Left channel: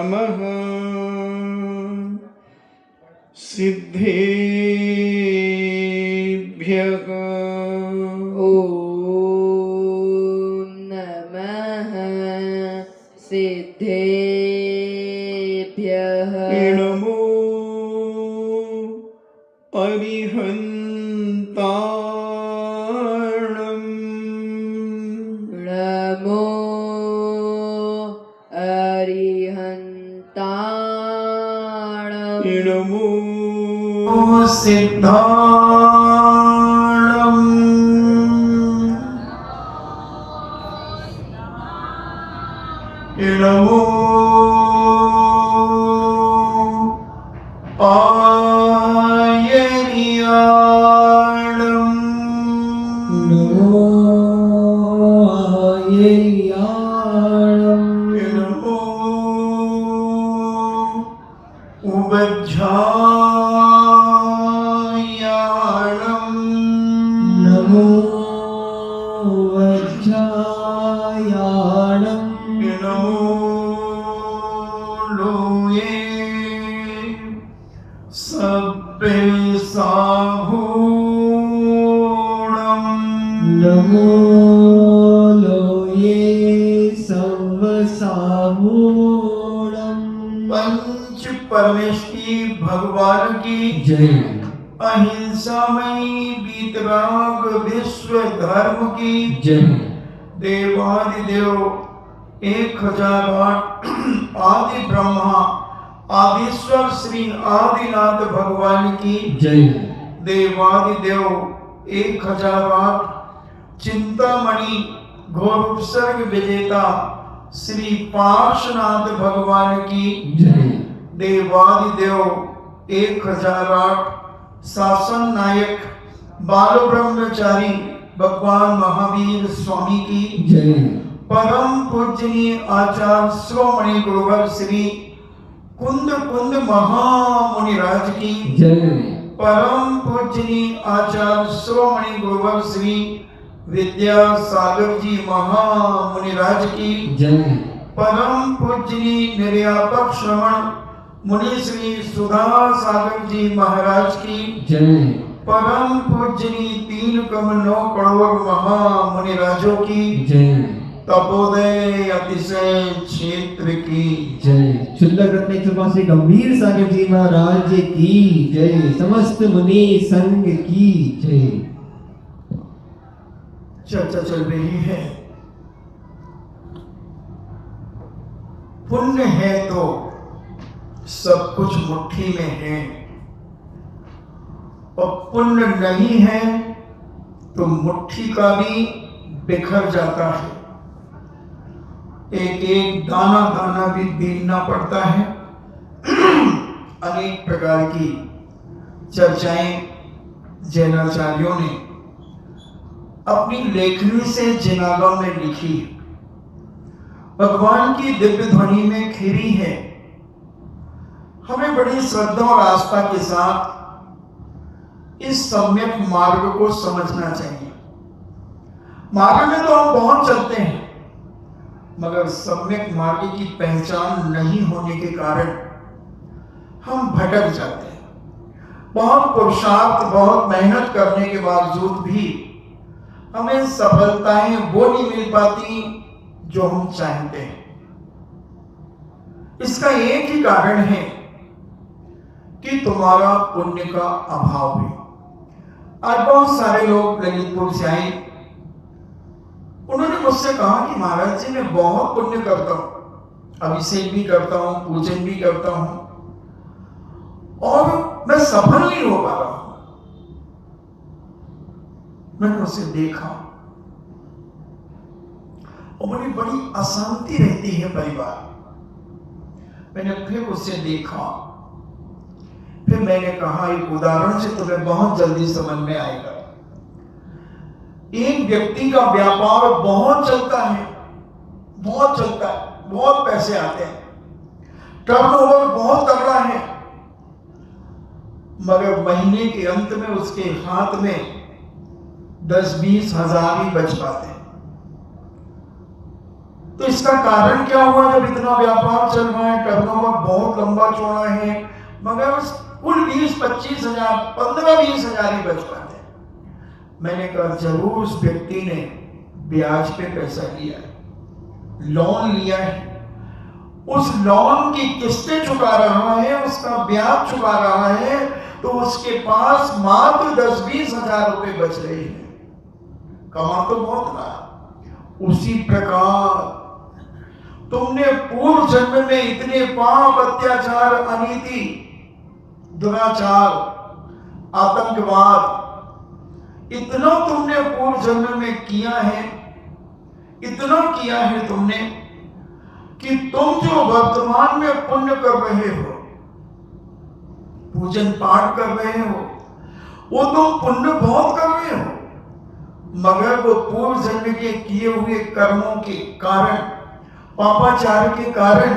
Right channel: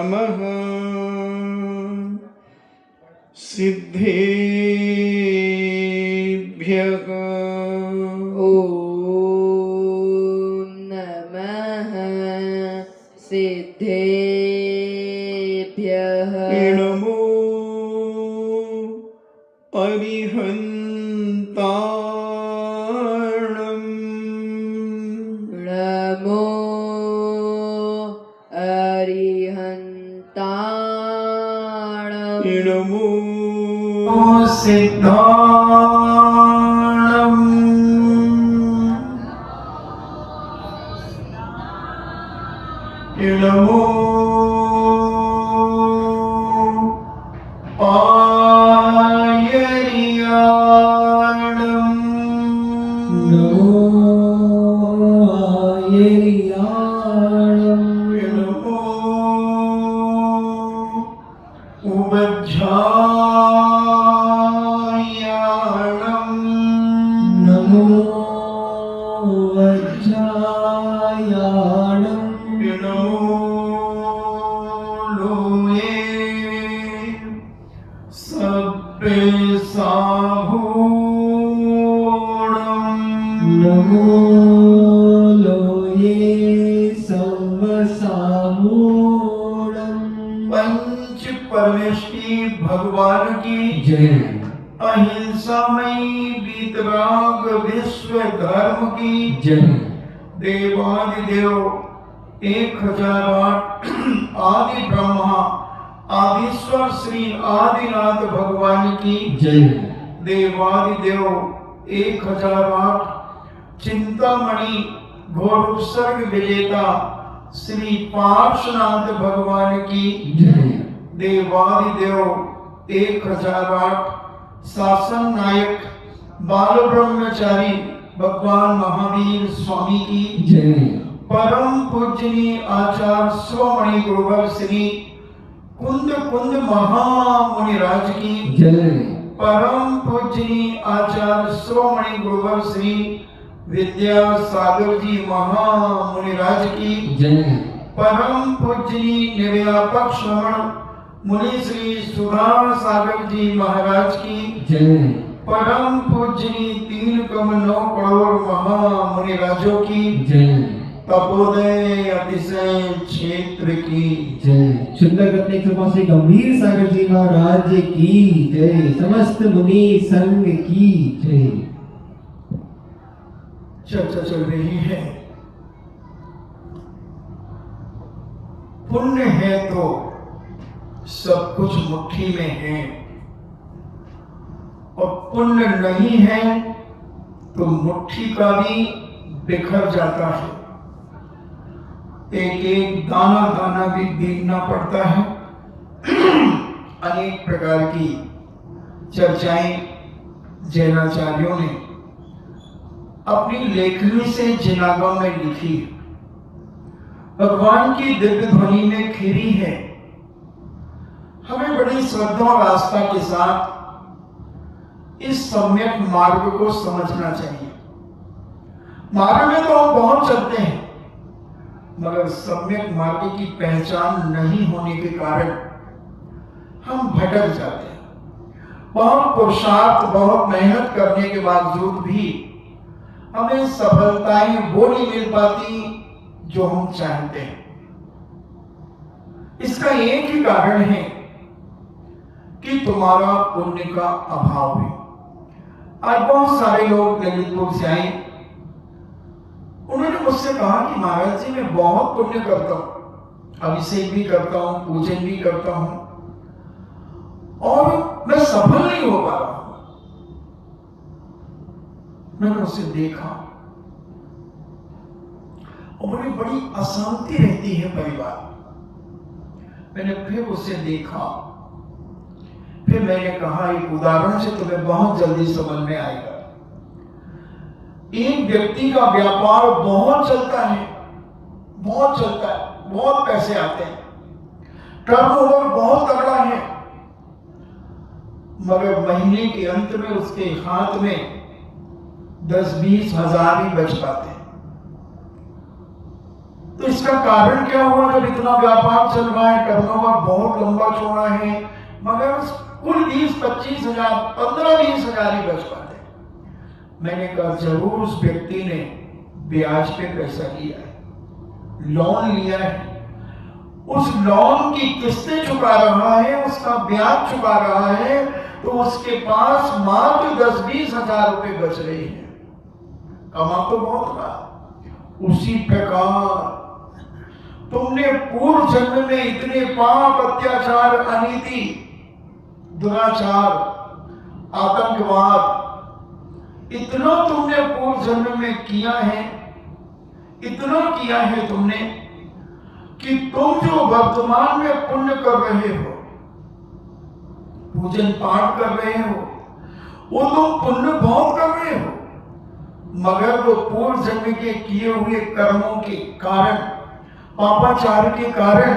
नमः सिद्धेभ्यः। ॐ नमः सिद्धेभ्यः। नमो अरिहन्ताणम्। नमो अरिहन्ताणम्। नमो सिद्धाणम्। नमो आयर्याणम्। नमो आयर्याणम्। नमो उवज्झायाणम्। नमो वज्रायाणम्। नमो लोये सब्बेसाभूणम्। नमो लोये सर्वसामूढम्। पंच परमेष्टि भगवान की जय। अहिंसामयी वीतराग विश्व धर्म की जय। देवादिदेव 1008 आदि ब्रह्मा आदिश्वर श्री आदिनाथ भगवान की जय। देवादिदेव 1008 चिंतामणि घोर उपसर्ग विजेता श्री पार्श्वनाथ भगवान की जय। देवादिदेव 1008 शासन नायक बाल ब्रह्मचारी भगवान महावीर स्वामी की जय। परम पूजनीय आचार्य श्रोमणि गुरुवर श्री कुंद कुंद महामुनिराज की जय। परम पूजनीय आचार्य श्रोमणि गुरुवर श्री विद्यासागर जी महामुनिराज की जय। परम पूजनीय निर्यापक श्रवण मुनि श्री सुधा सागर जी महाराज की जय। परम पूजनीय 3 करोड़ 9 करोड़ महामुनिराजों की जय। तपोदय अतिशय क्षेत्र की जय। शुल्लक रत्न कृपा से गंभीर सागर जी महाराज की जय। समस्त मुनि संघ की जय। चर्चा चल रही है पुण्य है तो सब कुछ मुट्ठी में है और पुण्य नहीं है तो मुट्ठी का भी बिखर जाता है। एक एक दाना दाना भी बीनना पड़ता है। अनेक प्रकार की चर्चाएं जैनाचार्यों ने अपनी लेखनी से जिनागम में लिखी है। भगवान की दिव्य ध्वनि में खिरी है। हमें बड़ी श्रद्धा और आस्था के साथ इस सम्यक मार्ग को समझना चाहिए। मार्ग में तो हम बहुत चलते हैं मगर सम्यक मार्ग की पहचान नहीं होने के कारण हम भटक जाते हैं। बहुत पुरुषार्थ बहुत मेहनत करने के बावजूद भी हमें सफलताएं वो नहीं मिल पाती जो हम चाहते हैं। इसका एक ही कारण है कि तुम्हारा पुण्य का अभाव है। आज बहुत सारे लोग ललितपुर से आए, उन्होंने मुझसे कहा कि महाराज जी मैं बहुत पुण्य करता हूं, अभिषेक भी करता हूं, पूजन भी करता हूं और मैं सफल नहीं हो पा रहा। मैंने उसे देखा और बड़ी बड़ी अशांति रहती है परिवार। मैंने फिर उसे देखा, फिर मैंने कहा एक उदाहरण से तुम्हें बहुत जल्दी समझ में आएगा। एक व्यक्ति का व्यापार बहुत चलता है, बहुत चलता है, बहुत पैसे आते हैं, टर्नओवर बहुत तगड़ा है, मगर महीने के अंत में उसके हाथ में 10-20 हजार ही बच पाते हैं। तो इसका कारण क्या हुआ? जब इतना व्यापार चल रहा है, टर्नओवर बहुत लंबा चौड़ा है, मगर कुल 20-25 हजार, 15-20 हजार ही बच पाते। मैंने कहा जरूर उस व्यक्ति ने ब्याज पे पैसा लिया, लोन लिया है, उस लोन की किस्तें चुका रहा है, उसका ब्याज चुका रहा है, तो उसके पास मात्र 10-20 हजार रुपए बच रहे हैं। कमा तो बहुत रहा। उसी प्रकार तुमने पूर्व जन्म में इतने पाप, अत्याचार, अनीति, दुराचार, आतंकवाद, इतना तुमने पूर्व जन्म में किया है, इतना किया है तुमने कि तुम जो वर्तमान में पुण्य कर रहे हो, पूजन पाठ कर रहे हो, वो तुम पुण्य बहुत कर रहे हो, मगर वो पूर्व जन्म के किए हुए कर्मों के कारण, पापाचार के कारण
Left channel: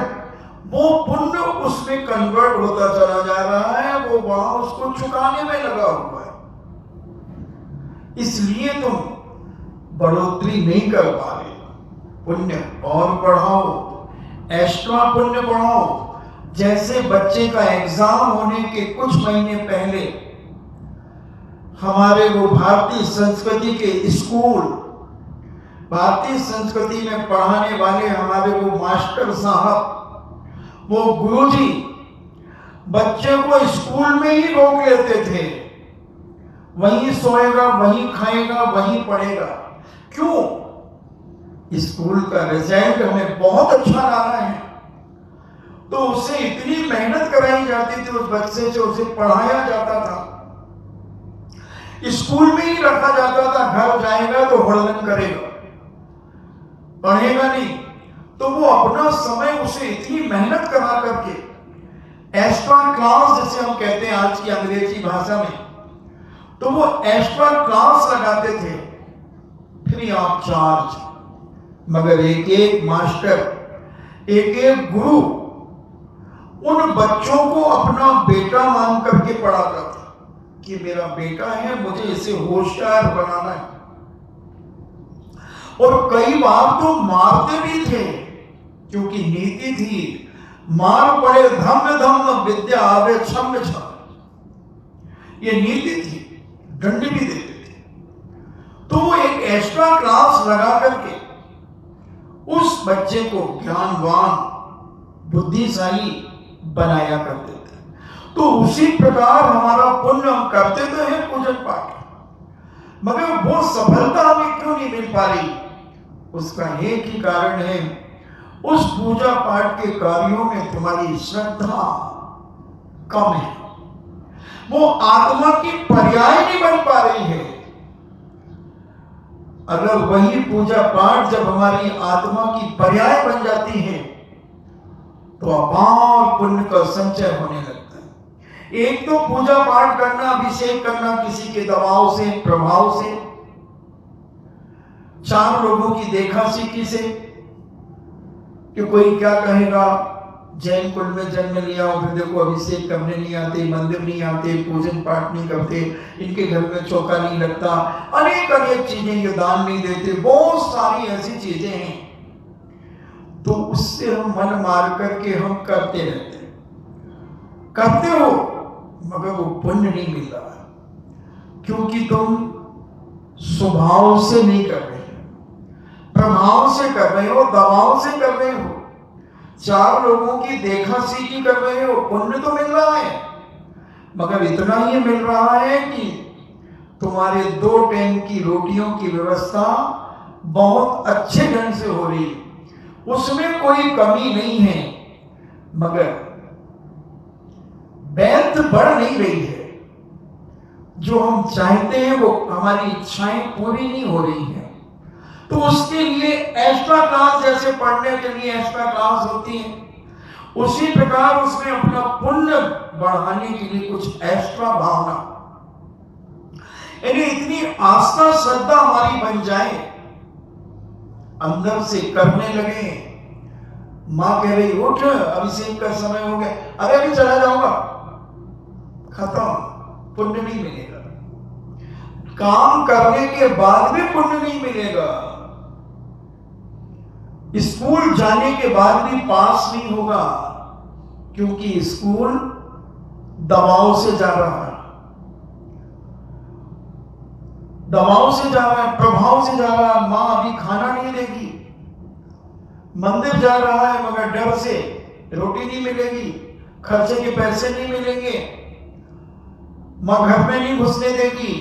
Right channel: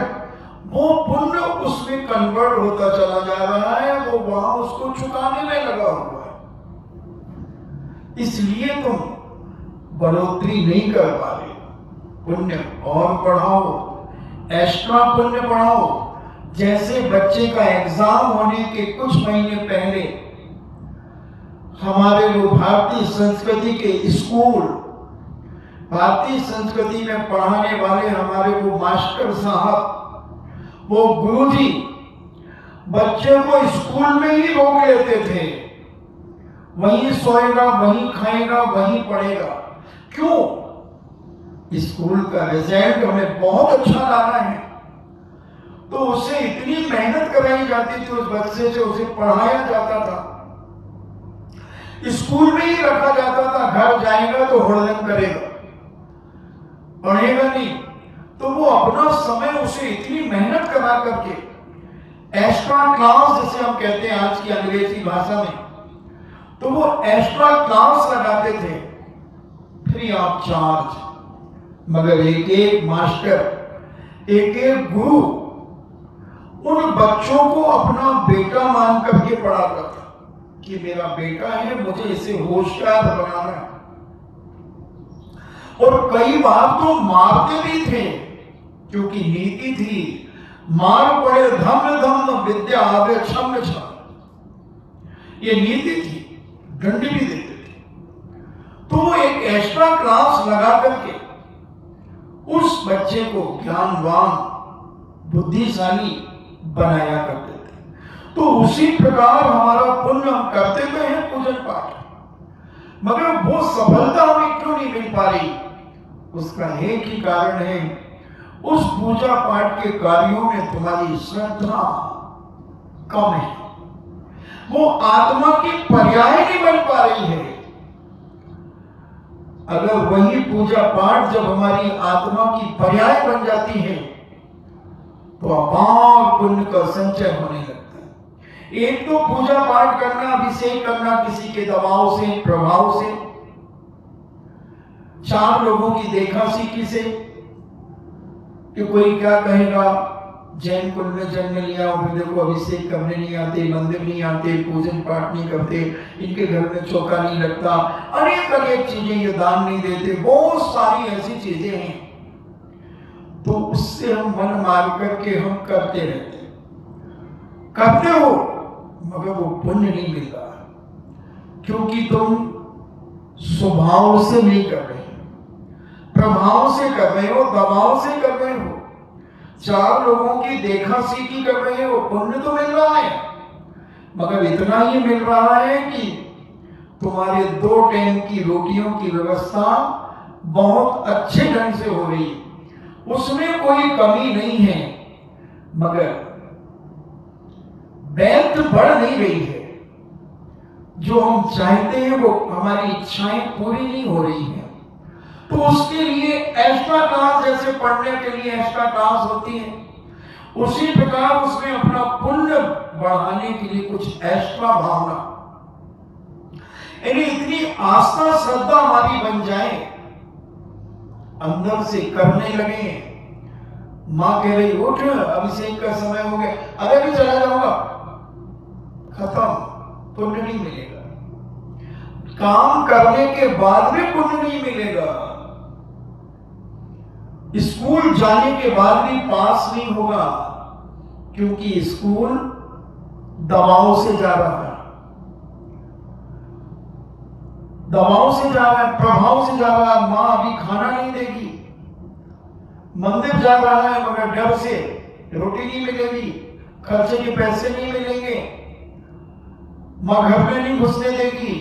वो पुण्य उसमें कन्वर्ट होता चला जा रहा है, वो वहां उसको चुकाने में लगा हुआ है। इसलिए तुम बढ़ोतरी नहीं कर पा रहे। पुण्य और बढ़ाओ, एक्स्ट्रा पुण्य बढ़ाओ। जैसे बच्चे का एग्जाम होने के कुछ महीने पहले हमारे वो भारतीय संस्कृति के स्कूल, भारतीय संस्कृति में पढ़ाने वाले हमारे वो मास्टर साहब, वो गुरुजी बच्चे को स्कूल में ही रोक लेते थे, वहीं सोएगा, वहीं खाएगा, वहीं पढ़ेगा। क्यों? स्कूल का रिजल्ट हमें बहुत अच्छा लाना है, तो उसे इतनी मेहनत कराई जाती थी, उस बच्चे से उसे पढ़ाया जाता था, स्कूल में ही रखा जाता था। घर जाएगा तो हुड़दंग करेगा, पढ़ेगा नहीं। तो वो अपना समय उसे इतनी मेहनत करा करके एक्स्ट्रा क्लास, जैसे हम कहते हैं आज की अंग्रेजी भाषा में, तो वो एक्स्ट्रा क्लास लगाते थे फ्री ऑफ चार्ज। मगर एक एक मास्टर, एक एक गुरु उन बच्चों को अपना बेटा मान करके पढ़ाता था कि मेरा बेटा है, मुझे इसे होशियार बनाना है। और कई बार तो मारते भी थे, क्योंकि नीति थी मार पड़े धम्म धम्म विद्या आवे छम छम, ये नीति थी, दंडी भी देते थे। तो वो एक एक्स्ट्रा क्लास लगा करके उस बच्चे को ज्ञानवान, बुद्धिशाली बनाया करते थे। तो उसी प्रकार हमारा पुण्य हम करते तो हैं पूजन पाठ, मगर वो सफलता हमें क्यों नहीं मिल पा रही? उसका एक ही कारण है, उस पूजा पाठ के कार्यों में तुम्हारी श्रद्धा कम है, वो आत्मा की पर्याय नहीं बन पा रही है। अगर वही पूजा पाठ जब हमारी आत्मा की पर्याय बन जाती है तो अपार पुण्य का संचय होने लगता है। एक तो पूजा पाठ करना, अभिषेक करना किसी के दबाव से, प्रभाव से, 4 लोगों की देखा सीखी से, कि कोई क्या कहेगा, जैन कुल में जन्म लिया और फिर देखो अभिषेक करने नहीं आते, मंदिर नहीं आते, पूजन पाठ नहीं करते, इनके घर में चौका नहीं लगता, अनेक अनेक चीजें, ये दान नहीं देते, बहुत सारी ऐसी चीजें हैं। तो उससे हम मन मार करके हम करते रहते, करते हो, मगर वो पुण्य नहीं मिल रहा, क्योंकि तुम स्वभाव से नहीं कर रहे, प्रभाव से कर रहे हो, दबाव से कर रहे हो, 4 लोगों की देखा सीखी कर रहे हो। पुण्य तो मिल रहा है, मगर इतना ही मिल रहा है कि तुम्हारे 2 टाइम की रोटियों की व्यवस्था बहुत अच्छे ढंग से हो रही है, उसमें कोई कमी नहीं है, मगर व्यर्थ बढ़ नहीं रही है। जो हम चाहते हैं वो हमारी इच्छाएं पूरी नहीं हो रही है। तो उसके लिए एक्स्ट्रा क्लास, जैसे पढ़ने के लिए एक्स्ट्रा क्लास होती है, उसी प्रकार उसमें अपना पुण्य बढ़ाने के लिए कुछ एक्स्ट्रा भावना, यानी इतनी आस्था श्रद्धा हमारी बन जाए, अंदर से करने लगे। माँ कह रही उठ, अभिषेक का समय हो गया, अरे अभी चला जाऊंगा, खत्म, पुण्य नहीं मिलेगा। काम करने के बाद भी पुण्य नहीं मिलेगा। स्कूल जाने के बाद भी पास नहीं होगा, क्योंकि स्कूल दबाव से जा रहा है, दबाव से जा रहा है, प्रभाव से जा रहा है। मां अभी खाना नहीं देगी, मंदिर जा रहा है मगर डर से रोटी नहीं मिलेगी, खर्चे के पैसे नहीं मिलेंगे, मां घर में नहीं घुसने देगी।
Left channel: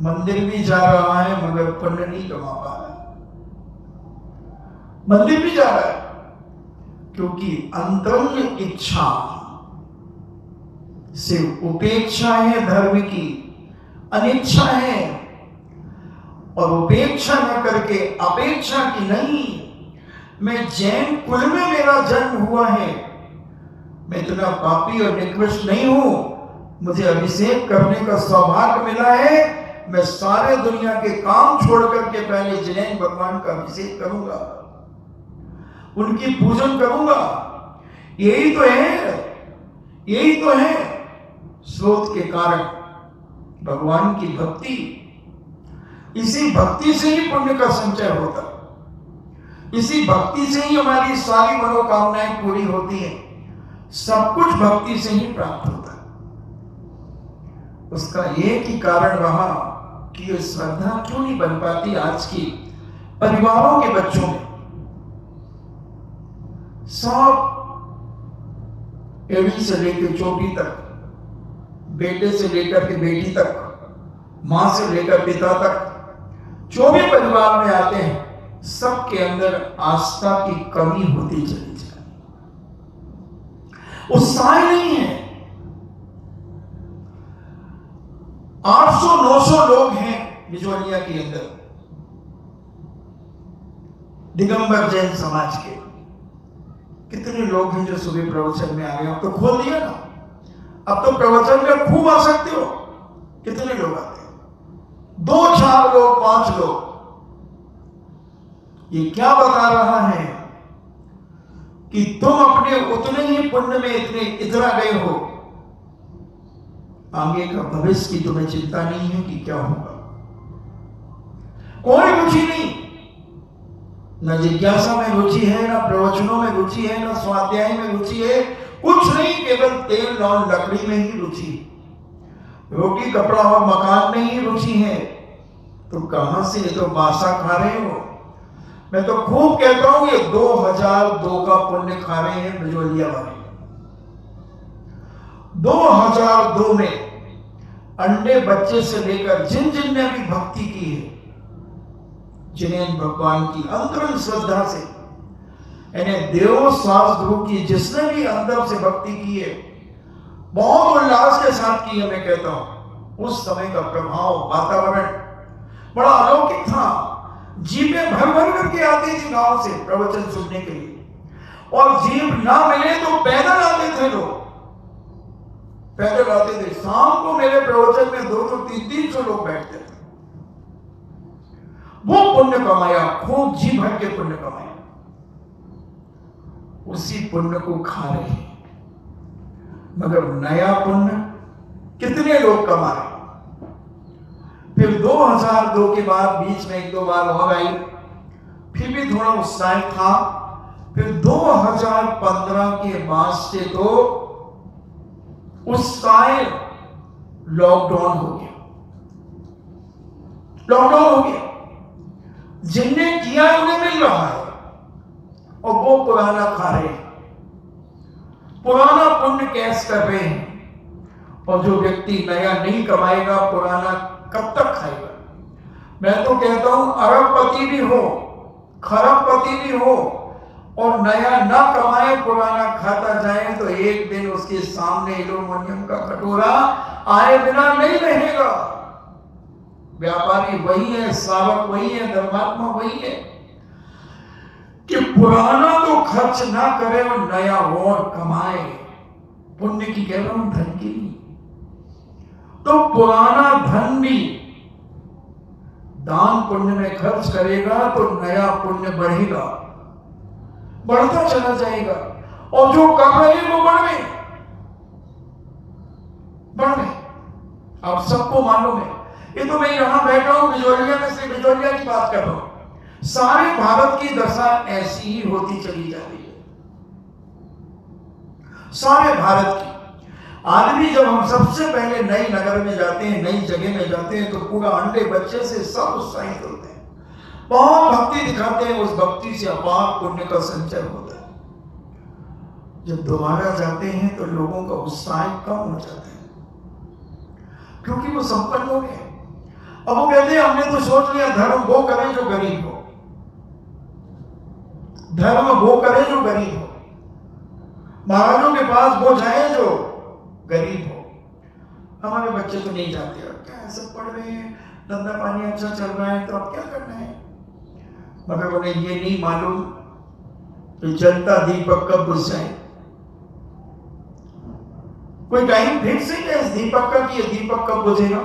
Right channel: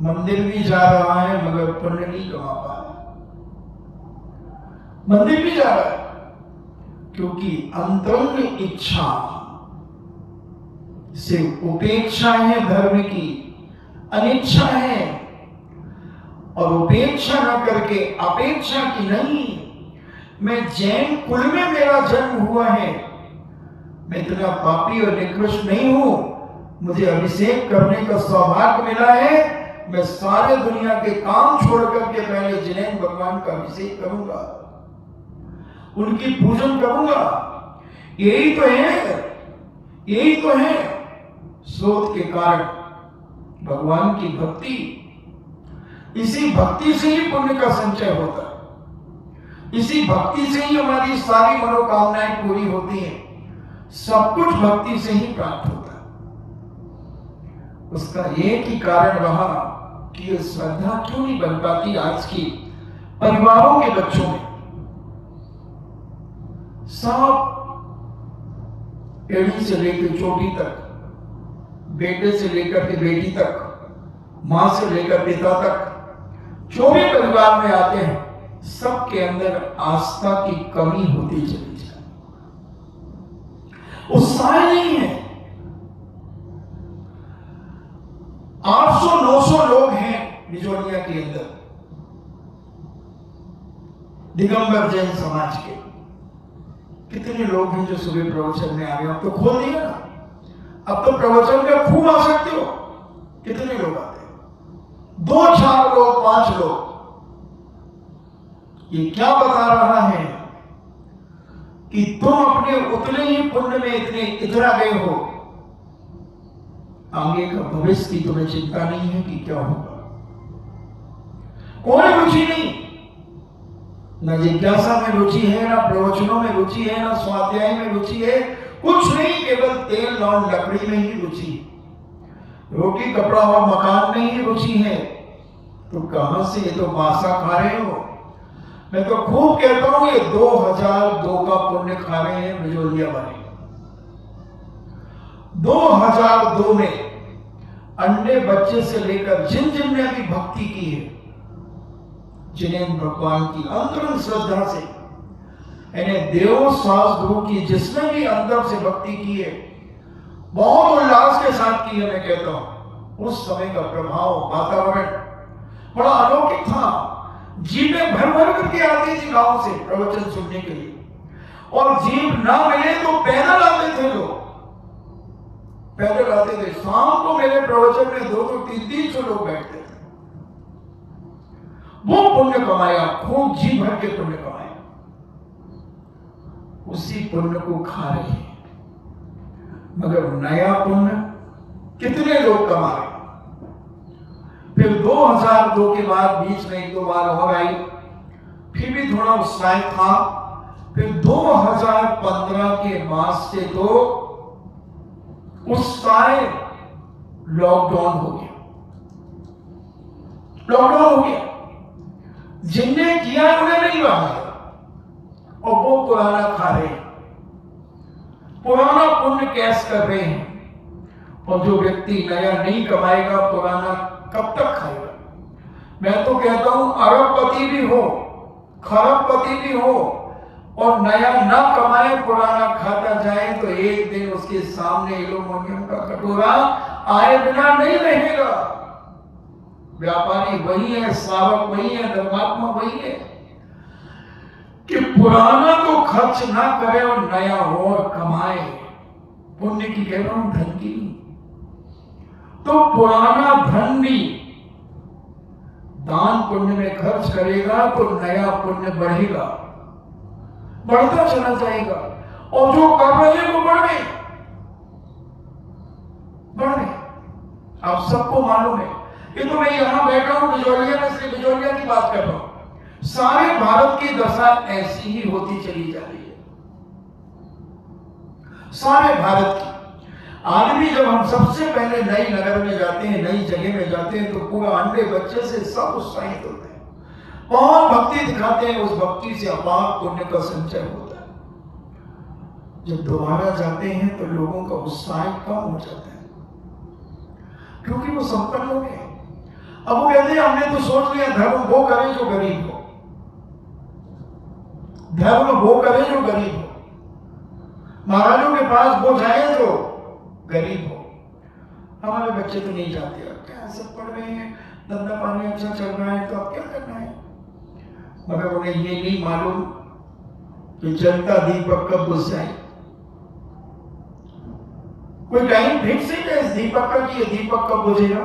मंदिर भी जा रहा है मगर पुण्य नहीं कमा पा रहा, मंदिर भी जा रहा है क्योंकि अंतरंग इच्छा से उपेक्षा है धर्म की, अनिच्छा है। और उपेक्षा न करके अपेक्षा की नहीं, मैं जैन कुल में मेरा जन्म हुआ है, मैं इतना पापी और निकृष्ट नहीं हूं, मुझे अभिषेक करने का सौभाग्य मिला है, मैं सारे दुनिया के काम छोड़ करके पहले जैन भगवान का अभिषेक करूंगा, उनकी पूजन करूंगा। यही तो है, यही तो है स्रोत के कारण भगवान की भक्ति। इसी भक्ति से ही पुण्य का संचय होता है, इसी भक्ति से ही हमारी सारी मनोकामनाएं पूरी होती हैं, सब कुछ भक्ति से ही प्राप्त होता है। उसका एक ही कारण रहा कि ये श्रद्धा क्यों नहीं बन पाती आज की परिवारों के बच्चों में। सब एड़ी से लेकर चोटी तक, बेटे से लेकर के बेटी तक, मां से लेकर पिता तक, जो भी परिवार में आते हैं सबके अंदर आस्था की कमी होती चली जाए, उत्साह नहीं है। 800-900 लोग हैं बिजोनिया के अंदर दिगंबर जैन समाज के। कितने लोग हैं जो सुबह प्रवचन में आ गए? अब तो खोल दिया ना, अब तो प्रवचन में खूब आ सकते हो। कितने लोग आते हैं? 2, 4 लोग, 5 लोग। ये क्या बता रहा है कि तुम अपने उतने ही पुण्य में इतना गए हो, आगे का भविष्य की तुम्हें चिंता नहीं है कि क्या होगा। कोई रुचि नहीं, न जिज्ञासा में रुचि है, न प्रवचनों में रुचि है, न स्वाध्याय में रुचि है, कुछ नहीं, केवल तेल और लकड़ी में ही रुचि है। रोटी कपड़ा और मकान में ही रुचि है। तो कहां से? ये तो बासा खा रहे हो। मैं तो खूब कहता हूं ये 2002 का पुण्य खा रहे हैं बिजोलिया वाले। 2002 में अंडे बच्चे से लेकर जिन जिन ने भी भक्ति की है, जिन्हें भगवान की अंतरंग श्रद्धा से, यानी देव शास्त्रों की जिसने भी अंदर से भक्ति की है, बहुत उल्लास के साथ की है। मैं कहता हूं उस समय का प्रभाव, वातावरण बड़ा अलौकिक था। जीपें भर भर करके आती थी गांव से प्रवचन सुनने के लिए, और जीप ना मिले तो पैदल आते थे लोग, पैदल आते थे। शाम को मेरे प्रवचन में 200, 300 लोग बैठते थे। वो पुण्य कमाया, खूब जी भर के पुण्य कमाया, उसी पुण्य को खा रहे हैं। मगर नया पुण्य कितने लोग कमा रहे? फिर 2002 के बाद बीच में 1-2 बार और आई, फिर भी थोड़ा उत्साह था। फिर 2015 के बाद से तो उत्साह लॉकडाउन हो गया, लॉकडाउन हो गया। जिनने किया उन्हें मिल रहा है और वो पुराना खा रहे हैं, पुराना पुण्य कैश कर रहे हैं। और जो व्यक्ति नया नहीं कमाएगा, पुराना कब तक खाएगा? मैं तो कहता हूं अरबपति भी हो, खरबपति भी हो, और नया न कमाए, पुराना खाता जाए, तो एक दिन उसके सामने एल्यूमिनियम का कटोरा आए बिना नहीं रहेगा। व्यापारी वही है, श्रावक वही है, धर्मात्मा वही है कि पुराना तो खर्च ना करे और नया और कमाए। पुण्य की कह रहा हूं, धन की। तो पुराना धन भी दान पुण्य में खर्च करेगा तो नया पुण्य बढ़ेगा, बढ़ता चला जाएगा। और जो कर रहे हैं वो बढ़ गए, बढ़ गए। आप सबको मालूम है। ये तो मैं यहां बैठा हूं बिजोलिया में, श्री बिजोलिया की बात कर रहा हूं। सारे भारत की दशा ऐसी ही होती चली जा रही है, सारे भारत की। आज भी जब हम सबसे पहले नए नगर में जाते हैं, नई जगह में जाते हैं, तो पूरा अंडे बच्चे से सब उत्साहित होते हैं, बहुत भक्ति दिखाते हैं, उस भक्ति से अपार पुण्य का संचय होता है। जब दोबारा जाते हैं तो लोगों का उत्साह कम हो जाता है, क्योंकि वो संपन्न हो गए। अब वो कहते हैं हमने तो सोच लिया धर्म वो करे जो गरीब हो, धर्म वो करे जो गरीब हो, महाराजों के पास वो जाए जो गरीब हो। हमारे बच्चे तो नहीं जाते, क्या सब पढ़ रहे हैं, धंधा पानी अच्छा चल रहा है, तो अब क्या करना है। मगर उन्हें ये नहीं मालूम कि जलता दीपक कब बुझ जाए। कोई टाइम फिक्स है इस दीपक का कि ये दीपक कब बुझेगा?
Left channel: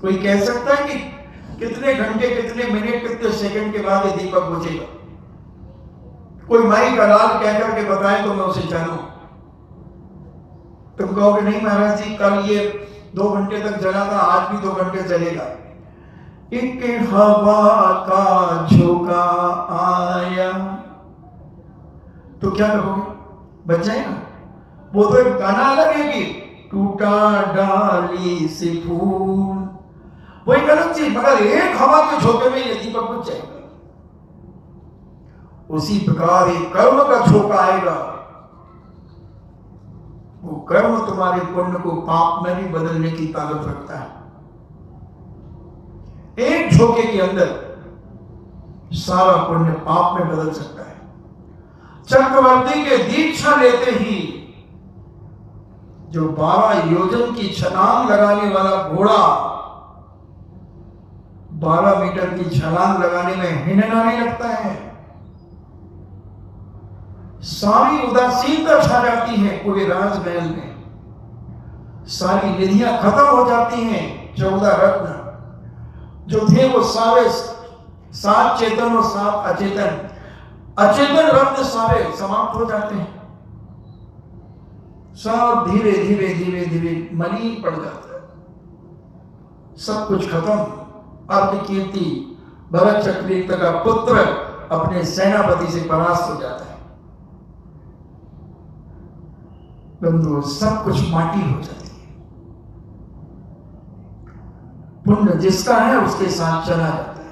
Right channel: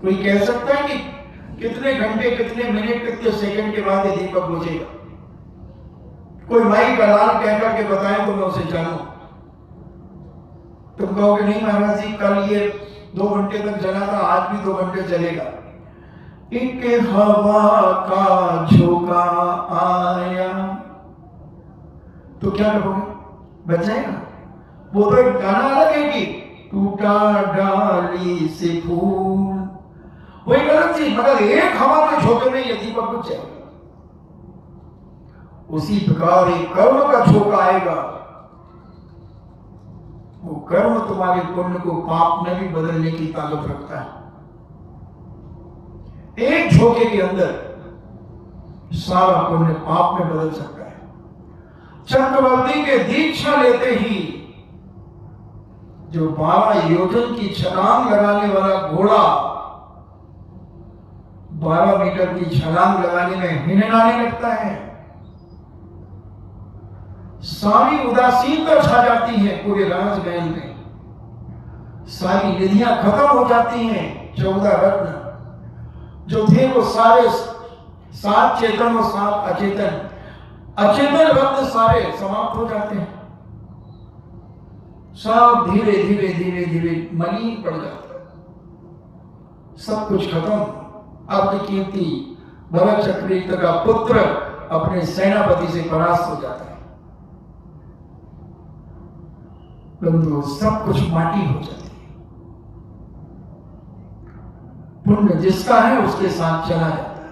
कोई कह सकता है कि कितने घंटे, कितने मिनट, कितने सेकंड के बाद ये दीपक बुझेगा? कोई माई का लाल कह करके बताए तो मैं उसे जानूं। तुम कहोगे नहीं महाराज जी, कल ये 2 घंटे तक जला था, आज भी 2 घंटे चलेगा। एक हवा का झोंका आया तो क्या कहोगे? बच जाएगा? वो तो एक गाना अलग है कि टूटा डाली से फूल, वो एक अलग चीज, मगर एक हवा के झोंके में ये दीपक बुझ जाएगा। उसी प्रकार एक कर्म का झोंका आएगा, वो कर्म तुम्हारे पुण्य को पाप में भी बदलने की ताकत रखता है। एक झोंके के अंदर सारा पुण्य पाप में बदल सकता है। चक्रवर्ती के दीक्षा लेते ही जो 12 योजन की छलांग लगाने वाला घोड़ा 12 मीटर की छलांग लगाने में हिनहाने लगता है, सारी उदासीनता छा जाती है पूरे राजमहल में, सारी निधियां खत्म हो जाती हैं। 14 रत्न जो थे वो सारे 7 चेतन और 7 अचेतन, अचेतन रत्न सारे समाप्त हो जाते हैं, सब धीरे धीरे धीरे धीरे मलिन पड़ जाता है, सब कुछ खत्म। अब कीर्ति भरत चक्रवर्ती का पुत्र अपने सेनापति से परास्त हो जाता है, परंतु सब कुछ माटी हो जाती है। पुण्य जिसका है उसके साथ चला रहता है।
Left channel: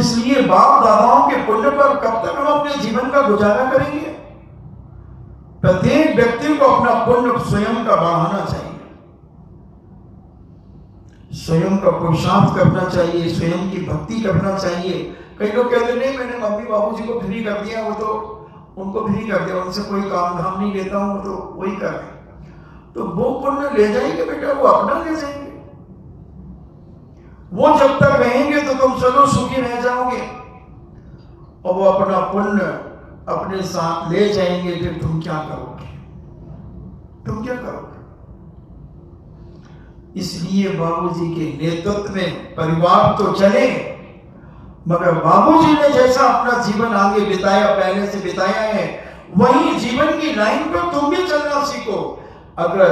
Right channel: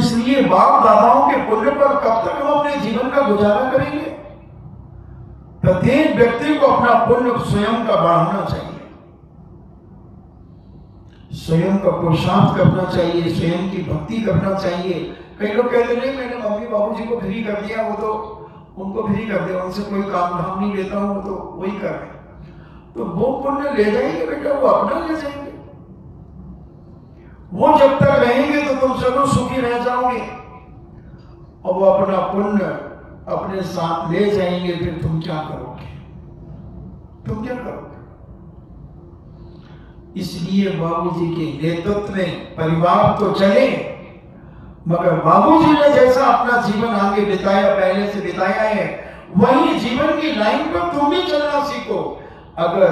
इसलिए बाप दादाओं के पुण्य पर कब तक हम अपने जीवन का गुजारा करेंगे? प्रत्येक व्यक्ति को अपना पुण्य स्वयं का बढ़ाना चाहिए, स्वयं का पुरुषार्थ करना चाहिए, स्वयं की भक्ति करना चाहिए। कई लोग कहते नहीं मैंने मम्मी बाबूजी को फ्री कर दिया, वो तो उनको फ्री कर दिया, उनसे कोई काम धाम नहीं लेता हूं, तो वही कर रहे। तो वो पुण्य ले जाएंगे बेटा, वो अपना ले जाएंगे। वो जब तक रहेंगे तो तुम चलो सुखी रह जाओगे, और वो अपना पुण्य अपने साथ ले जाएंगे, फिर तुम क्या करोगे? तुम क्या करोगे? इसलिए बाबूजी के नेतृत्व में परिवार तो चले, मगर बाबूजी ने जैसा अपना जीवन आगे बिताया, पहले से बिताया है, वही जीवन की लाइन पर तुम भी चलना सीखो। अगर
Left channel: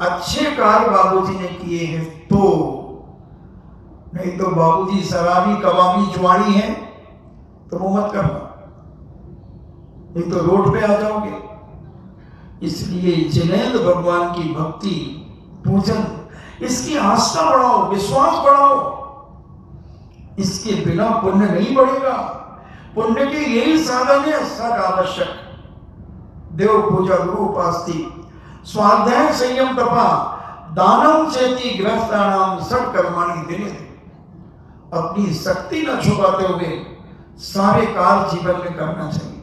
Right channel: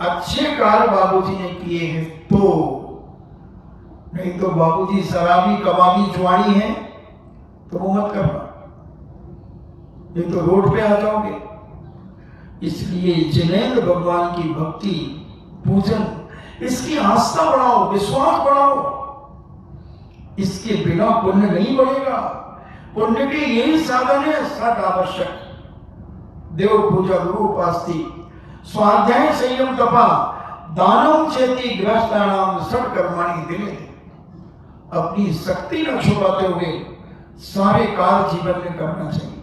अच्छे कार्य बाबूजी ने किए हैं तो, नहीं तो बाबूजी शराबी कबाबी जुआड़ी हैं तो वो मत करना, नहीं तो रोड पे आ जाओगे। इसलिए जिनेंद्र भगवान की भक्ति, पूजन, इसकी आस्था बढ़ाओ, विश्वास बढ़ाओ। इसके बिना पुण्य नहीं बढ़ेगा। पुण्य की यही साधन है सद आवश्यक, देव पूजा गुरु उपास्ति, स्वाध्याय संयम तपा, दानम चेति ग्रस्तानाम सट कर्माणि दिने। अपनी शक्ति न छुपाते हुए सारे कार्य जीवन में करना चाहिए,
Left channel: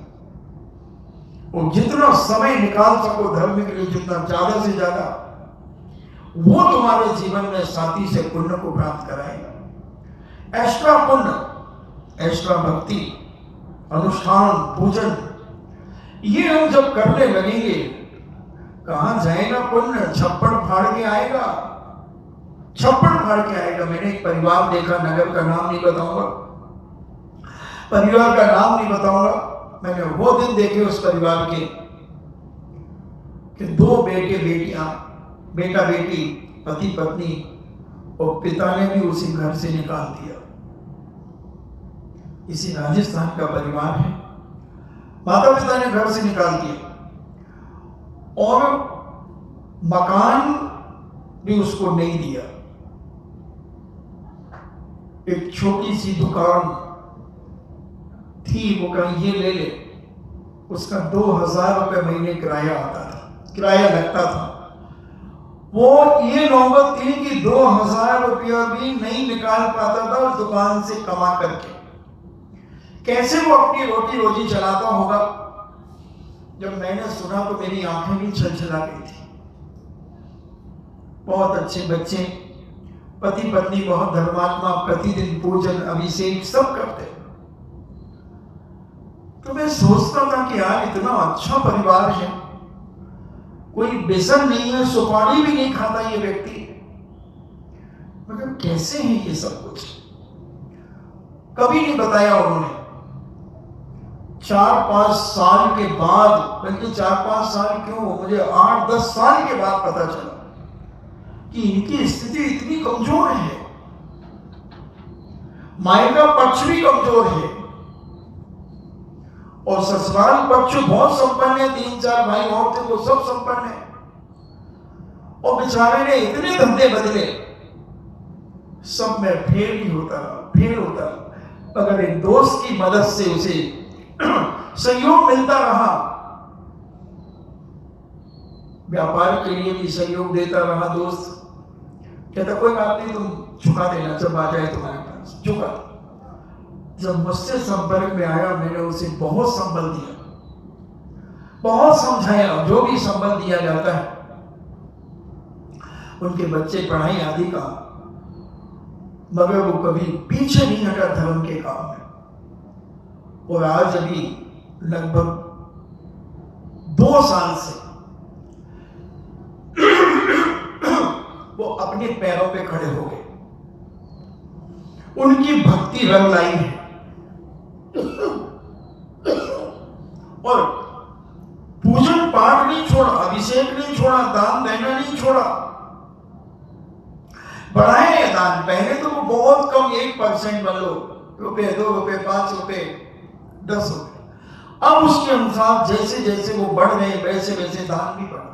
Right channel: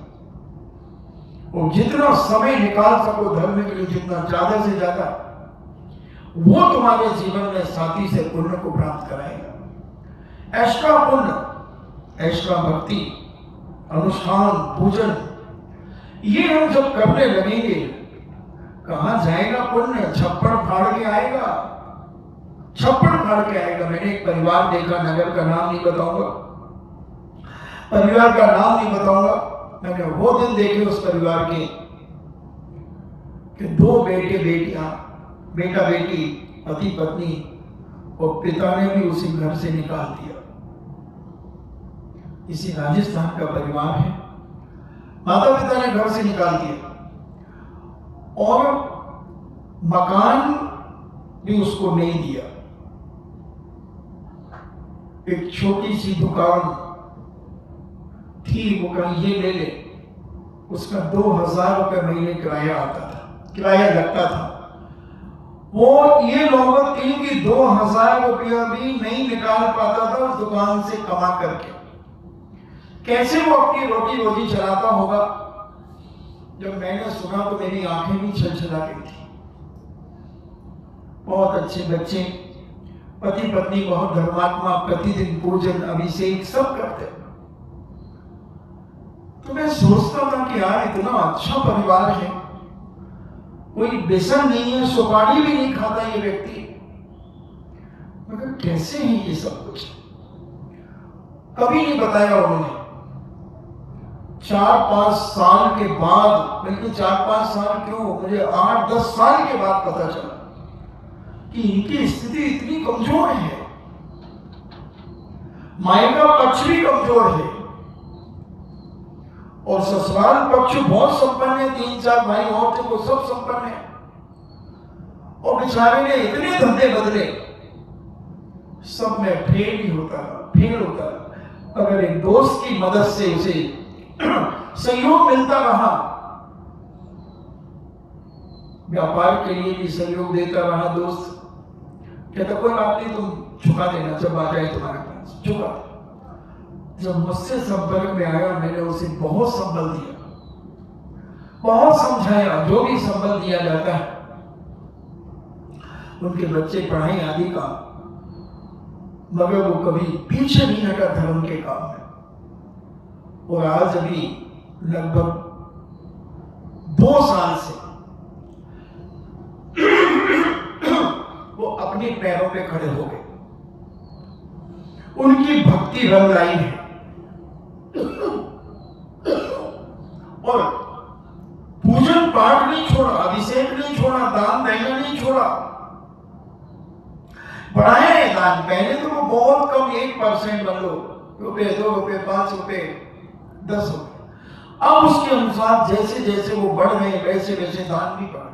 और जितना समय निकाल सको धर्म के लिए, जितना ज्यादा से ज्यादा, वो तुम्हारे जीवन में साथी से पुण्य को प्राप्त कराए। एक्स्ट्रा पुण्य, एक्स्ट्रा भक्ति, अनुष्ठान, पूजन, ये हम जब करने लगेंगे, कहां जाएगा पुण्य? छप्पड़ फाड़ के आएगा, छप्पड़ फाड़ के आएगा। मैंने एक परिवार देखा, नगर का नाम नहीं बताऊंगा, परिवार का नाम नहीं बताऊंगा, मैंने वो दिन देखे उस परिवार के कि 2 बेटे बेटियां, बेटा बेटी, पति पत्नी, और पिता ने भी उसी घर से निकाल दिया। इसी राजस्थान का परिवार है। माता पिता ने घर से निकाल दिया और मकान भी उसको नहीं दिया। एक छोटी सी दुकान थी, वो कहीं ये ले ले, उसका 2000 रुपये महीने किराया आता था, किराया लगता था। वो ये नौबत थी कि 2000 रुपया भी नहीं निकाल पाता था उस दुकान से कमा करके। कैसे वो अपनी रोटी रोजी चलाता होगा? जब मैंने सुना तो मेरी आंखें भी छलछला गई थी। बहुत अच्छे बच्चे, पति पत्नी बहुत धर्मात्मा, प्रतिदिन पूजन अभिषेक सब करते। तो मैं सोचता था कि यार इतना अच्छा परिवार है, कोई व्यसन नहीं है, सुपारी भी नहीं खाता ये व्यक्ति, मगर कैसे है ये सब कुछ? कभी नहीं बताया उन्होंने। 4-5 साल के बाद, बल्कि 4-5 साल क्यों, मुझे 8-10 साल के बाद पता चला कि इनकी स्थिति इतनी कमजोर है। मायका पक्ष भी कमजोर है और ससुराल पक्ष बहुत संपन्न है। 3-4 भाई और थे वो सब संपन्न है और बेचारे ने इतने धंधे बदले, सब में फेल ही होता रहा, फेल होता रहा। अगर एक दोस्त की मदद से उसे सहयोग मिलता रहा, व्यापार के लिए भी सहयोग देता रहा दोस्त, कहता कोई बात नहीं, तुम चुका देना जब आ जाए तुम्हारे पास, चुका। जब मुझसे संपर्क में आया, मैंने उसे बहुत संबल दिया, बहुत समझाया, जो भी संबल दिया जाता है। उनके बच्चे पढ़ाई आदि का, मगर वो कभी पीछे नहीं हटा धर्म के काम में। और आज अभी लगभग 2 साल से वो अपने पैरों पे खड़े हो गए। उनकी भक्ति रंग लाई है और पूजन पाठ नहीं छोड़ा, अभिषेक नहीं छोड़ा, दान देना नहीं छोड़ा। बढ़ाए दान, पहले तो बहुत कम 1% मान लो, रुपए 2 रुपए 5 रुपए 10 रुपए, अब उसके अनुसार जैसे जैसे वो बढ़ रहे वैसे वैसे दान भी बढ़ रहा।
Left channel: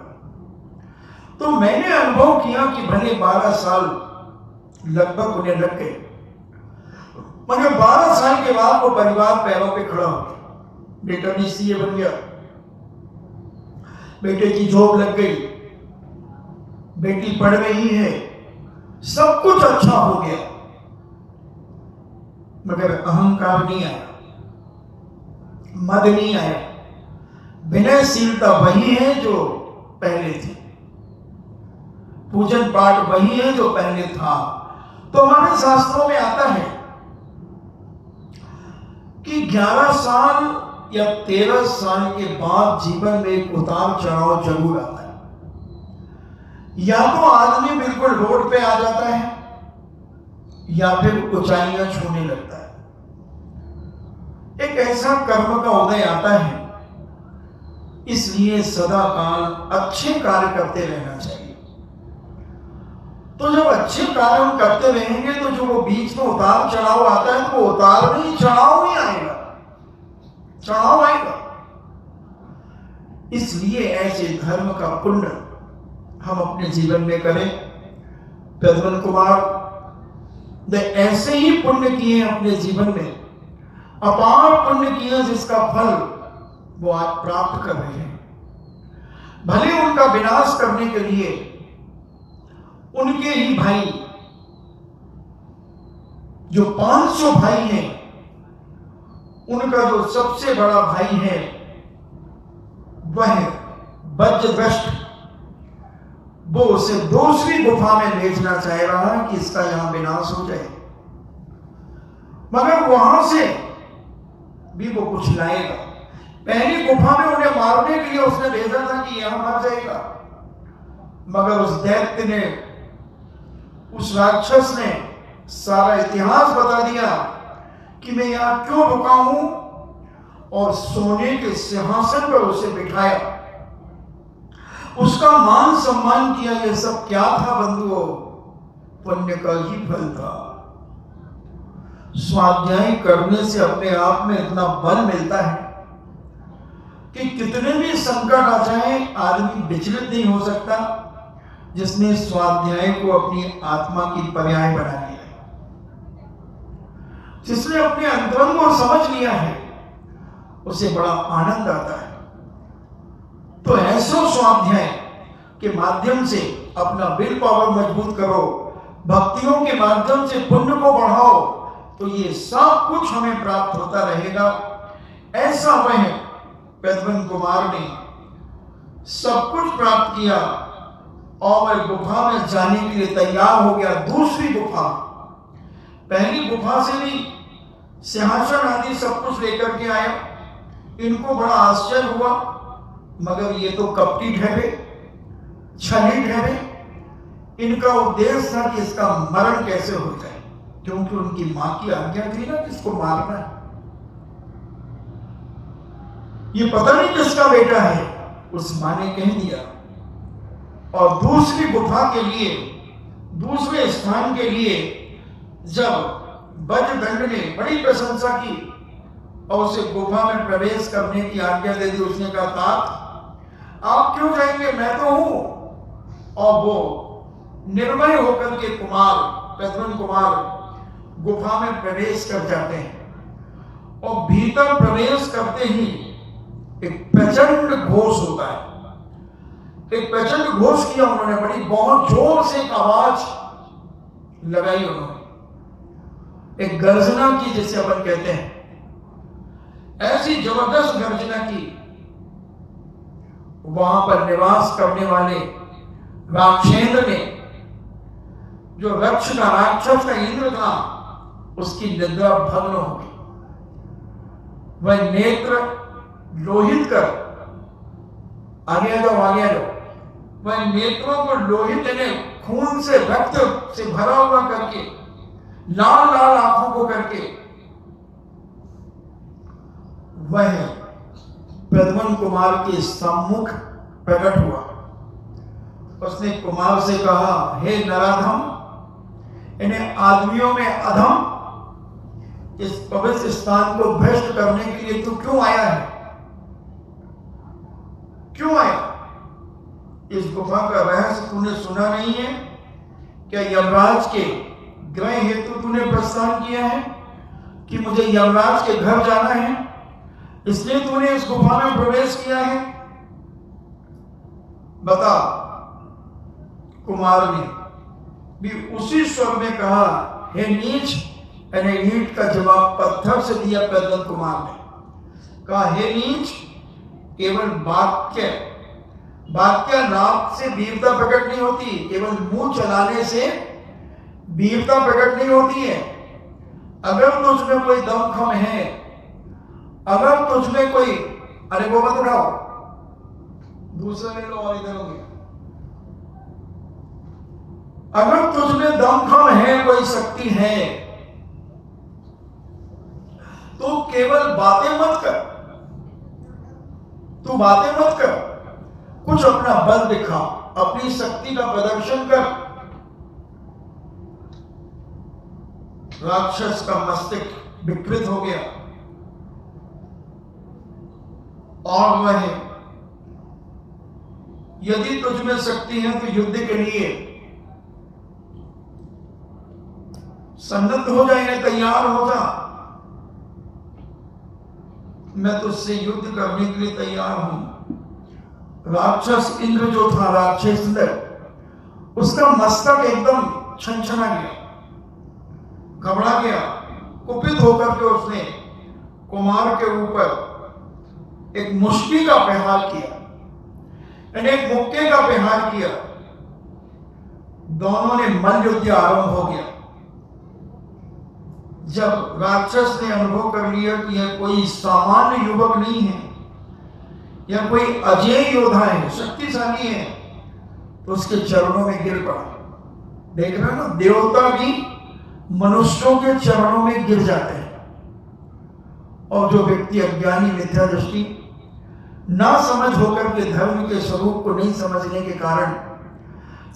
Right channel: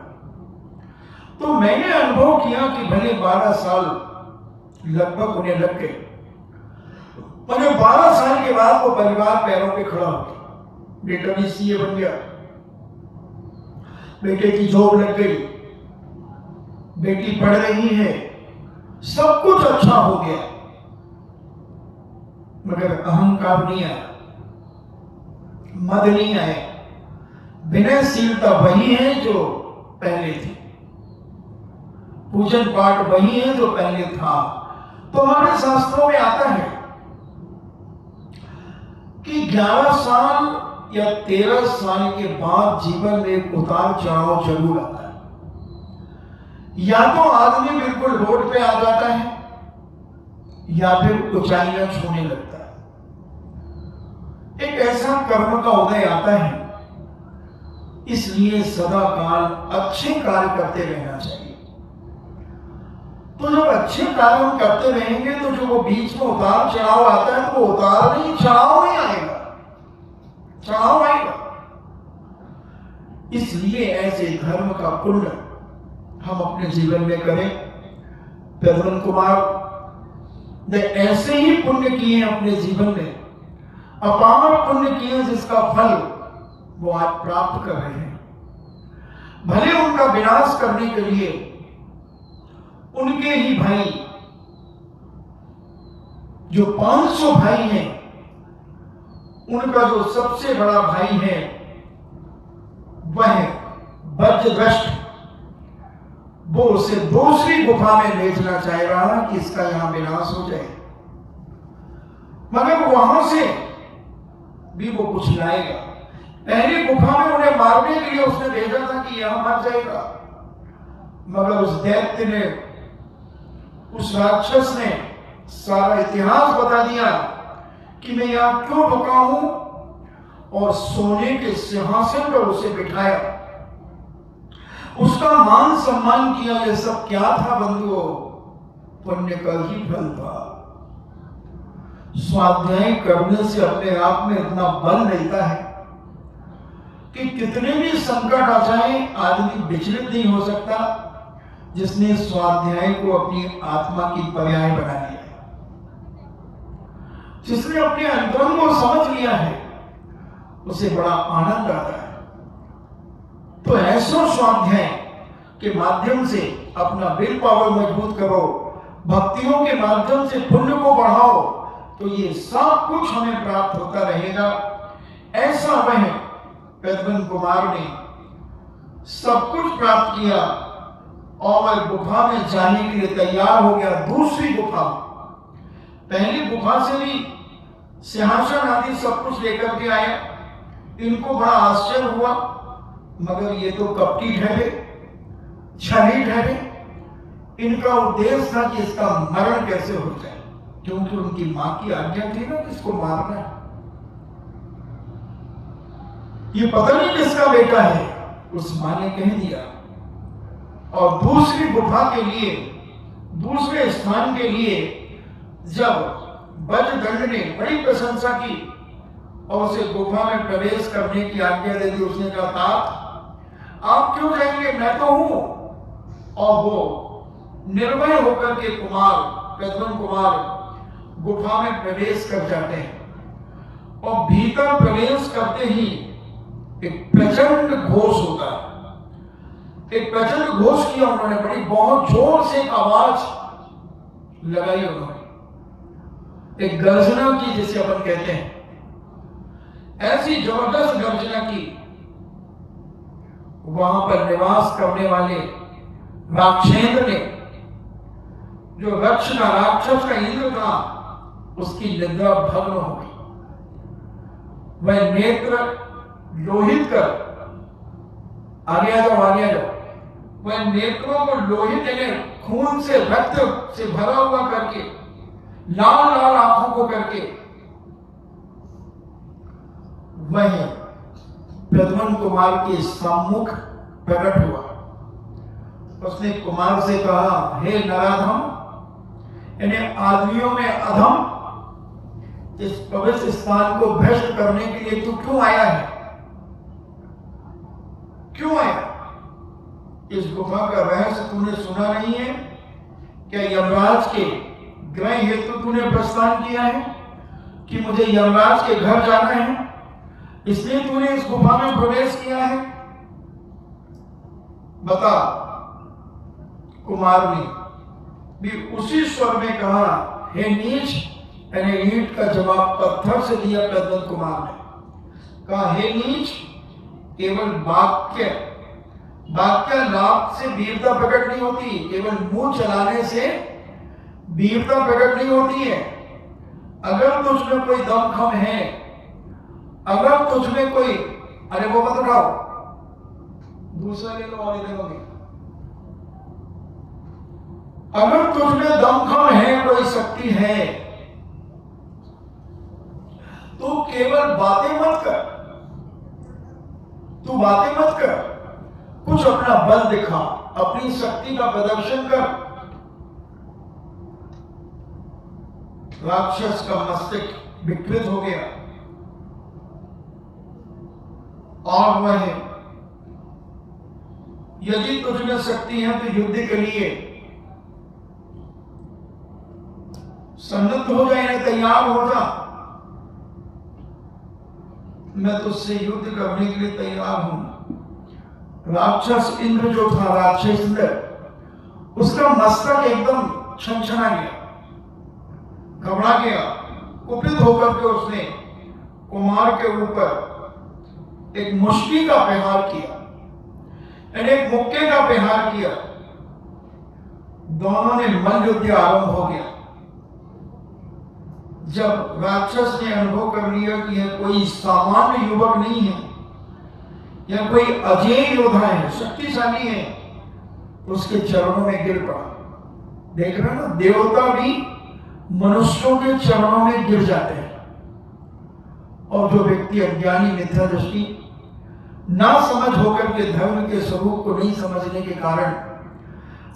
तो मैंने अनुभव किया कि भले 12 साल लगभग उन्हें लग गए, मगर 12 साल के बाद वो परिवार पैरों पे खड़ा हो गया। बेटा भी सीए बन गया, बेटे की जॉब लग गई, बेटी पढ़ रही है, सब कुछ अच्छा हो गया, मगर अहंकार नहीं आया, मद नहीं आया। विनयशीलता वही है जो पहले थी, पूजन पाठ वही है जो पहले था। तो हमारे शास्त्रों में आता है कि 11 साल या 13 साल के बाद जीवन में एक उतार चढ़ाव जरूर आता है। या तो आदमी बिल्कुल रोड पे आ जाता है या फिर ऊंचाइयां छूने लगता है। एक ऐसा कर्म का उदय आता है, इसलिए सदा काल अच्छे कार्य करते रहना चाहिए। तो जब अच्छे कार्य हम करते रहेंगे तो जो वो बीच में उतार चढ़ाव आता है, तो उतार भी चढ़ाव नहीं आएगा, चढ़ाव आएगा। इसलिए ऐसे धर्म का पुण्य हम अपने जीवन में करें। प्रद्युम्न कुमार ने ऐसे ही पुण्य किए अपने जीवन में, अपार पुण्य किए जिसका फल वो आज प्राप्त कर रहे हैं। भले उनका विनाश करने के लिए उनके ही भाई, जो 500 भाई हैं, उनका जो सबसे बड़ा भाई है वह वज्रदष्ट, वो उसे दूसरी गुफा में भेजना चाह रहा कि इसका यहां विनाश हो जाए, मगर वहां से भी वो कुछ लाएगा। पहली गुफा में उन्हें मारने के लिए उसने भेजा था कि यहां मर जाएगा, मगर उस दैत्य ने, उस राक्षस ने सारा इतिहास बता दिया कि मैं यहां क्यों रुका हूं, और सोने के सिंहासन पर उसे बिठाया, उसका मान सम्मान किया। ये सब क्या था बंधुओं? पुण्य का ही फल था। स्वाध्याय करने से अपने आप में इतना बल मिलता है कि कितने भी संकट आ जाए आदमी विचलित नहीं हो सकता, जिसने स्वाध्याय को अपनी आत्मा की पर्याय बना लिया, जिसने अपने अंतरंग को समझ लिया है, उसे बड़ा आनंद आता है। तो ऐसे स्वाध्याय के माध्यम से अपना विल पावर मजबूत करो, भक्तियों के माध्यम से पुण्य को बढ़ाओ, तो ये सब कुछ हमें प्राप्त होता रहेगा। ऐसा वह प्रद्युम्न कुमार ने सब कुछ प्राप्त किया और वह गुफा में जाने के लिए तैयार हो गया। दूसरी गुफा, पहली गुफा से भी सिंहासन आदि सब कुछ लेकर के आए। इनको बड़ा आश्चर्य हुआ, मगर ये तो कपटी ठहरे, छली ठहरे। इनका उद्देश्य था कि इसका मरण कैसे हो जाए, क्योंकि उनकी मां की आज्ञा थी ना इसको मारना है। ये पता नहीं किसका बेटा है, उस मां ने कह दिया। और दूसरी गुफा के लिए, दूसरे स्थान के लिए जब बजदंड ने बड़ी प्रशंसा की और उसे गुफा में प्रवेश करने की आज्ञा दे दी, उसने कहा तात आप क्यों जाएंगे, मैं तो हूं। और वो निर्भय होकर के कुमार प्रद्युम्न कुमार गुफा में प्रवेश कर जाते हैं और भीतर प्रवेश करते ही एक प्रचंड घोष होता है। एक प्रचंड घोष किया उन्होंने, बड़ी बहुत जोर से आवाज लगाई उन्होंने, एक गर्जना की जिसे अपन कहते हैं, ऐसी जबरदस्त गर्जना की। वहां पर निवास करने वाले राक्षेंद्र ने, जो रक्ष का राक्षस का इंद्र था, उसकी निद्रा भंग हो गई। वह नेत्र लोहित कर वह नेत्रों को लोहित यानी खून से, रक्त से भरा हुआ करके, लाल लाल आंखों को करके वह प्रद्युम्न कुमार के सम्मुख प्रकट हुआ। उसने कुमार से कहा, हे नराधम, इन्हें आदमियों में अधम, इस पवित्र स्थान को भ्रष्ट करने के लिए तू क्यों आया है, क्यों आया? इस गुफा का रहस्य तूने सुना नहीं है क्या? यमराज के ग्रह हेतु तूने प्रस्थान किया है कि मुझे यमराज के घर जाना है, इसलिए तूने इस गुफा में प्रवेश किया है? बता। कुमार ने भी उसी स्वर में कहा, हे नीच। ईंट का जवाब पत्थर से दिया प्रद्युम्न कुमार ने। कहा, हे नीच, केवल वाक्य लाभ से वीरता प्रकट नहीं होती, केवल मुंह चलाने से वीरता प्रकट नहीं होती है। अगर तुझ में कोई दमखम है, अगर तुझ में कोई, अरे वो मत उठाओ, दूसरा ले लो और देंगे। अगर तुझ में दमखम है, कोई शक्ति है, तो केवल बातें मत कर, तू बातें मत कर, कुछ अपना बल दिखा, अपनी शक्ति का प्रदर्शन कर। राक्षस का मस्तिष्क विकृत हो गया और वह, यदि तुझ में शक्ति है तो युद्ध के लिए सन्नद्ध हो जाए, तैयार हो जा, मैं तुझसे युद्ध करने के लिए तैयार हूं। राक्षस इंद्र जो था, राक्षस इंद्र, उसका मस्तक एकदम छनछना गया, घबरा गया, कुपित होकर के उसने कुमार के ऊपर एक मुष्टि का प्रहार किया, एक मुक्के का प्रहार किया। दोनों ने मल्लयुद्ध आरंभ हो गया। जब राक्षस ने अनुभव कर लिया कि यह कोई सामान्य युवक नहीं है, या कोई अजय योद्धा है, शक्तिशाली है, तो उसके चरणों में गिर पड़ा। देख रहे ना, देवता भी मनुष्यों के चरणों में गिर जाते हैं। और जो व्यक्ति अज्ञानी, मिथ्या दृष्टि, ना समझ होकर के धर्म के स्वरूप को नहीं समझने के कारण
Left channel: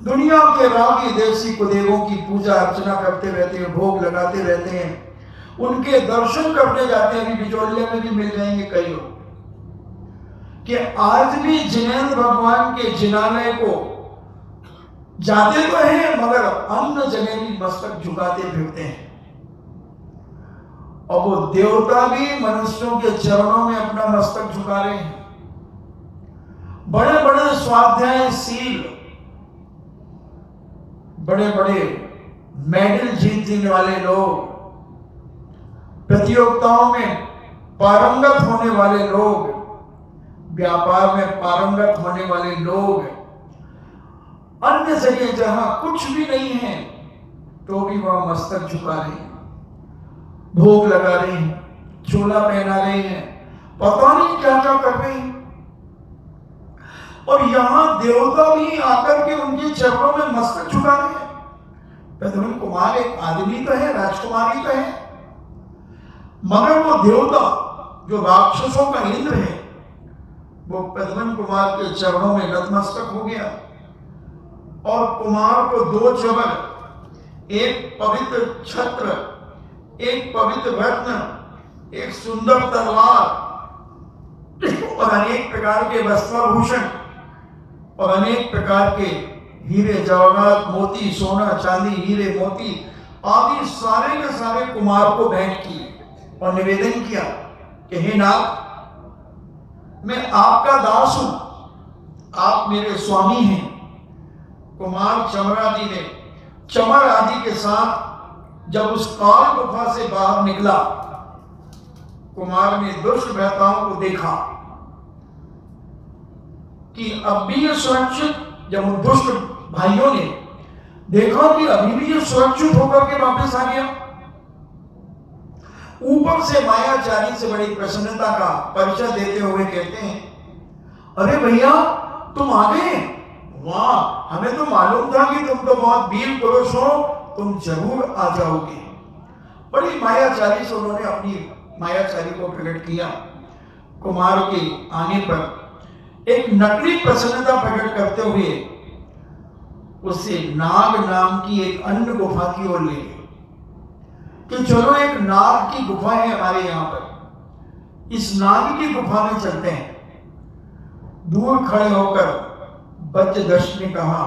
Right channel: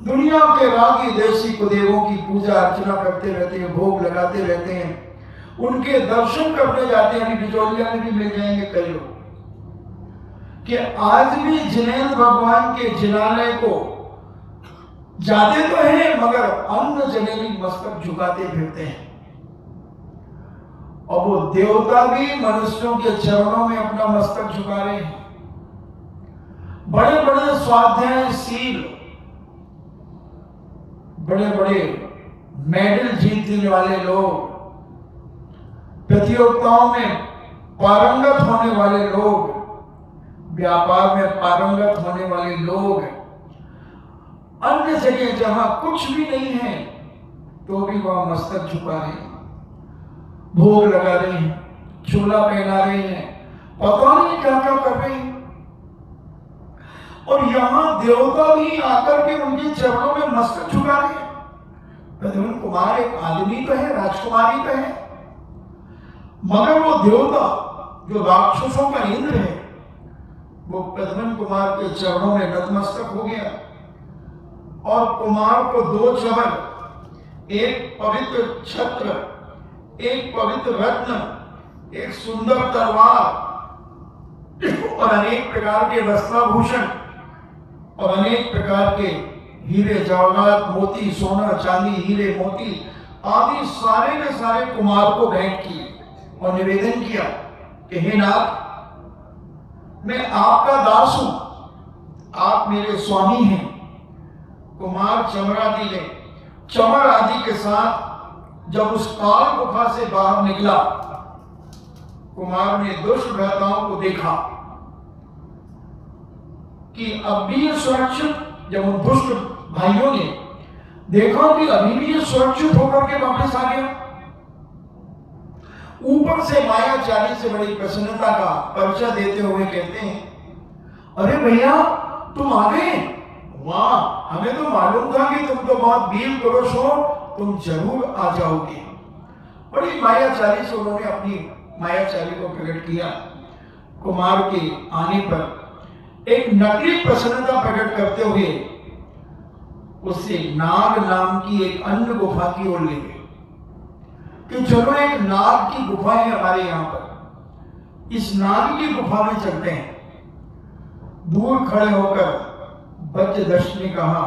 दुनिया के रागी देशी कुदेवों की पूजा अर्चना करते रहते हैं, भोग लगाते रहते हैं, उनके दर्शन करने जाते हैं। बिचौलिया में भी मिल जाएंगे कई लोग कि आज भी जिनेंद्र भगवान के जिनालय को जाते तो हैं मगर अन्य जगह भी मस्तक झुकाते फिरते हैं। और वो देवता भी मनुष्यों के चरणों में अपना मस्तक झुका रहे हैं। बड़े बड़े स्वाध्यायशील, बड़े बड़े मेडल जीतने वाले लोग, प्रतियोगिताओं में पारंगत होने वाले लोग, व्यापार में पारंगत होने वाले लोग, अन्य जगह जहां कुछ भी नहीं है तो भी वहां मस्तक झुका रहे हैं, भोग लगा रहे हैं, चोला पहना रहे हैं, पता नहीं क्या क्या कर रहे हैं। और यहां देवता भी आकर के उनके चरणों में मस्तक झुका रहे हैं। प्रद्युम्न कुमार एक आदमी तो है, राजकुमारी तो है, मगर वो देवता जो राक्षसों का इंद्र है वो प्रद्युम्न कुमार के चरणों में नतमस्तक हो गया। और कुमार को 2 चमक, एक पवित्र छत्र, एक पवित्र रत्न, एक सुंदर तलवार और अनेक प्रकार के वस्त्राभूषण और अनेक प्रकार के हीरे जवाहरात, मोती, सोना, चांदी, हीरे, मोती आदि सारे के सारे कुमार को भेंट किए और निवेदन किया कि हे नाथ, मैं आपका दास हूं, आप मेरे स्वामी हैं। कुमार चमरादि ने चमर आदि के साथ जब उस काल गुफा से बाहर निकला, कुमार ने दुष्ट भ्राताओं को देखा कि अब भी ये सुरक्षित, जब उन दुष्ट भाइयों ने देखा कि अभी भी ये सुरक्षित होकर के वापस आ गया, ऊपर से मायाचारी से बड़ी प्रसन्नता का परिचय देते हुए कहते हैं, अरे भैया तुम आ गए, वाह, हमें तो मालूम था कि तुम तो बहुत वीर पुरुष हो, तुम जरूर आ जाओगे। बड़ी मायाचारी से उन्होंने अपनी मायाचारी को प्रकट किया। कुमार के आने पर एक नकली प्रसन्नता प्रकट करते हुए उससे नाग नाम की एक अन्य गुफा की ओर ले गए कि चलो एक नाग की गुफा है हमारे यहां पर, इस नाग की गुफा में चलते हैं। दूर खड़े होकर बज्रदष्ट ने कहा,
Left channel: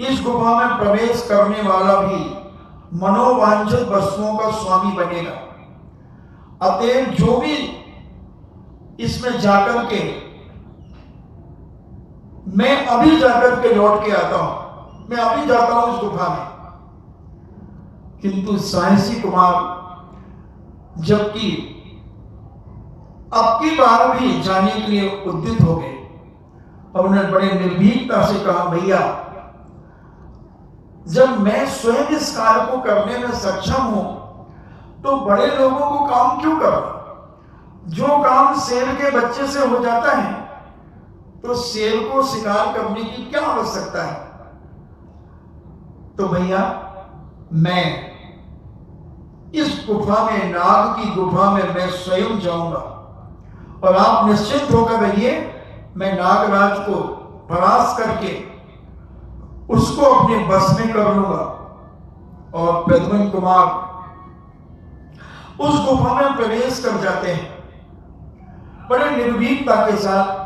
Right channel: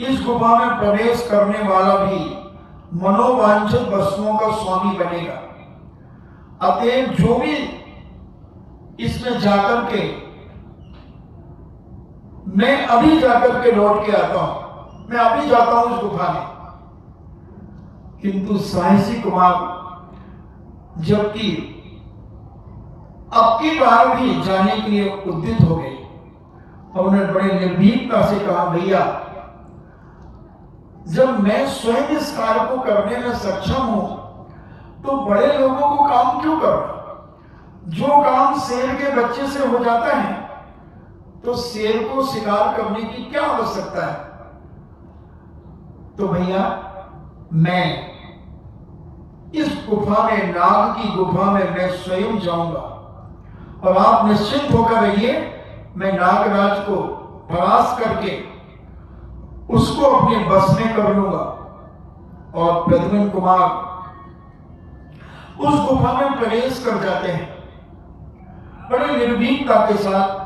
इस गुफा में प्रवेश करने वाला भी मनोवांछित वस्तुओं का स्वामी बनेगा, अतएव जो भी इसमें जाकर के, मैं अभी जाकर के लौट के आता हूं, मैं अभी जाता हूं उस गुफा में। किंतु साहसी कुमार जबकि अब की बार भी जाने के लिए उद्यत हो गए और उन्होंने बड़े निर्भीकता से कहा, भैया जब मैं स्वयं इस कार्य को करने में सक्षम हूं तो बड़े लोगों को काम क्यों करो? जो काम शेर के बच्चे से हो जाता है तो शेर को शिकार करने की क्या आवश्यकता है? तो भैया मैं इस गुफा में, नाग की गुफा में मैं स्वयं जाऊंगा और आप निश्चित होकर रहिए, मैं नागराज को परास्त करके उसको अपने बस में कर लूंगा। और प्रद्युम्न कुमार उस गुफा में प्रवेश कर जाते हैं बड़े निर्भीकता के साथ।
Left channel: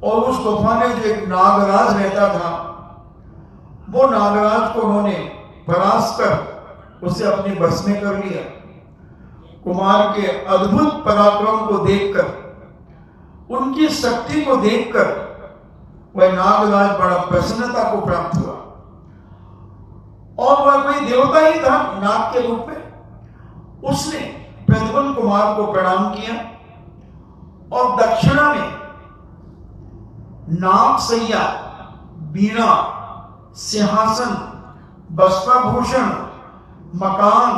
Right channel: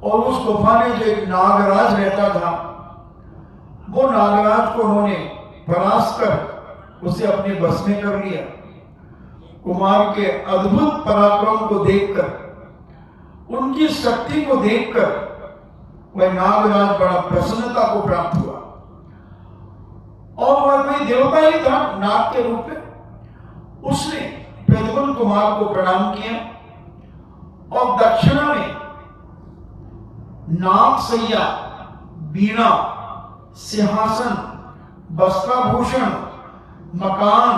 और उस गुफा में जो एक नागराज रहता था, वो नागराज को उन्होंने परास्त कर उसे अपने बस में कर लिया। कुमार के अद्भुत पराक्रम को देखकर, उनकी शक्ति को देखकर वह नागराज बड़ा प्रसन्नता को प्राप्त हुआ और वह कोई देवता ही था नाग के रूप में। उसने प्रद्युम्न कुमार को प्रणाम किया और दक्षिणा में नाग सैया, बीणा, सिंहासन, वस्त्राभूषण, मकान,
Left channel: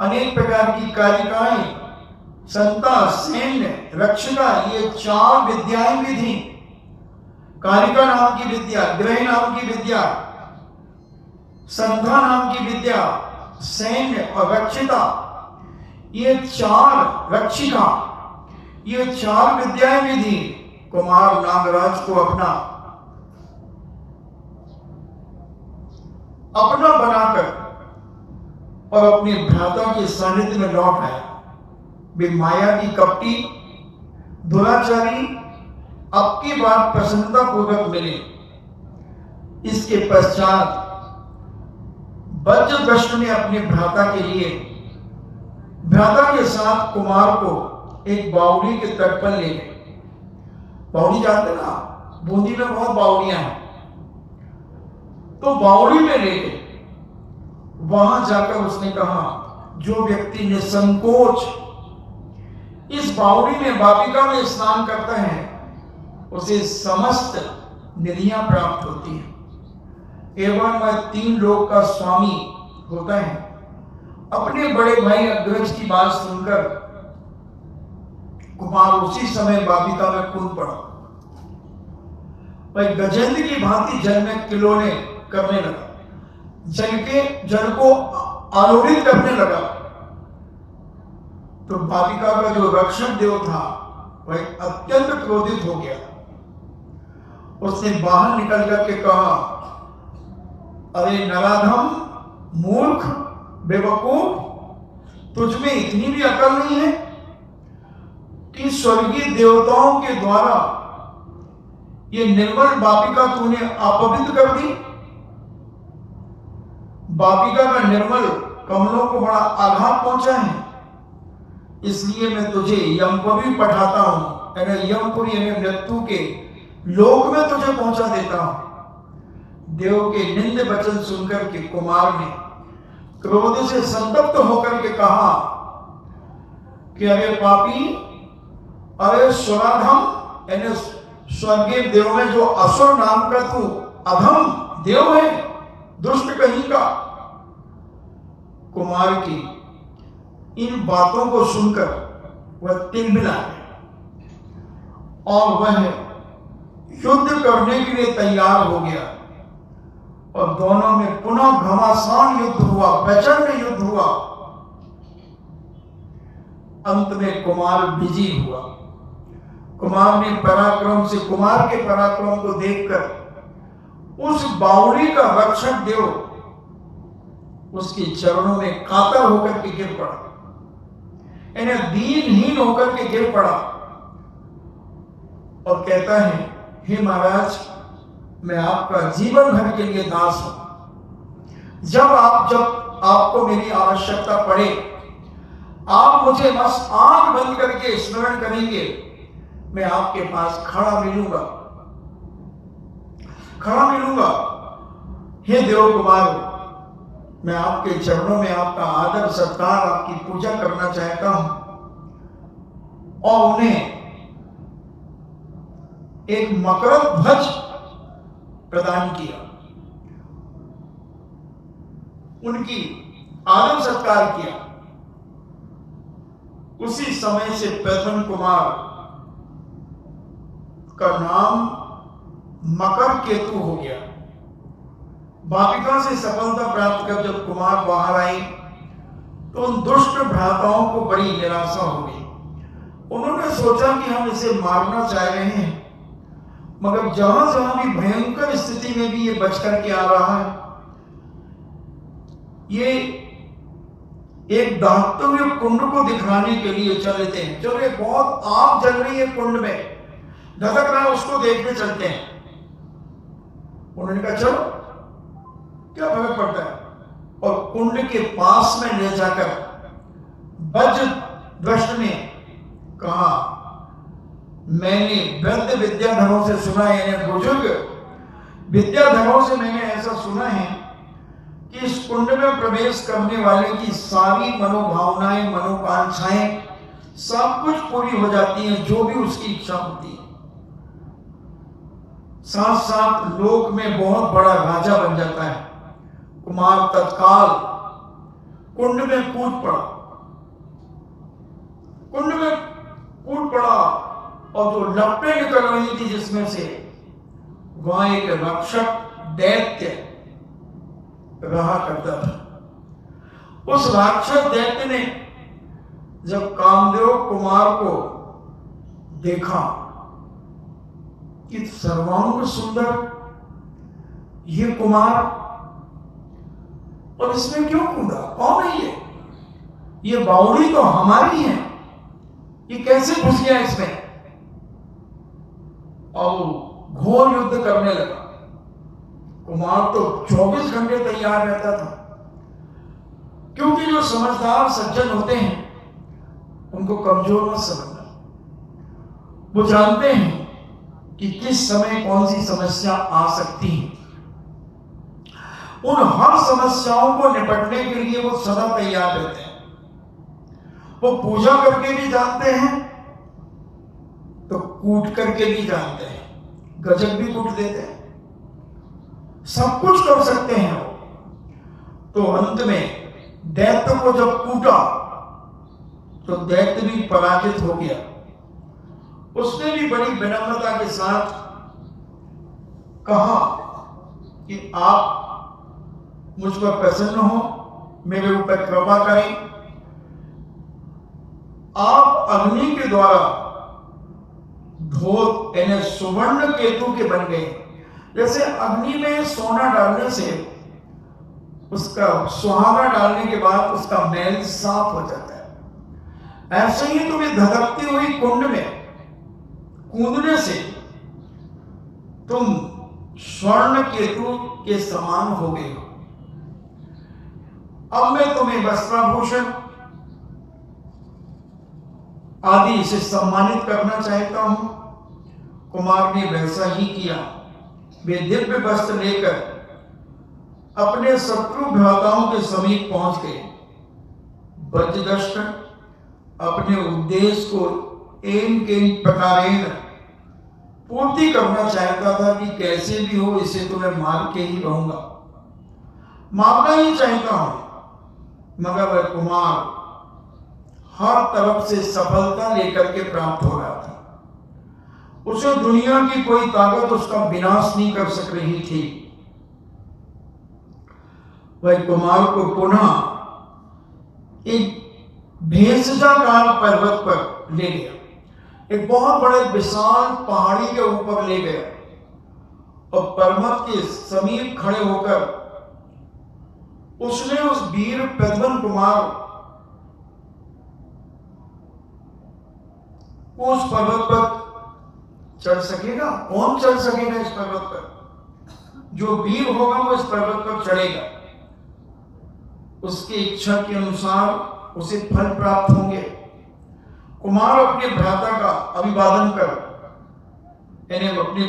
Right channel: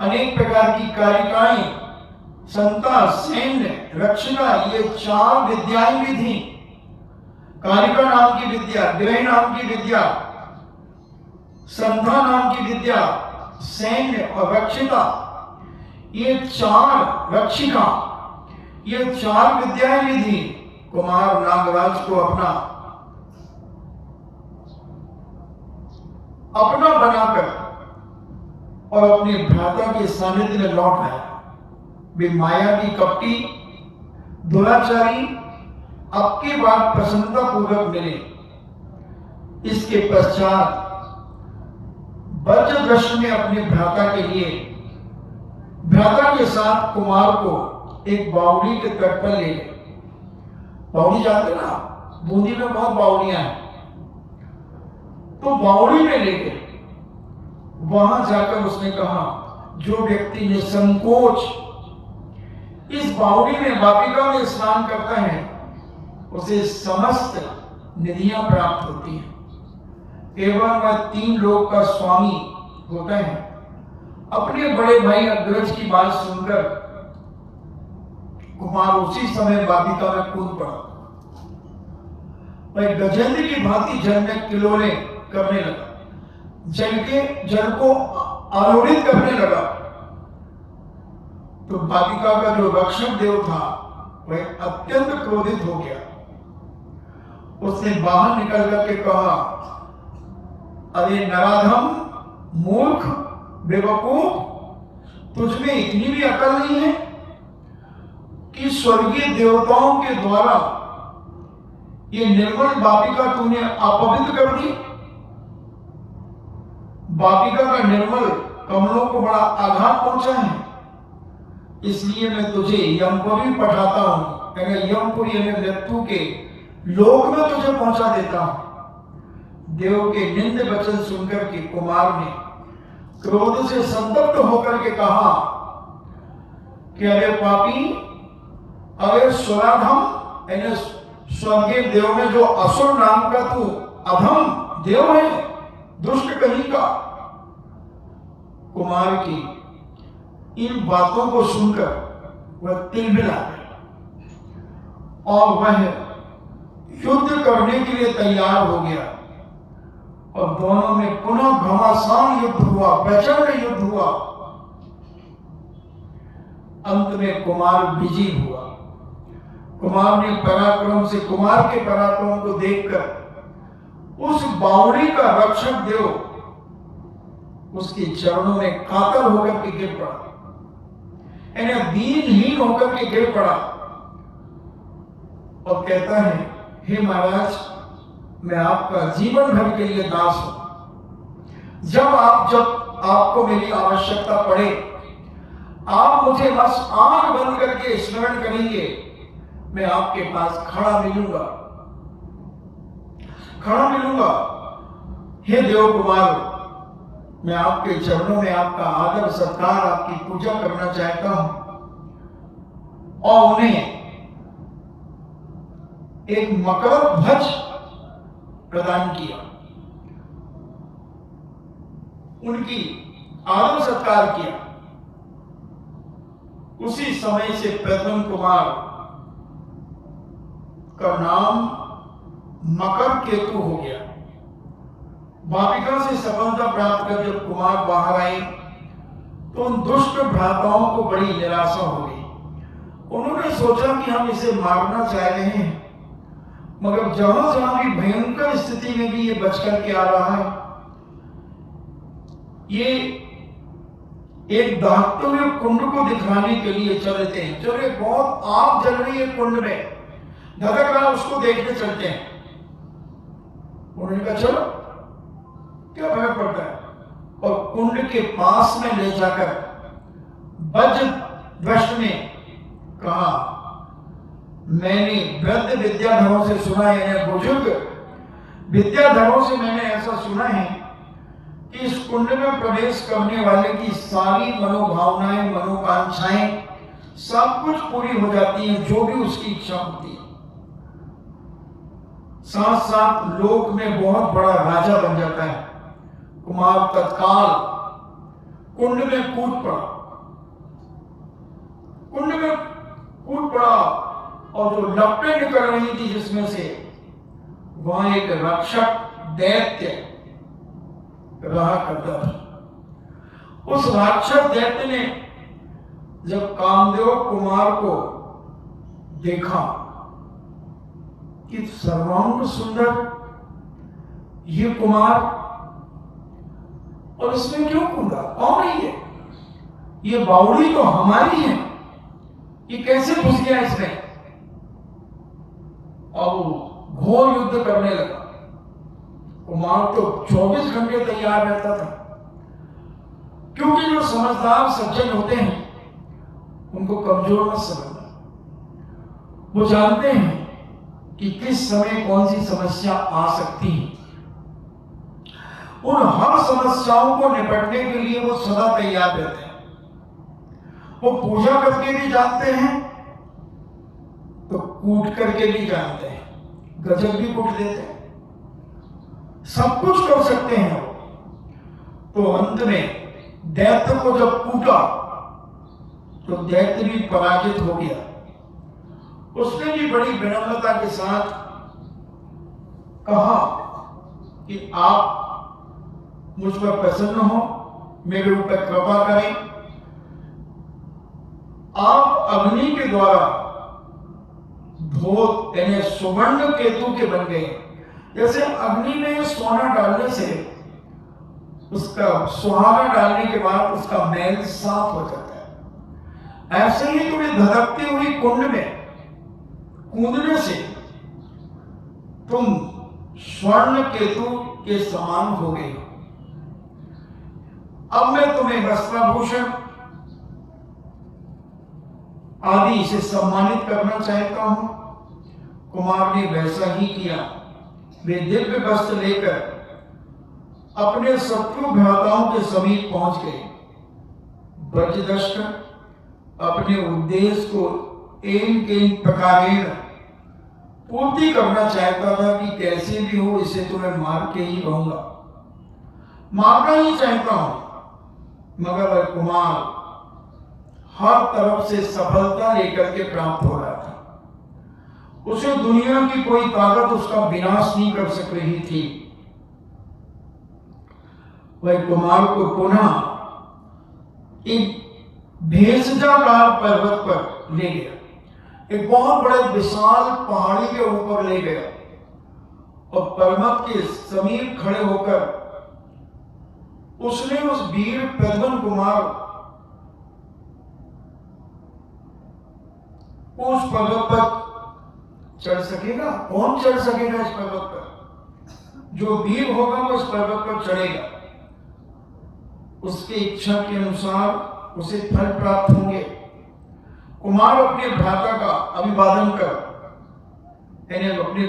अनेक प्रकार की कारिकाएं, संता, सैन्य, रक्षिता, ये 4 विद्याएं भी थी। कारिका नाम की विद्या, गृह नाम की विद्या, संता नाम की विद्या, सैन्य और रक्षिता, ये 4 रक्षिका, ये 4 विद्याएं भी थी। कुमार नागराज को अपना बनाकर और अपने भ्राता के सानिध्य में लौट आया। वे माया की कपटी दुराचारी अब की बात प्रसन्नता पूर्वक मिले। इसके पश्चात वज्रदृष्टि ने अपने भ्राता के लिए भ्राता के साथ कुमार को एक बावड़ी के तट पर ले गए। बावड़ी जानते ना, बूंदी में बहुत बावड़ियां हैं, तो बावड़ी में ले गए। वहां जाकर उसने कहा, जो व्यक्ति निसंकोच इस बावड़ी में वाटिका में स्नान करता है उसे समस्त निधियां प्राप्त होती हैं एवं वह 3 लोक का स्वामी होता है। अपने बड़े भाई अग्रज की बात सुनकर कुमार उसी समय वाटिका में कूद पड़ा। वह गजेंद्र की भांति जल में किलोले करने लगा, जल को आलोड़ित करने लगा। तो वाटिका का जो रक्षक देव था वह अत्यंत क्रोधित हो गया। उसने बाहर निकल करके कहा, अरे नराधम, मूर्ख, बेवकूफ, तुझमें इतनी भी अकल नहीं है कि स्वर्गीय देवताओं के द्वारा ये निर्मल वाटिका तूने अपवित्र कर दी। वाटिका का निर्मल कमलों को बड़ा आघात पहुंचा है, इसलिए मैं तुझे यमपुरी पठाता हूं, यमपुरी यानी मृत्यु के लोक में तुझे पहुंचा देता हूं। देव के निंद वचन सुनकर के कुमार ने क्रोध से संतप्त होकर के कहा कि अरे पापी, अरे सुराधम, यानी स्वर्गीय देव में जो असुर नाम का तू अधम देव है, दुष्ट कहीं का। कुमार की इन बातों को सुनकर वह तिलमिला गया और वह युद्ध करने के लिए तैयार हो गया और दोनों में पुनः घमासान युद्ध हुआ, प्रचंड युद्ध हुआ। अंत में कुमार विजयी हुआ। कुमार ने पराक्रम से, कुमार के पराक्रम को देखकर उस बावड़ी का रक्षक देव उसके चरणों में कातर होकर के गिर पड़ा, यानी दीनहीन होकर के गिर पड़ा और कहता है, हे महाराज, मैं आपका जीवन भर के लिए दास हूं। जब आपको मेरी आवश्यकता पड़े, आप मुझे बस आंख बंद करके स्मरण करेंगे, मैं आपके पास खड़ा मिलूंगा। हे देव कुमार, मैं आपके चरणों में आपका आदर सत्कार, आपकी पूजा करना चाहता हूं। और उन्हें एक मकर ध्वज प्रदान किया, उनकी आदर सत्कार किया। उसी समय से प्रथम कुमार का नाम मकर केतु हो गया। वाटिका से सफलता प्राप्त कर जब कुमार बाहर आए तो उन दुष्ट भ्राताओं को बड़ी निराशा हो गई। उन्होंने सोचा कि हम इसे मारना चाह रहे हैं, मगर जहां जहां भी भयंकर स्थिति में भी ये बचकर के आ रहा है। ये एक दहकते हुए कुंड को दिखाने के लिए चल देते हैं, चलो एक बहुत आग जल रही है कुंड में, धधक रहा, उसको देखने चलते हैं। उन्होंने कहा चलो, क्या फर्क पड़ता है। और कुंड के पास में ले जाकर वज्रदृष्ट ने कहा, मैंने वृद्ध विद्याधरों से सुना है, बुजुर्ग विद्याधरों से मैंने ऐसा सुना है कि इस कुंड में प्रवेश करने वाले की सारी मनोभावनाएं, मनोकांक्षाएं सब कुछ पूरी हो जाती हैं, जो भी उसकी इच्छा होती है। साथ साथ लोक में बहुत बड़ा राजा बन जाता है। कुमार तत्काल कुंड में कूद पड़ा और जो लपटें निकल रही थी जिसमें से, वहां एक रक्षक दैत्य रहा करता था। उस राक्षस दैत्य ने जब कामदेव कुमार को देखा कि सर्वांग सुंदर ये कुमार और इसमें क्यों कूदा? कौन है ये बावड़ी तो हमारी है, ये कैसे घुस गया इसमें? और वो घोर युद्ध करने लगा। कुमार तो 24 घंटे तैयार रहता था, क्योंकि जो समझदार सज्जन होते हैं उनको कमजोर मत समझना। वो जानते हैं कि किस समय कौन सी समस्या आ सकती है। उन हर समस्याओं को निपटने के लिए वो सदा तैयार रहते हैं। वो पूजा करके भी जानते हैं तो कूट करके भी जानते हैं, गजब भी कूट देते हैं, सब कुछ कर सकते हैं। तो अंत में दैत्य को जब कूटा तो दैत्य भी पराजित हो गया। उसने भी बड़ी विनम्रता के साथ कहा कि आप मुझ पर प्रसन्न हो, मेरे ऊपर कृपा करें, आप अग्नि के द्वारा धोत यानी सुवर्ण केतु के बन गए। जैसे अग्नि में सोना डालने से उसका सुहागा डालने के बाद उसका मैल साफ हो जाता है, ऐसे ही तुम्हें धधकती हुई कुंड में कूदने से तुम स्वर्ण केतु के समान हो गए हो। अब मैं तुम्हें वस्त्राभूषण आदि से सम्मानित करना चाहता हूं। कुमार ने वैसा ही किया। वे दिव्य वस्त्र लेकर अपने शत्रु भ्राताओं के समीप पहुंच गए। ब्रजदष्ट अपने उद्देश्य को एन प्रकारेण पूर्ति करना चाहता था कि कैसे भी हो इसे तो मैं मार के ही रहूंगा, मारना ही चाहता हूं। मगर वह कुमार हर तरफ से सफलता लेकर के प्राप्त हो रहा था। उसे दुनिया की कोई ताकत उसका विनाश नहीं कर सक रही थी। वह कुमार को पुनः एक भेषजाकार पर्वत पर ले गया, एक बहुत बड़े विशाल पहाड़ी के ऊपर ले गया और पर्वत के समीप खड़े होकर उसने उस वीर प्रद्युम्न कुमार उस पर्वत पर चढ़ सकेगा? कौन चढ़ सकेगा इस पर्वत पर? जो वीर होगा वो इस पर्वत पर चढ़ेगा। उसकी इच्छा के अनुसार उसे फल प्राप्त होंगे। कुमार अपने भ्राता का अभिवादन कर यानी अपने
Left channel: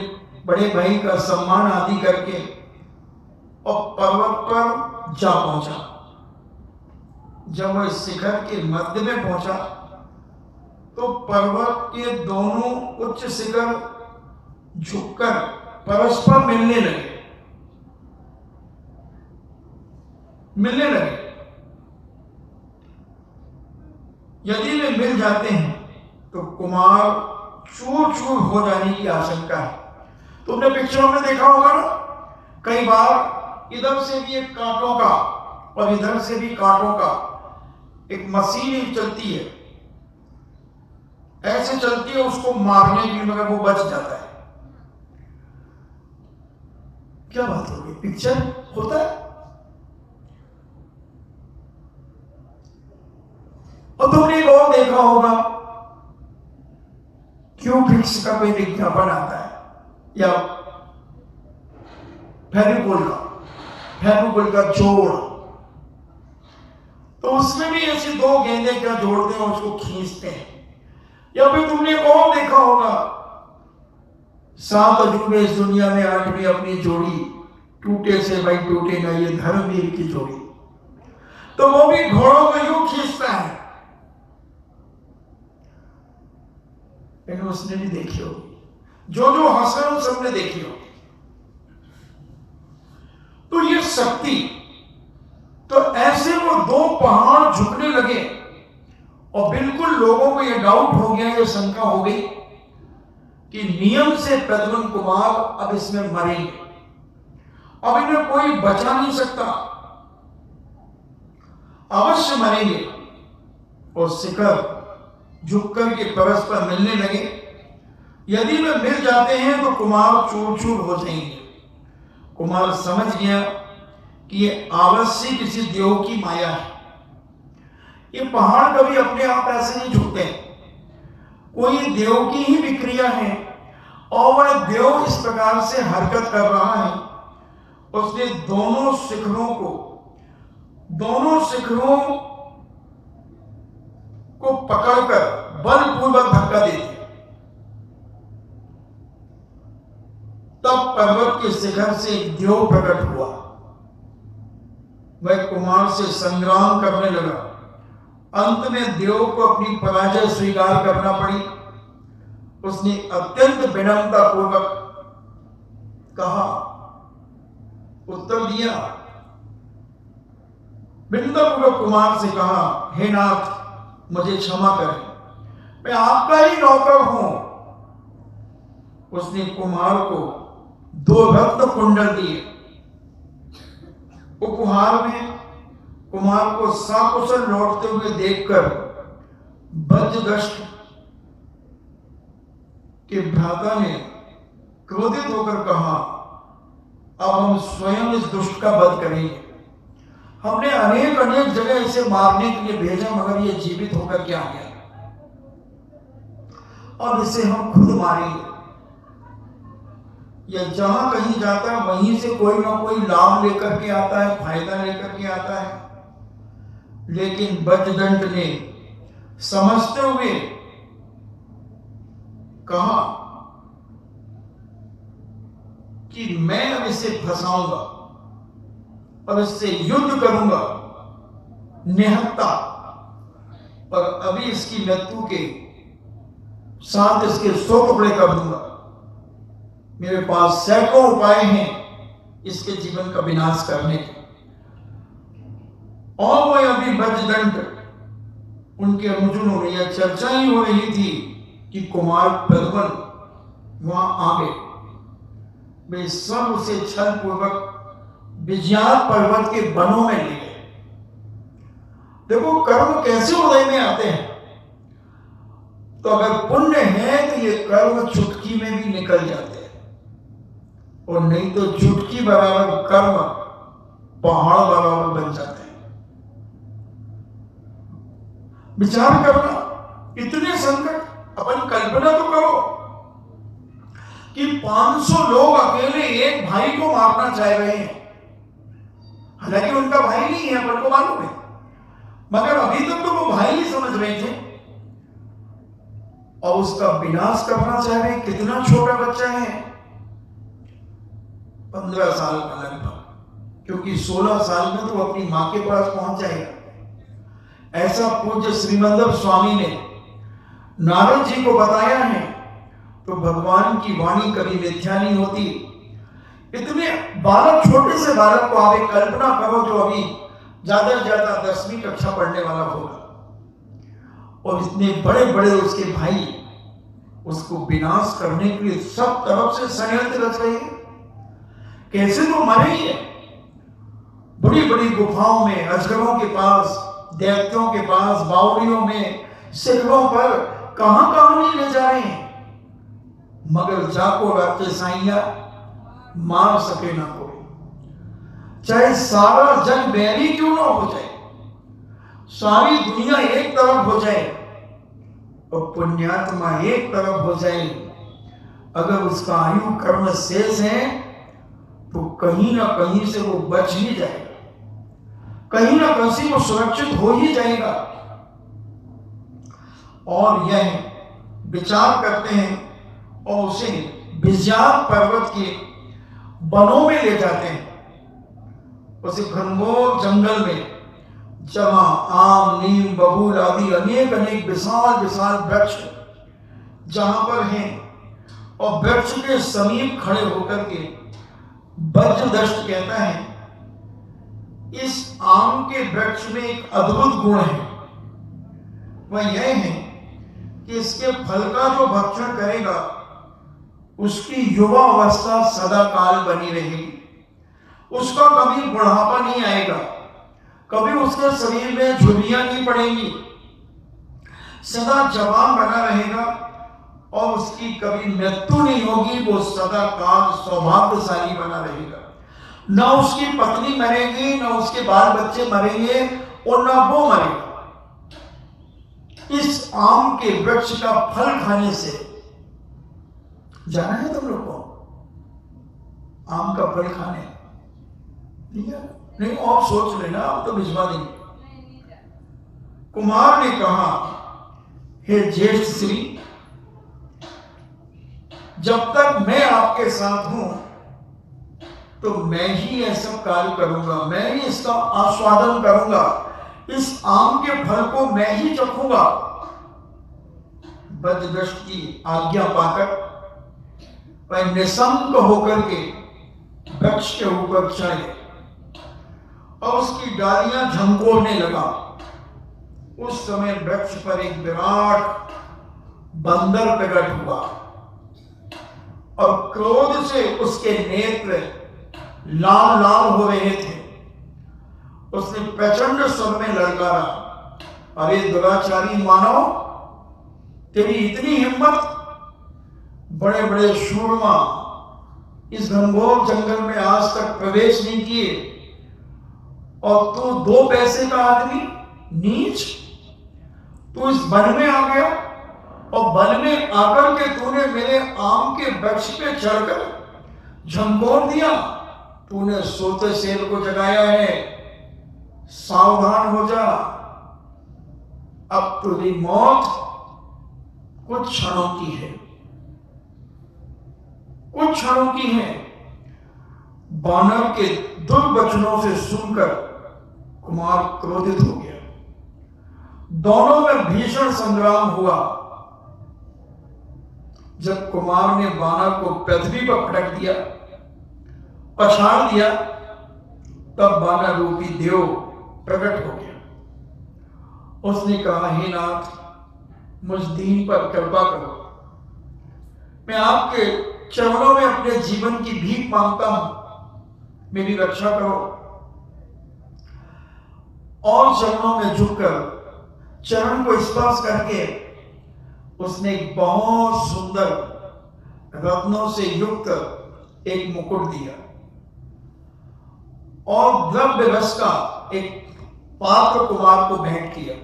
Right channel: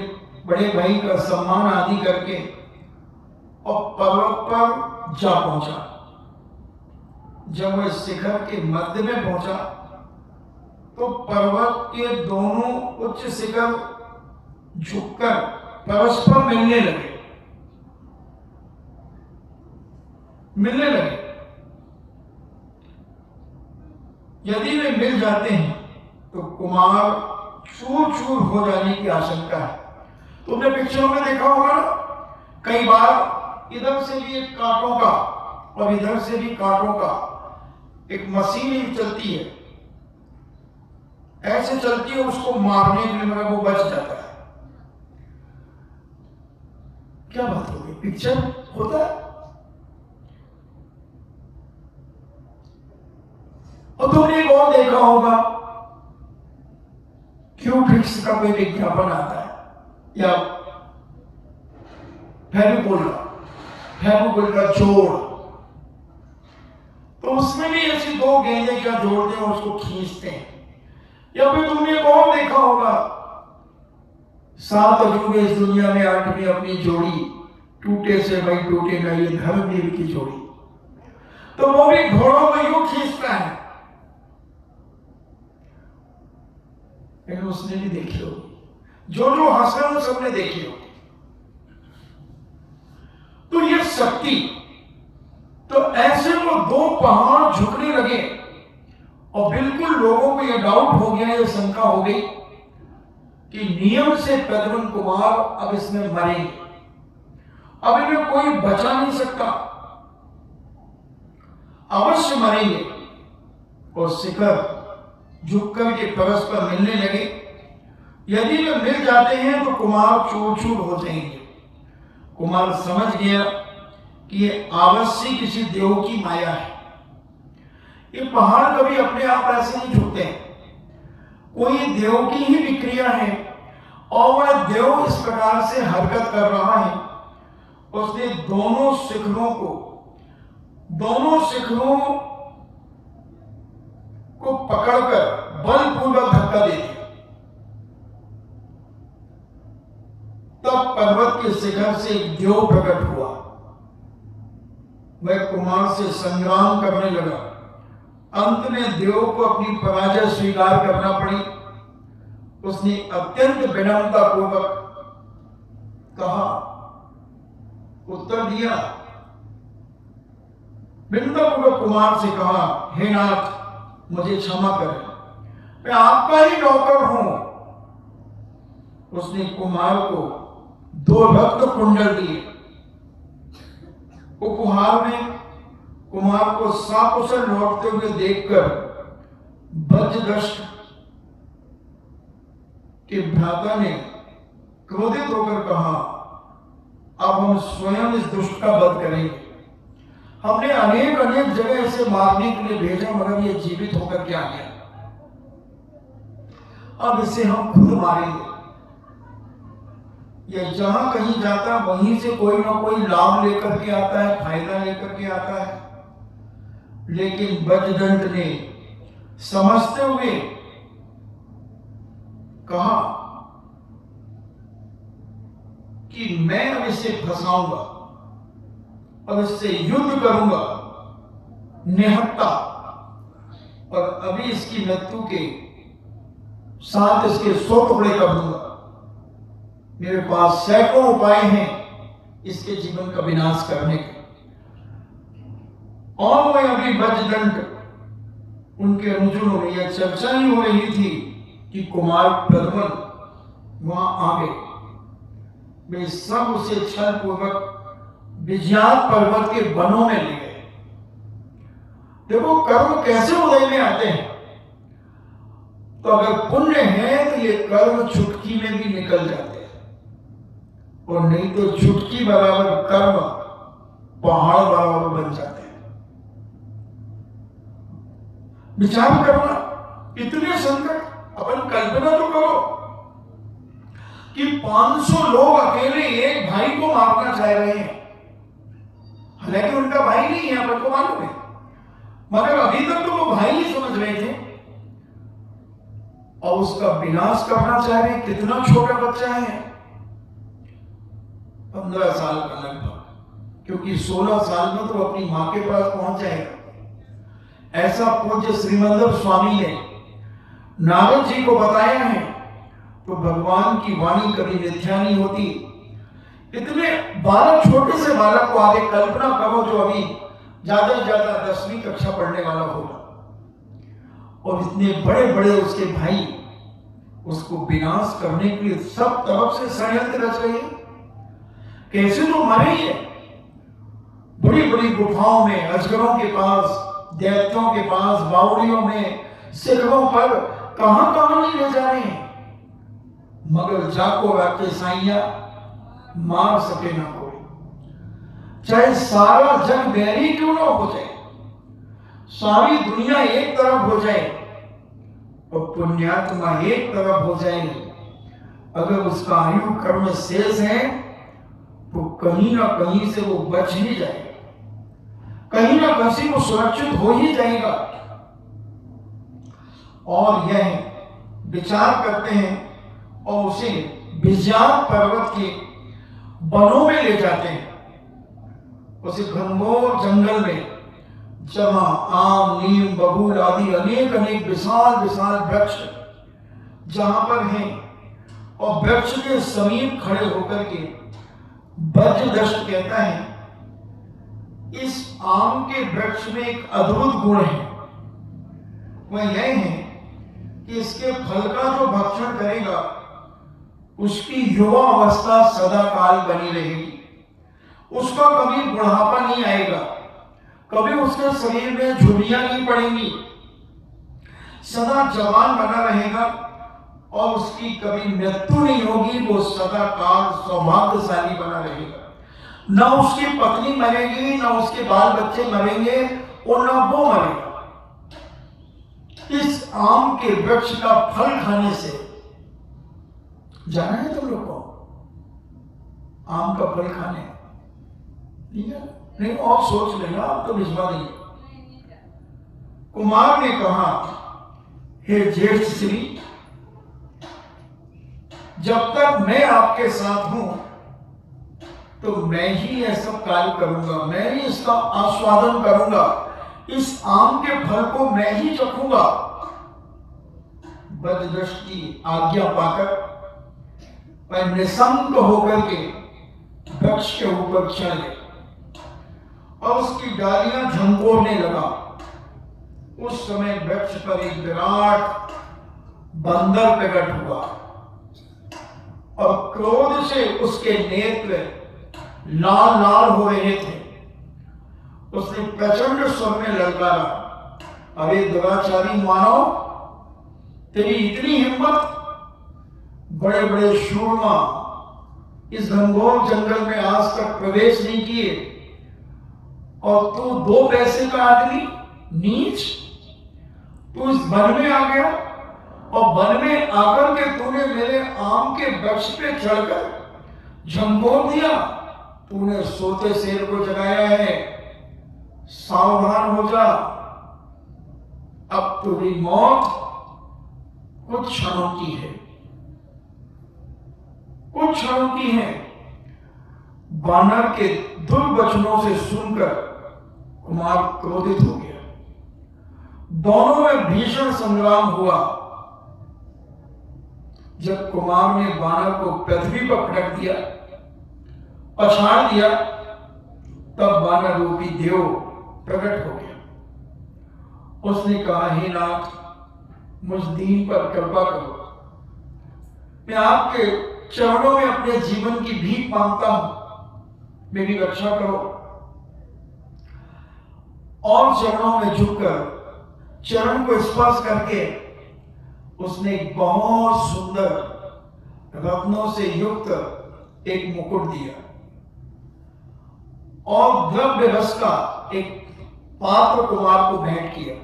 बड़े भाई का सम्मान आदि करके और पर्वत पर जा पहुंचा। जब वह शिखर के मध्य में पहुंचा तो पर्वत के दोनों उच्च शिखर झुककर परस्पर मिलने लगे। यदि वे मिल जाते हैं तो कुमार चूर चूर हो जाने की आशंका है। तुमने पिक्चरों में देखा होगा ना, कई बार इधर से भी एक कांटों का और इधर से भी कांटों का एक मशीन चलती है, ऐसे चलती है, उसको मारने के लिए मगर वो बच जाता है। क्या बात हो गई? पिक्चर होता है। और तुमने एक और देखा होगा, क्यूफिक्स का कोई विज्ञापन आता है या फेविकोल का जोड़, तो उसमें भी ऐसी दो गेंदें क्या जोड़ते हैं, उसको खींचते हैं। या फिर तुमने एक और देखा होगा, 7 अजूबे इस दुनिया में 8वीं अपनी जोड़ी, टूटे से वही टूटेगा ये धर्मवीर की जोड़ी। तो वो भी घोड़ों को यूं खींचता है। उसने भी देखी होगी, जो हंस रहे हो सबने देखी होगी। तो ये शक्ति, तो ऐसे वो 2 पहाड़ झुकने लगे और बिल्कुल लोगों को ये डाउट हो गया, ये शंका हो गई कि नियम से प्रद्युम्न कुमार अब इसमें मरेंगे, अब इन्हें कोई बचा नहीं सकता, अवश्य मरेंगे। और शिखर झुक करके परस्पर मिलने लगे। यदि वे मिल जाते हैं तो कुमार चूर चूर हो जाएंगे। कुमार समझ गया कि ये अवश्य किसी देव की माया है। ये पहाड़ कभी अपने आप ऐसे नहीं झुकते, कोई देव की ही विक्रिया है और वह देव इस प्रकार से हरकत कर रहा है। उसने दोनों शिखरों को पकड़कर बलपूर्वक धक्का दे दिया। तब पर्वत के शिखर से एक देव प्रकट हुआ। वह कुमार से संग्राम करने लगा। अंत में देव को अपनी पराजय स्वीकार करना पड़ी। उसने अत्यंत विनम्रता पूर्वक कहा, उत्तर दिया, विनम्रता पूर्वक कुमार से कहा, हे नाथ, मुझे क्षमा करें, मैं आपका ही नौकर हूं। उसने कुमार को 2 रत्न कुंडल दिए। उपहार में कुमार को सकुशल लौटते हुए देखकर बज्रदष्ट के भ्राता ने क्रोधित होकर कहा, अब हम स्वयं इस दुष्ट का वध करेंगे। हमने अनेक जगह इसे मारने के लिए भेजा, मगर ये जीवित होकर क्या गया। अब इसे हम खुद मारेंगे। या जहां कहीं जाता है वहीं से कोई ना कोई लाभ लेकर के आता है, फायदा लेकर के आता है। लेकिन बज्रदंड ने समझते हुए कहा कि मैं अब इसे फंसाऊंगा, अब इससे युद्ध करूंगा निहत्ता, और अभी इसकी मृत्यु के साथ इसके 100 टुकड़े कर दूंगा। मेरे पास सैकड़ों उपाय हैं इसके जीवन का विनाश करने के। और वह अभी बज्रदंड उनके अनुचरों में यह चर्चा ही हो रही थी कि कुमार प्रद्युम्न वहां आ गए। वे सब उसे छल पूर्वक विज्ञान पर्वत के वनों में ले गए। देखो कर्म कैसे उदय में आते हैं। तो अगर पुण्य है तो ये कर्म चुटकी में भी निकल जाते हैं, और नहीं तो चुटकी बराबर कर्म पहाड़ बराबर बन जाते हैं। विचार करना, इतने संकट। अपन कल्पना तो करो कि 500 लोग अकेले एक भाई को मारना चाह रहे हैं। हालांकि उनका भाई नहीं है, अपन को मालूम है, मगर अभी तक तो वो भाई ही समझ रहे थे, और उसका विनाश करना चाह रहे हैं। कितना छोटा बच्चा है, 15 साल का लगभग, क्योंकि 16 साल में तो अपनी मां के पास पहुंच जाएगा। ऐसा पूज्य श्रीमद स्वामी ने नारद जी को बताया है। तो भगवान की वाणी कभी मिथ्या नहीं होती। इतने बालक, छोटे से बालक को आप एक कल्पना करो जो अभी ज्यादा से ज्यादा 10वीं कक्षा पढ़ने वाला होगा, और इतने बड़े बड़े उसके भाई उसको विनाश करने के लिए सब तरफ से षड्यंत्र रच रहे हैं। कैसे तो मरे, बड़ी बड़ी गुफाओं में, अजगरों के पास, दैत्यों के पास, बावड़ियों में, शिखरों पर, कहां कहां नहीं ले जा रहे हैं, मगर जाको आपके साइया मार सके ना कोई। चाहे सारा जग बैरी क्यों ना हो जाए, सारी दुनिया एक तरफ हो जाए और पुण्यात्मा एक तरफ हो जाए, अगर उसका आयु कर्म शेष है तो कहीं ना कहीं से वो बच ही जाएगा, कहीं ना कहीं से वो सुरक्षित हो ही जाएगा। और यह विचार करते हैं और उसे विज्ञान पर्वत के वनों में ले जाते हैं, उसे घनघोर जंगल में, जहां आम, नीम, बबूल आदि अनेक अनेक विशाल विशाल वृक्ष जहां पर हैं, और वृक्ष के समीप खड़े होकर के बज्रदष्ट कहता है, इस आम के वृक्ष में एक अद्भुत गुण है। वह यह है कि इसके फल का जो भक्षण करेगा उसकी युवा अवस्था सदा काल बनी रहेगी, उसका कभी बुढ़ापा नहीं आएगा, कभी उसके शरीर में झुर्रियां नहीं पड़ेंगी, सदा जवान बना रहेगा, और उसकी कभी मृत्यु नहीं होगी, वो सदा काल सौभाग्यशाली बना रहेगा। ना उसकी पत्नी मरेगी, ना उसके बाल बच्चे मरेंगे और ना वो मरेगा। इस आम के वृक्ष का फल खाने से, जाना है तुम लोग को आम का फल खाने? नहीं, आप सोच लेना, आप तो भिजवा देंगे। कुमार ने कहा, हे ज्येष्ठ श्री, जब तक मैं आपके साथ हूं तो मैं ही ये सब कार्य करूंगा, मैं ही इसका आस्वादन करूंगा, इस आम के फल को मैं ही चखूंगा। बद्धदृष्ट की आज्ञा पाकर वह निशंक होकर के वृक्ष के ऊपर चढ़ गया और उसकी डालियां झंकोरने लगा। उस समय वृक्ष पर एक विराट बंदर प्रकट हुआ और क्रोध से उसके नेत्र लाल लाल हो रहे थे। उसने प्रचंड स्वर में ललकारा, अरे दुराचारी मानव, तेरी इतनी हिम्मत, बड़े बड़े शूरमा इस घनघोर जंगल में आज तक प्रवेश नहीं किए और तू 2 पैसे का आदमी, नीच, तू इस वन में आ गया और वन में आकर के तूने मेरे आम के वृक्ष पे चढ़कर झंकोर दिया। तूने सोते शेर को जगाया है, सावधान हो जा, अब तेरी मौत कुछ क्षणों की है, कुछ क्षणों की है। बानर के दुर्वचनों से सुनकर कुमार क्रोधित हो गया। दोनों में भीषण संग्राम हुआ। जब कुमार ने बानर को पृथ्वी पर पटक दिया, पछाड़ दिया, तब बानर रूपी देव प्रकट हो गया। उसने कहा, हे नाथ, मुझ दीन पर कृपा करो, मैं आपके चरणों में अपने जीवन की भीख मांगता हूं, मेरी रक्षा करो। और चरणों में झुककर चरण को स्पर्श करके उसने एक बहुत सुंदर रत्नों से युक्त एक मुकुट दिया और द्रव्य रस का एक पात्र कुमार को भेंट किया,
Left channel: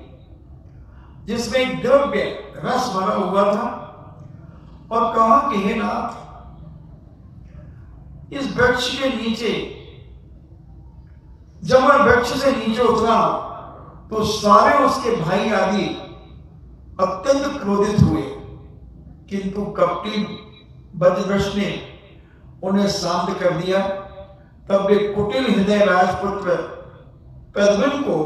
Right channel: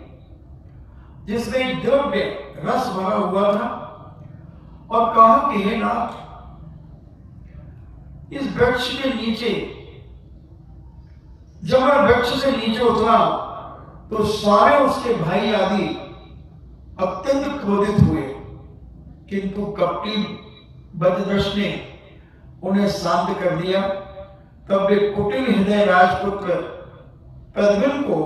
जिसमें एक द्रव्य रस भरा हुआ था, और कहा कि हे नाथ, इस वृक्ष के नीचे, जब मैं वृक्ष से नीचे उतरा तो सारे उसके भाई आदि अत्यंत क्रोधित हुए, किंतु कपटी बद्धदृष्ट ने उन्हें शांत कर दिया। तब एक कुटिल हृदय राजपुत्र प्रद्युम्न को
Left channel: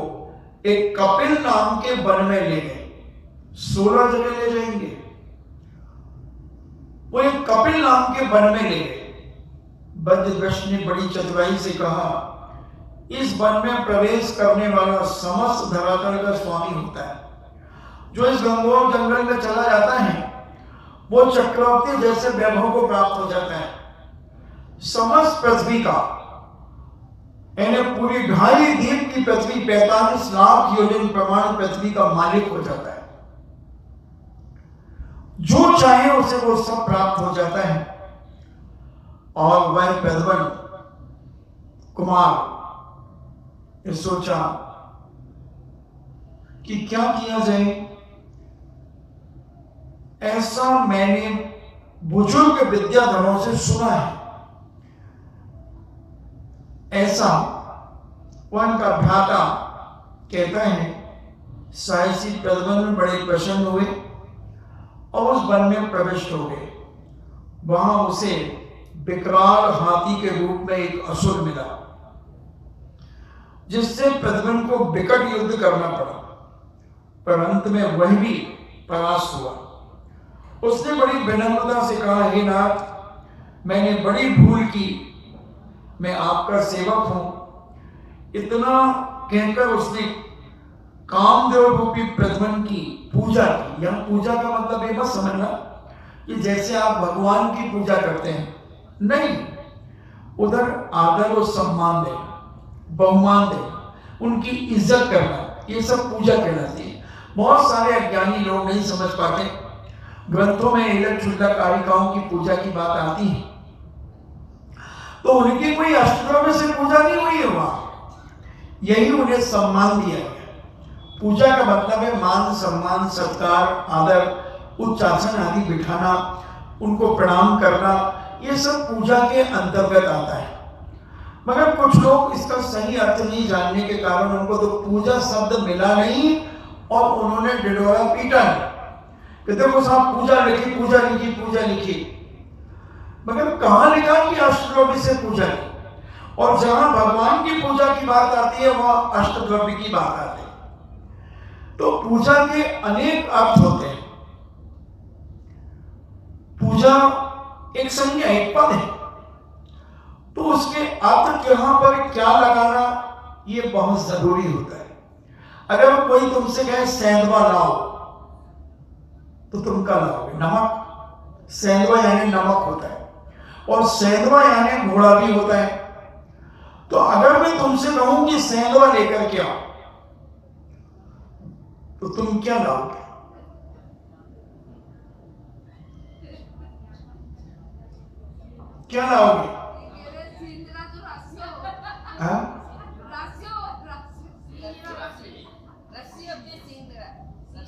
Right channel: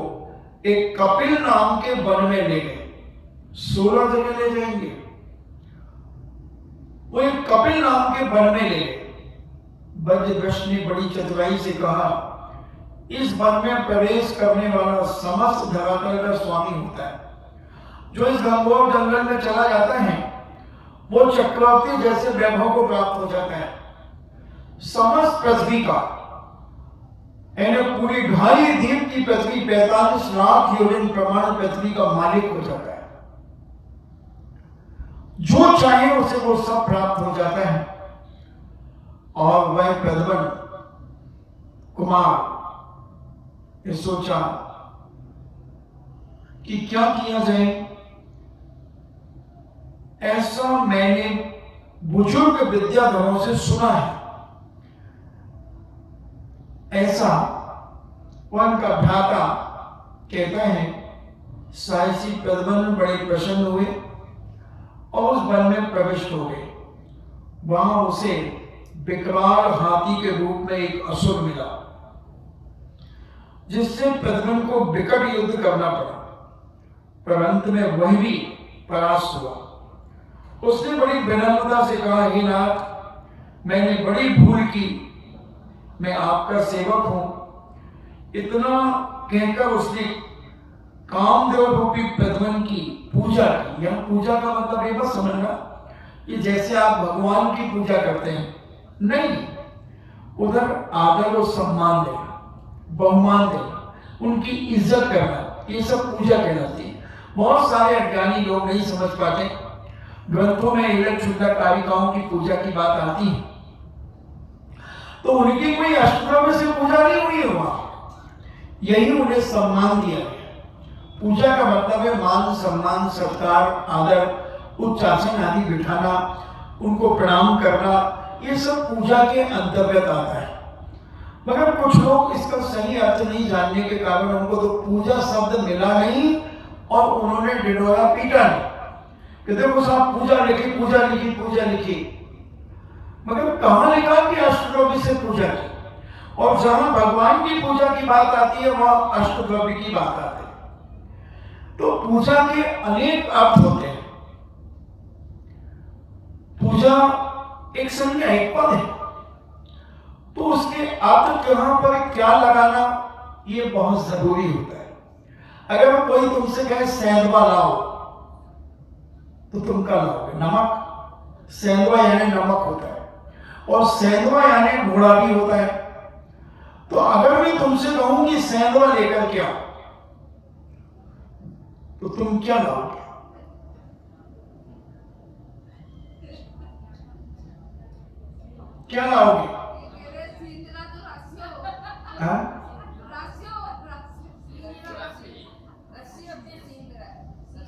एक कपिल नाम के वन में ले गए। 16 जगह ले जाएंगे, वो एक कपिल नाम के वन में ले गए। बद्धदृष्ट ने बड़ी चतुराई से कहा, इस वन में प्रवेश करने वाला समस्त धरातल का स्वामी होता है। जो इस घनघोर जंगल में चला जाता है वो चक्रवर्ती जैसे वैभव को प्राप्त हो जाता है। समस्त पृथ्वी का, यानी पूरी 2.5 दीप की पृथ्वी, 45 लाख योजन प्रमाण पृथ्वी का मालिक हो जाता है। जो चाहे उसे वो सब प्राप्त हो जाता है। और वह प्रद्युम्न कुमार ने सोचा कि क्या किया जाए। ऐसा मैंने बुजुर्ग विद्याधरों से सुना है। ऐसा उनका भ्राता कहता है। साहसी प्रद्युम्न बड़े प्रसन्न हुए और उस वन में प्रविष्ट हो गए। वहां उसे विकराल हाथी के रूप में एक असुर मिला, जिससे प्रद्युम्न को विकट युद्ध करना पड़ा, पर अंत में वह भी परास्त हुआ। उसने बड़ी विनम्रता से कहा, हे नाथ, मैंने बड़ी भूल की, मैं आपका सेवक हूं। इतना कहकर उसने कामदेव रूपी प्रद्युम्न की पूजा की। यह पूजा का मतलब ये मत समझना कि जैसे आप भगवान की पूजा करते हैं, नहीं, उधर आदर और सम्मान देना, बहुमान देना, उनकी इज्जत करना, ये सब पूजा कहलाती है। बहुत सारे अज्ञानी लोग नहीं समझ पाते। ग्रंथों में यह क्षुद्र कारिकाओं की पूजा की बात आती है तो उनकी कोई अष्टद्रव्य से पूजा नहीं हुई है वहां, यही उन्हें सम्मान दिया है। पूजा का मतलब है मान सम्मान सत्कार आदर उच्च आसन आदि बिठाना, उनको प्रणाम करना, ये सब पूजा के अंतर्गत आता है। मगर कुछ लोग इसका सही अर्थ नहीं जानने के कारण उनको तो पूजा शब्द मिला नहीं और उन्होंने डिडोरा पीटा नहीं कि देखो साहब पूजा लिखी पूजा लिखी पूजा लिखी, मगर कहां लिखा कि अष्टद्रव्य से पूजा की? और जहां भगवान की पूजा की बात आती है वहां अष्टद्रव्य की बात आती है। तो पूजा के अनेक अर्थ होते हैं। पूजा एक संज्ञा एक पद है, तो उसके अर्थ कहां पर क्या लगाना ये बहुत जरूरी होता है। अगर कोई तुमसे कहे सेंधवा लाओ तो तुम क्या लाओगे? नमक। सेंधवा यानी नमक होता है, और सेंधवा यानी घोड़ा भी होता है। तो अगर मैं तुमसे कहूं कि सेंधवा लेकर के आओ तो तुम क्या लाओगे? क्या लाओगे?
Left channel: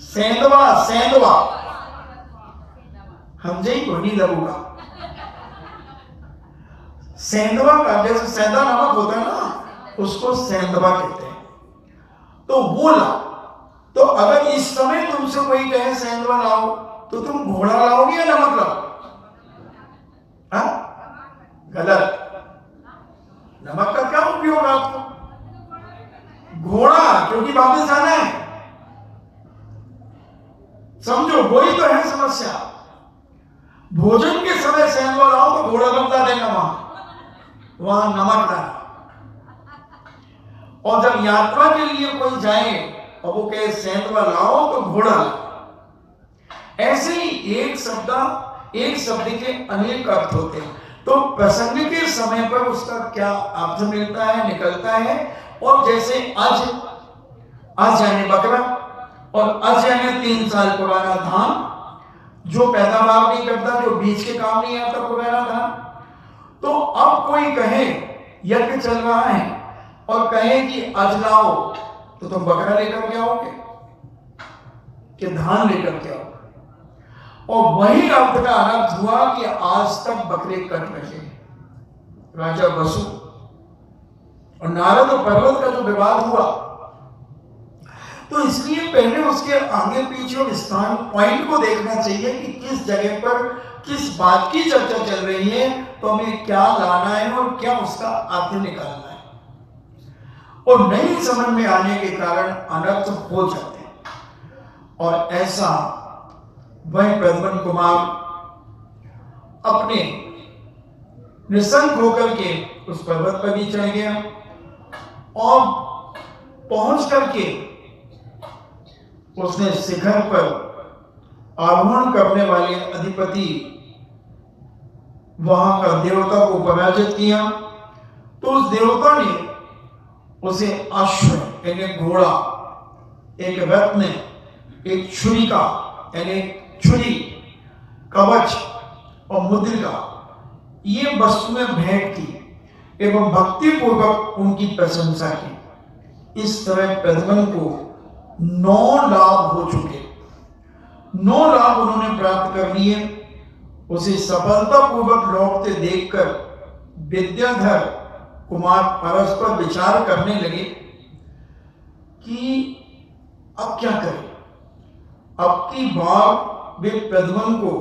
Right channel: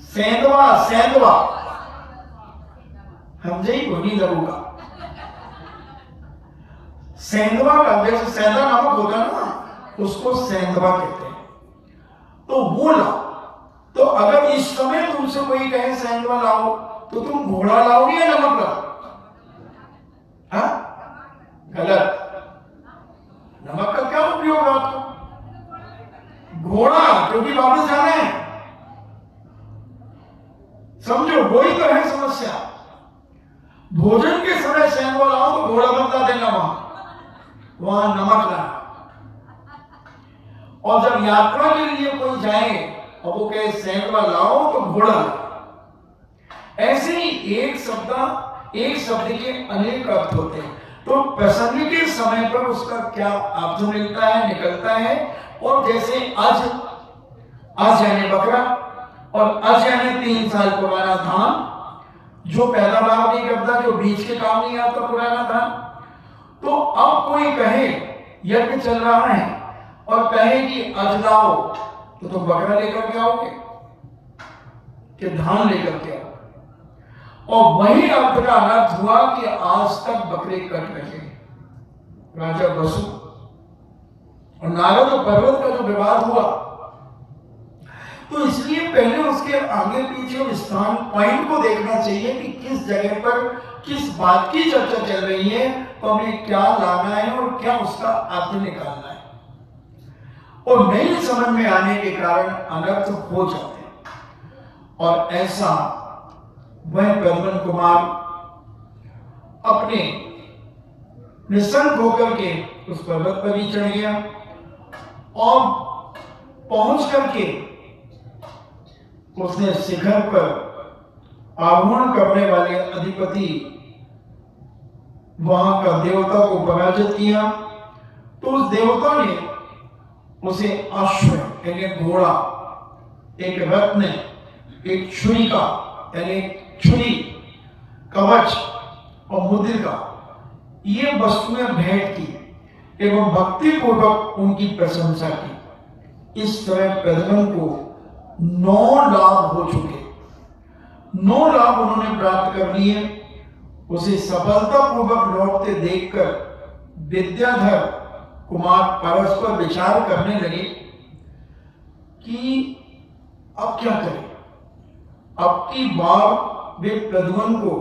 सेंधवा सेंधवा हम जी नहीं लगूंगा। सेंधवा का जैसे सेंधा नमक होता है ना, उसको सेंधवा कहते हैं। तो वो लाओ। तो अगर इस समय तुमसे कोई कहे सेंधवा लाओ तो तुम घोड़ा लाओगे या नमक लाओ? गलत। नमक का क्या उपयोग आपको? घोड़ा, क्योंकि वापस जाना है। समझो वही तो है समस्या। भोजन के समय सेंधवा लाओ तो घोड़ा बदला देना, वहां नमक लाओ। और जब यात्रा के लिए कोई जाए और वो कहे सेंधवा लाओ तो घोड़ा लाओ। ऐसे ही एक शब्द के अनेक अर्थ होते हैं। तो प्रसंग के समय पर उसका क्या अर्थ मिलता है, निकलता है। और जैसे आज यानी बकरा और आज यानी 3 साल पुराना धान, जो पैदावार नहीं करता, जो बीज के काम नहीं आता, पुराना धान। तो अब कोई कहे यज्ञ चल रहा है और कहे कि आज लाओ तो तुम बकरा लेकर के आओगे कि धान लेकर के आओ? और वही अर्थ का अर्थ हुआ कि आज तक बकरे कट रहे। राजा वसु और नारद और पर्वत का जो विवाद हुआ, तो इसलिए पहले उसके आगे पीछे स्थान पॉइंट को देखना चाहिए कि किस जगह पर किस बात की चर्चा चल रही है, तो हमें क्या लाना है और क्या उसका अर्थ निकालना है। और नहीं समझ में आने के कारण अनर्थ हो जाते हैं। और ऐसा वह प्रद्युम्न कुमार अपने निसंग होकर के उस पर्वत पर भी चढ़ गया और पहुंच करके उसने शिखर पर आरोहण करने वाले अधिपति वहां का देवता को पराजित किया। तो उस देवता ने उसे अश्व यानी घोड़ा, एक रत्न, एक छुरिका यानी छुरी, कवच और मुद्रिका, ये वस्तुएं भेंट की एवं भक्ति पूर्वक उनकी प्रशंसा की। इस तरह प्रद्युम्न को 9 लाभ हो चुके, 9 लाभ उन्होंने प्राप्त कर लिए। उसे सफलतापूर्वक लौटते देखकर विद्याधर कुमार परस्पर विचार करने लगे कि अब क्या करें। अब की बार वे प्रद्युम्न को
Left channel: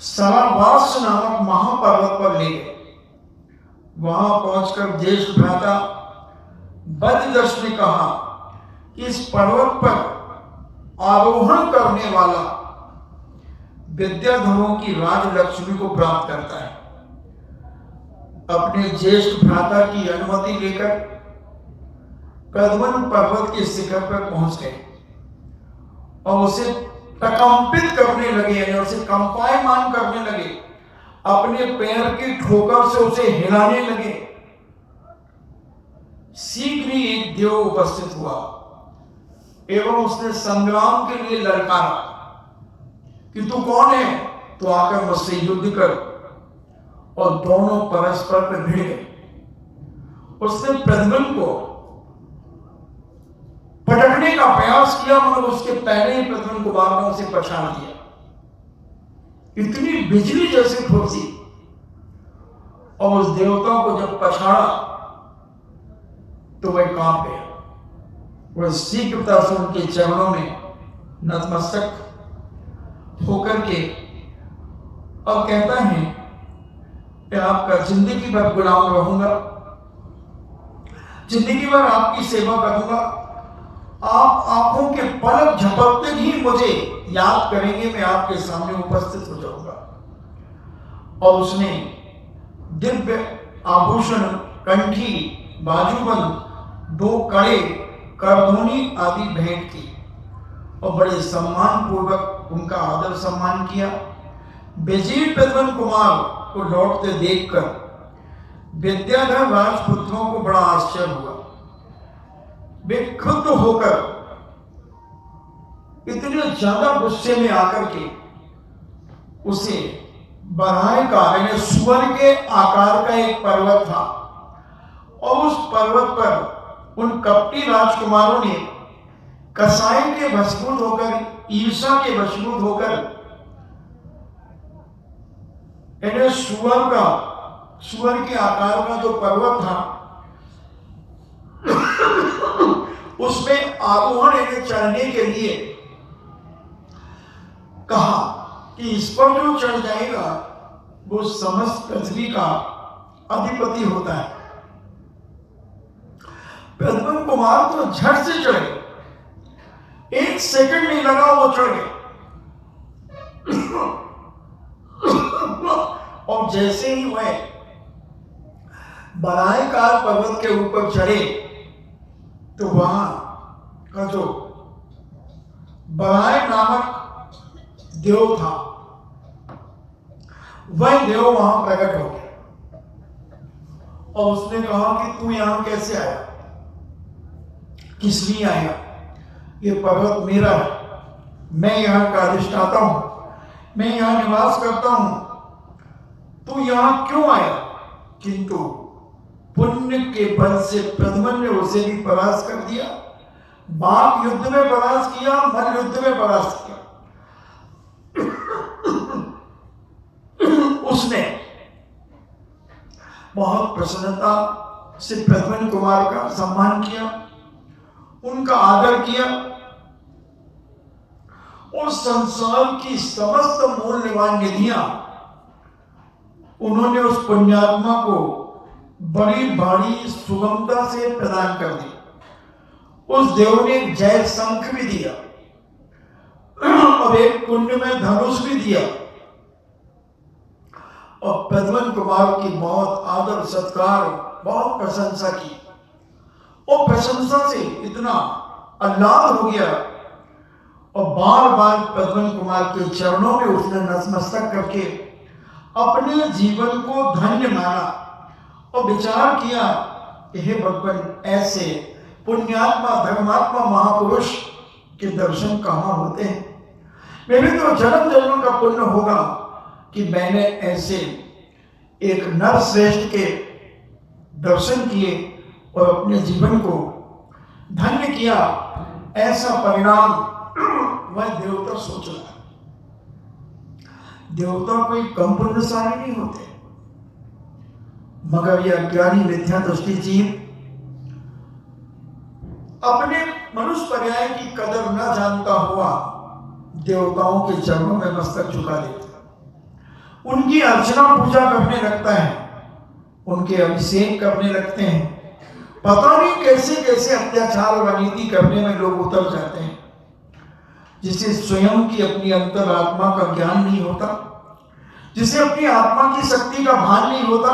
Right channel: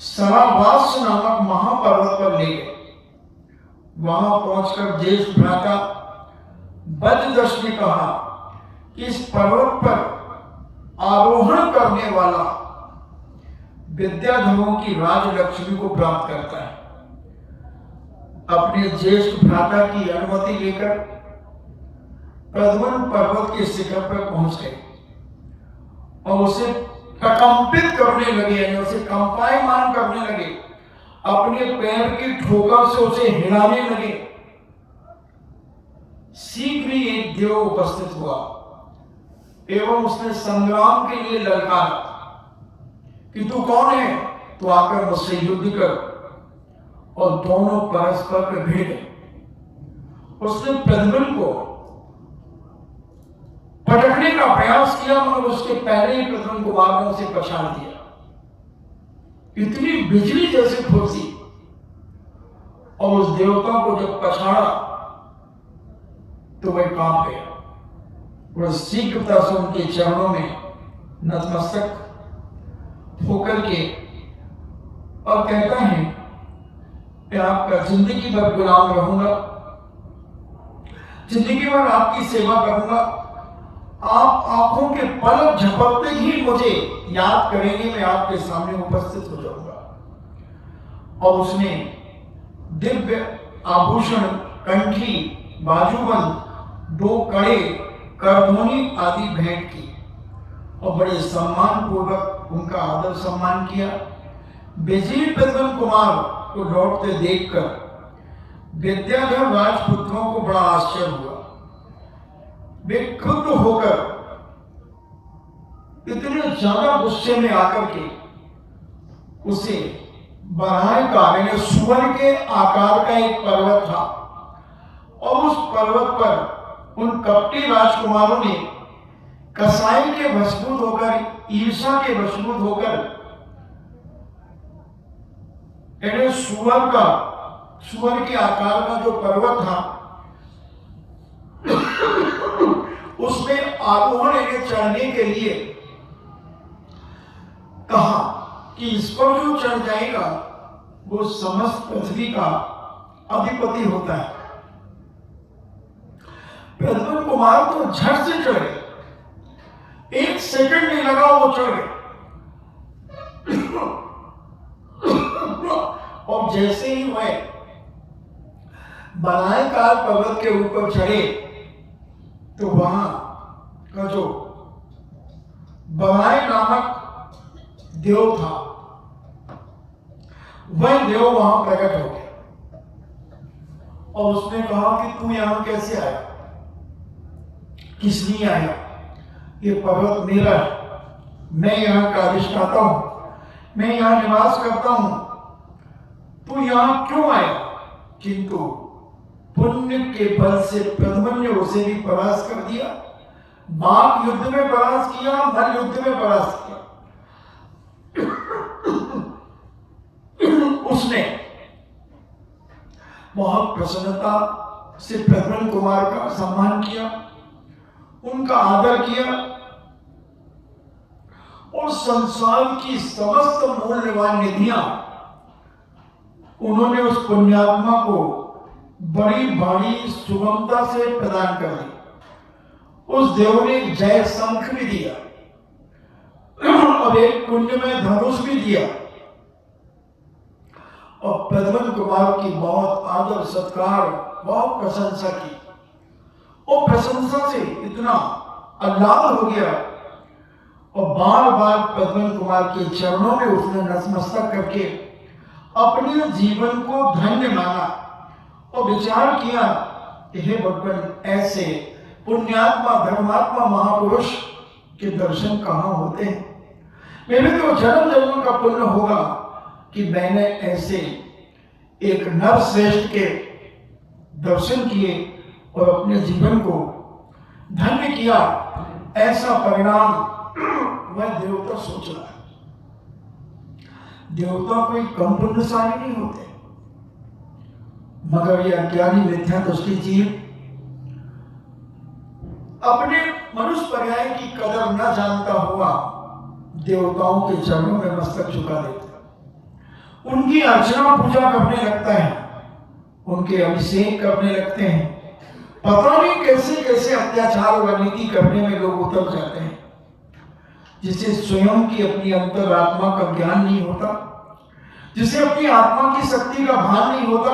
सरावास नामक महापर्वत पर ले गए। वहां पहुंचकर ज्येष्ठ भ्राता बजदश ने कहा कि इस पर्वत पर आरोहण करने वाला विद्याधरों की राजलक्ष्मी को प्राप्त करता है। अपने ज्येष्ठ भ्राता की अनुमति लेकर प्रद्युम्न पर्वत के शिखर पर पहुंच गए और उसे प्रकंपित करने लगे, यानी उसे कंपायमान करने लगे। अपने पैर की ठोकर से उसे हिलाने लगे। शीघ्र ही एक देव उपस्थित हुआ एवं उसने संग्राम के लिए ललकारा कि तू कौन है, तो आकर मुझसे युद्ध कर। और दोनों परस्पर पे भिड़ गए। उसने प्रद्युम्न को पटकने का प्रयास किया मगर उसके पहले ही प्रद्युम्न कुमार ने उसे पछाड़ दिया। इतनी बिजली जैसी फुर्ती, और उस देवता को जब पछाड़ा तो वह कांप गया। वह शीघ्रता से उनके चरणों में नतमस्तक होकर के और कहता है कि आपका जिंदगी भर गुलाम रहूंगा, जिंदगी भर आपकी सेवा करूंगा। आप आंखों के पलक झपकते ही मुझे याद करेंगे, मैं आपके सामने उपस्थित हो जाऊंगा। और उसने दिव्य आभूषण, कंठी, बाजूबंद, 2 कड़े, करधोनी आदि भेंट की और बड़े सम्मान पूर्वक उनका आदर सम्मान किया। बेजीर प्रद्युम्न कुमार को लौटते देखकर विद्याधर राजपुत्रों को बड़ा आश्चर्य हुआ। वे क्रुद्ध होकर इतने ज्यादा गुस्से में आकर के उसे बराह का, यानी सुअर के आकार का एक पर्वत था, और उस पर्वत पर उन कपटी राजकुमारों ने कसाई के वशीभूत होकर, ईर्षा के वशीभूत होकर सुअर के आकार का जो पर्वत था उसमें आरोहण चढ़ने के लिए कहा कि इस पर जो चढ़ जाएगा वो समस्त पृथ्वी का अधिपति होता है। प्रद्युम्न कुमार तो झट से चढ़ गए, 1 सेकंड नहीं लगा वो चढ़ गए। और जैसे ही वह बनाएकार पर्वत के ऊपर चढ़े तो वहां का जो बनाए नामक देव था वह देव वहां प्रकट हो गया और उसने कहा कि तू यहां कैसे आया, किस लिए आया? ये पर्वत मेरा, मैं यहां का अधिष्ठाता हूं, मैं यहां निवास करता हूं, तू यहां क्यों आया? किंतु पुण्य के बल से प्रद्युम्न ने उसे भी परास्त कर दिया। बाप युद्ध में परास्त किया और मन युद्ध में परास्त किया। उसने बहुत प्रसन्नता से प्रद्युम्न कुमार का सम्मान किया, उनका आदर किया और संसार की समस्त मूल्यवान निधियां उन्होंने उस पुण्यात्मा को बड़ी भारी सुगमता से प्रदान कर दी। उस देव ने जय शंख भी दिया और एक कुंड में धनुष भी दिया और प्रद्युम्न कुमार की बहुत आदर सत्कार, बहुत प्रशंसा की। और प्रशंसा से इतना आह्लाद हो गया और बार बार प्रद्युम्न कुमार के चरणों में उसने नतमस्तक करके अपने जीवन को धन्य माना और विचार किया, हे भगवान, ऐसे पुण्यात्मा धर्मात्मा महापुरुष के दर्शन कहाँ होते हैं? मेरे तो जन्म जन्म का पुण्य होगा कि मैंने ऐसे एक नर श्रेष्ठ के दर्शन किए और अपने जीवन को धन्य किया। ऐसा परिणाम वह देवता सोच रहा है। देवता कोई कम पुण्यशाली नहीं होते, मगर यह अज्ञानी मिथ्या दृष्टि जीव अपने मनुष्य पर्याय की कदर न जानता हुआ देवताओं के चरणों में मस्तक झुका देता है, उनकी अर्चना पूजा करने लगता है, उनके अभिषेक करने लगते हैं। पता नहीं कैसे कैसे अत्याचार व नीति करने में लोग उतर जाते हैं, जिसे स्वयं की अपनी अंतरात्मा का ज्ञान नहीं होता, जिसे अपनी आत्मा की शक्ति का भान नहीं होता।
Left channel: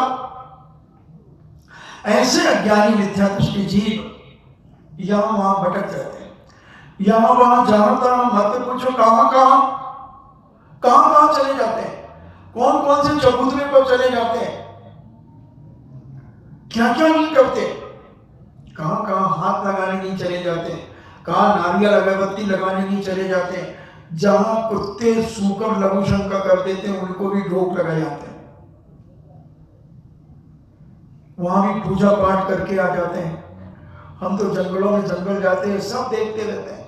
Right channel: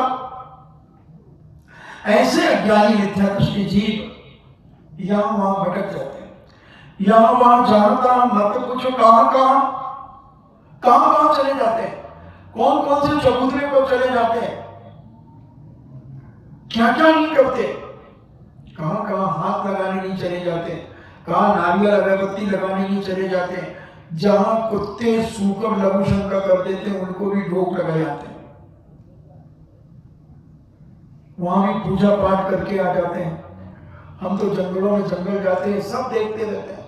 ऐसे अज्ञानी मिथ्या दृष्टि जीव यहां वहां भटक जाते हैं, यहां वहां जानता हूं मत पूछो कहां चले जाते हैं, कौन कौन से चबूतरे पर चले जाते हैं, क्या क्या नहीं करते, कहां हाथ लगाने नहीं चले जाते, कहां नारियल अगरबत्ती लगाने नहीं चले जाते, जहां कुत्ते सूकर लघु शंका कर देते हैं उनको भी रोक लगाए जाते हैं। वहां भी पूजा पाठ करके आ जाते हैं। हम तो जंगलों में जंगल जाते हैं, सब देखते रहते हैं।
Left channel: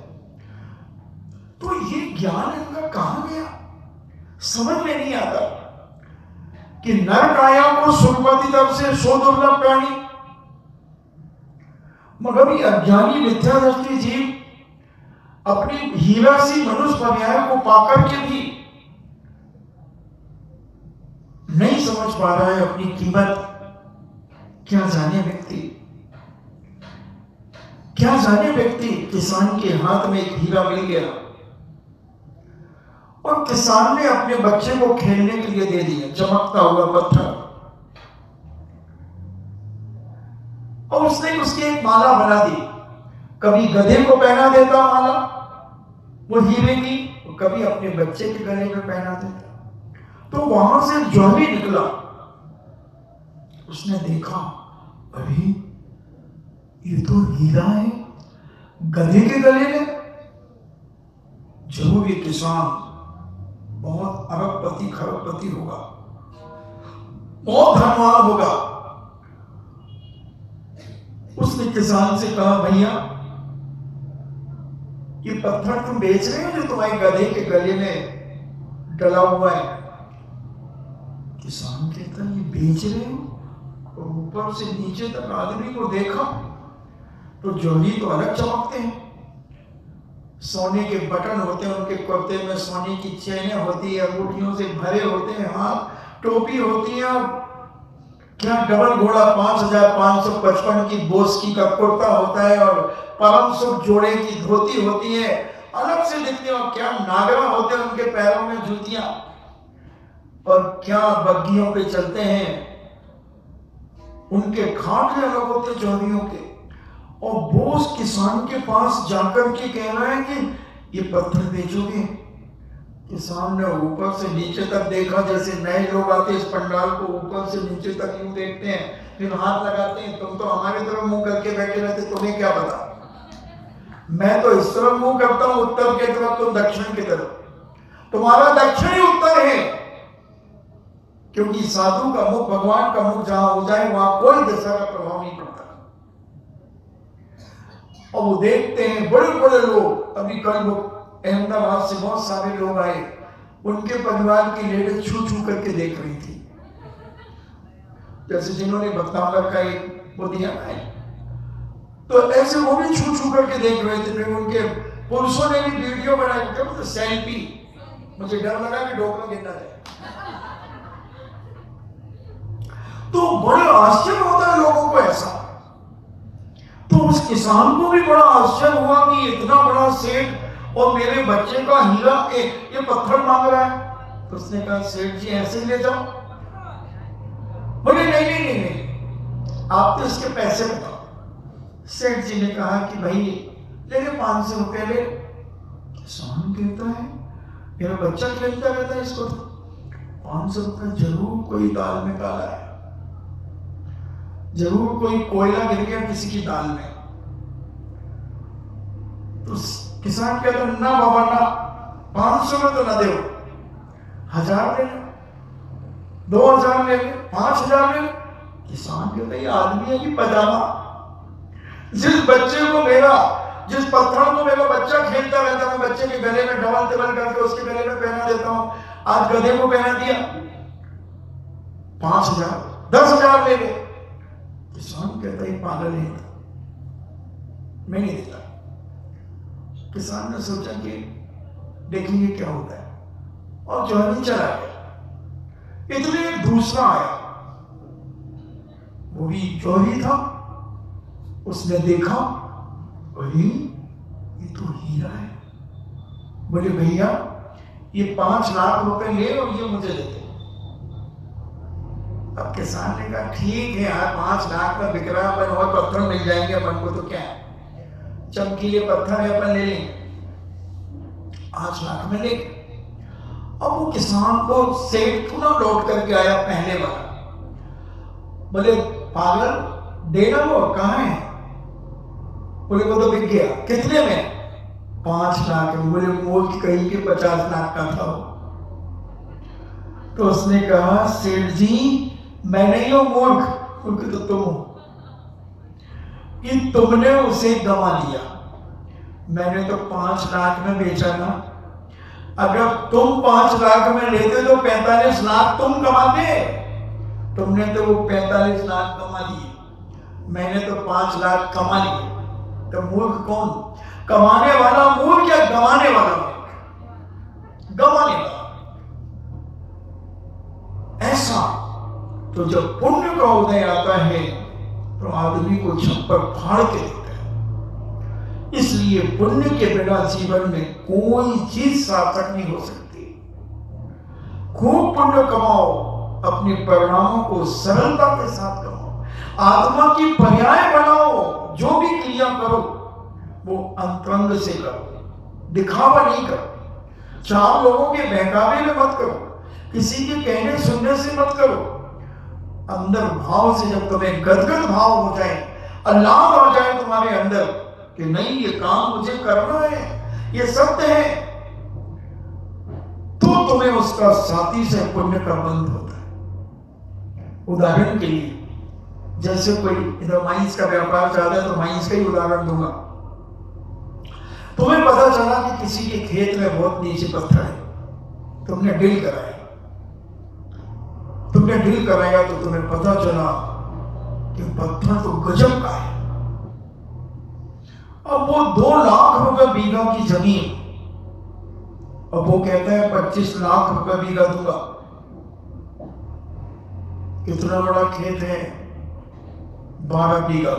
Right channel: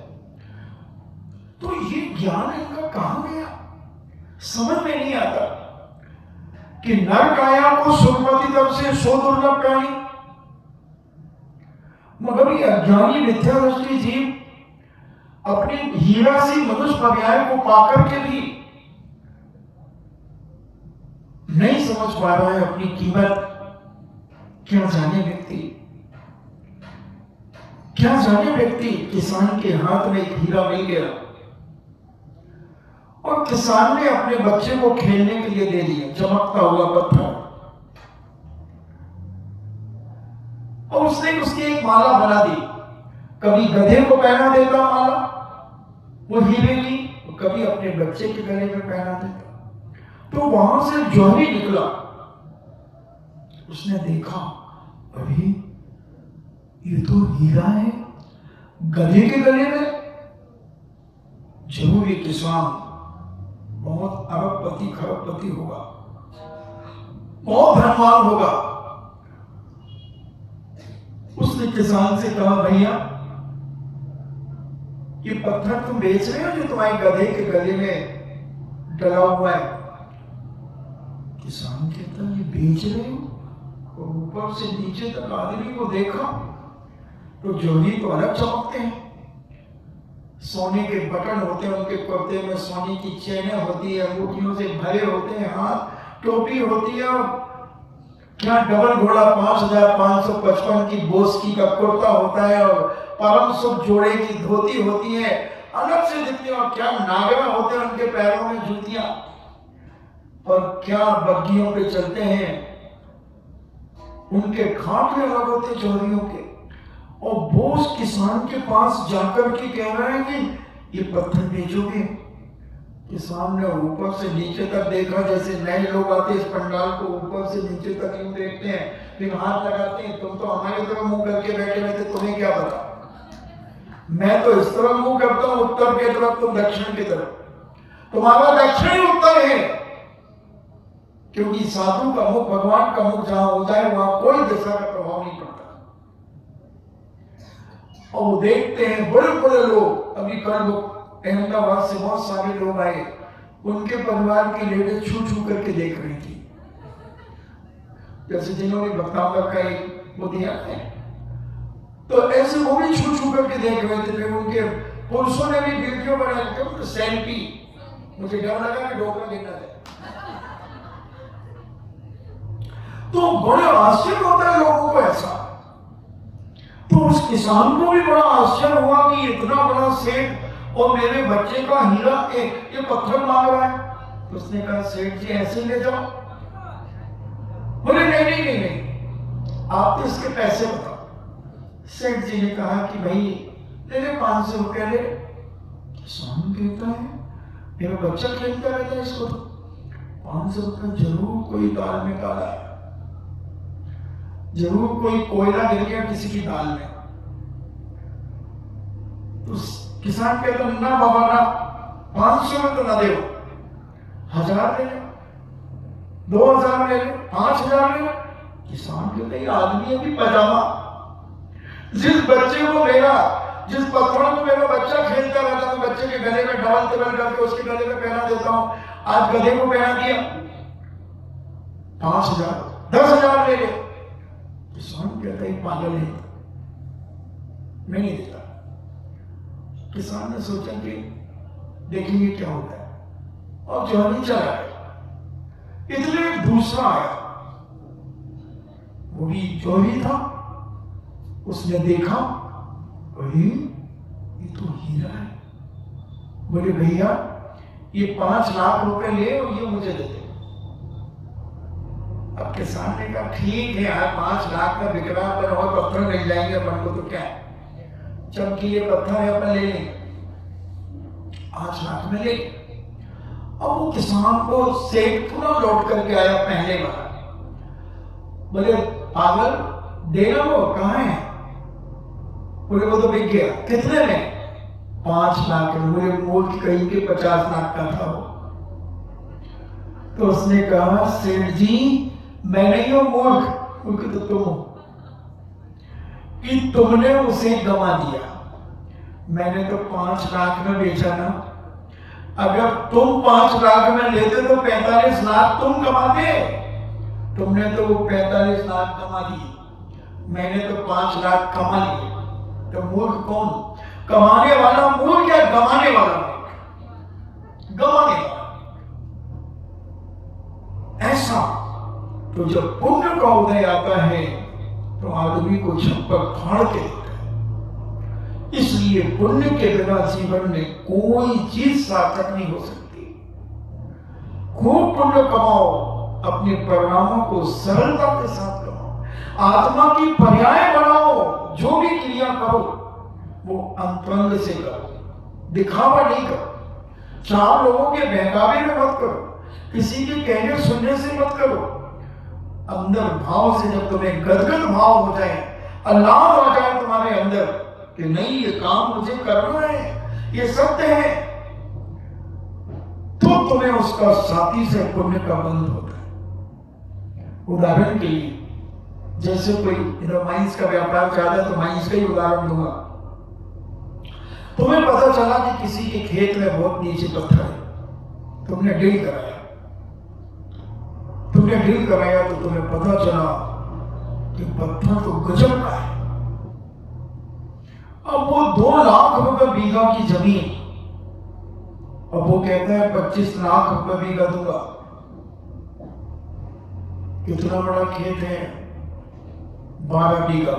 तो ये ज्ञान इनका कहां गया, समझ में नहीं आता कि नर काया को सुरपति तरफ से सो दुर्लभ प्राणी, मगर ये अज्ञानी मिथ्या दृष्टि जीव अपनी हीरा सी मनुष्य पर्याय को पाकर के भी नहीं समझ पा रहा है अपनी कीमत। क्या जाने व्यक्ति किसान के हाथ में एक हीरा मिल गया और किसान ने अपने बच्चे को खेलने के लिए दे दिया, चमकता हुआ पत्थर, और उसने उसकी एक माला बना दी। कभी गधे को पहना देता माला वो हीरे की, कभी अपने बच्चे के गले में पहना देता। तो वहां से ज्योति निकला, उसने देखा अरे ये तो हीरा है गधे के गले में। जरूर ये किसान बहुत अरबपति खरबपति होगा, बहुत धनवान होगा। उसने किसान से कहा भैया ये पत्थर तुम बेच रहे हो जो तुम्हारे गधे के गले में डला हुआ है? किसान कहता ये बेच रहे हो? और ऊपर से नीचे तक आदमी को देखा तो जोगी तो अलग चमकते हैं, सोने के बटन होते हैं उनके कुर्ते में, सोने की चेनें होती है, अंगूठियों से भरे होते हैं हाथ, टोपी होती है, क्या डबल घोड़ा 5555 की बोस्की का कुर्ता होता है और 500 जोड़े की धोती होती है, अलग से दिखते हैं। और क्या नागरा होते हैं उनके पैरों में जूतियां, और क्या बग्गियों पे चलते हैं, उनके खाटे अलग होते चौधरियों के। और बोस किसान के पास जाकर के कह रहे हैं कि ये पत्थर बेचोगे? किसान ने ऊपर से नीचे तक देखा, जैसे नए लोग आते इस पंडाल को ऊपर से नीचे तक यूं देखते हैं, फिर हाथ लगाते हैं। तुम तो हमारी तरफ मुंह करके बैठे रहते, तुम्हें क्या पता? मैं तो इस तरफ मुंह करता हूं उत्तर की तरफ, तुम दक्षिण की तरफ। तुम्हारा दक्षिण ही उत्तर है, क्योंकि साधु का मुख, भगवान का मुख जहां हो जाए वहां कोई दिशा का प्रभाव नहीं पड़ता। और वो देखते हैं बड़े बड़े लोग, अभी कल अहमदाबाद से बहुत सारे लोग आए, उनके परिवार की लेडीज छू छू करके देख रही थी, जैसे जिन्होंने भक्तांबर का एक वो दिया है, तो ऐसे वो भी छू छू करके देख रहे थे। फिर उनके पुरुषों ने भी वीडियो बनाया, सेल्फी। मुझे डर लगा कि डॉक्टर गिर ना जाए। तो बड़ा आश्चर्य होता है लोगों को ऐसा। तो उस किसान को भी बड़ा आश्चर्य हुआ कि इतना बड़ा सेठ और मेरे बच्चे का हीरा ये पत्थर मांग रहा है। उसने कहा सेठ जी ऐसे ले जाओ। बोले नहीं नहीं नहीं नहीं, आप तो इसके पैसे बताओ। सेठ जी ने कहा कि भाई ले ले 500 रुपए ले। किसान कहता है मेरा बच्चा खेलता रहता है, इसको 500 रुपए जरूर कोई दाल में डाला है, जरूर कोई कोयला गिर गया किसी की दाल में। तो किसान कहते ना बाबा ना, 500 में तो ना दे, 1000 ले ले, 2000 ले ले, 5000 ले ले। किसान कहते ये आदमी है कि पजामा, जिस बच्चे को मेरा, जिस पत्थरों को मेरा बच्चा खेलता रहता है, बच्चे के गले में डबल टिबल करके उसके गले में पहना देता हूं, आज गधे को पहना दिया 5000, 10,000 ले ले। किसान कहता है पागल है, मैं नहीं देता। किसान ने सोचा कि देखेंगे क्या होता है, और जो नहीं चला गया। इतने दूसरा आया, वो भी चोरी था, उसने देखा अरे ये तो हीरा है। बोले भैया ये 5 लाख रुपए ले और ये मुझे दे दे। अब किसान ने कहा ठीक है यार, 5 लाख का बिक रहा है, और पत्थर मिल जाएंगे अपन को तो क्या, चमकीले पत्थर है अपन ले लेंगे, 5 लाख में ले। अब वो किसान को सेठ पुनः लौट करके आया पहले बार। बोले पागल देना, वो कहाँ है? बोले वो तो बिक गया। कितने में? 5 लाख। बोले वो कहीं के 50 लाख का था वो। तो उसने कहा सेठ जी मैं नहीं हूं मूर्ख, क्योंकि तो तुम हो कि तुमने उसे गंवा दिया। मैंने तो 5 लाख में बेचा ना। अगर तुम 5 लाख में लेते तो 45 लाख तुम कमाते। तुमने तो वो 45 लाख कमा दिए, मैंने तो 5 लाख कमा लिए। तो मूर्ख कौन? कमाने वाला मूर्ख या गंवाने वाला? गंवाने वाला। ऐसा तो जब पुण्य का उदय आता है तो आदमी को छप्पर फाड़ के देता है। इसलिए पुण्य के बिना जीवन में कोई चीज सार्थक नहीं हो सकती। खूब पुण्य कमाओ, अपने परिणामों को सरलता के साथ करो, आत्मा की पर्याय बनाओ। जो भी क्रिया करो वो अंतरंग से करो, दिखावा नहीं करो। 4 लोगों के बहकावे में मत करो, किसी के कहने सुनने से मत करो। अंदर भाव से जब तुम्हें गदगद भाव हो जाए, अल्लाह हो जाए तुम्हारे अंदर कि नहीं ये काम मुझे करना है, ये सत्य है, तो तुम्हें उसका साथी से पुण्य का बंध होता है। उदाहरण के लिए जैसे कोई इधर माइंस का व्यापार चाहता है तो माइंस का ही उदाहरण दूंगा। तुम्हें पता चला कि किसी के खेत में बहुत नीचे पत्थर है, तुमने डील कराया। तुमने डील कराया तो तुम्हें पता चला कि पत्थर तो गजब का है। अब वो 2 लाख रुपए बीघा की जमीन, अब वो कहता है 25 लाख रुपए बीघा दूंगा। कितना बड़ा खेत है? 12 बीघा।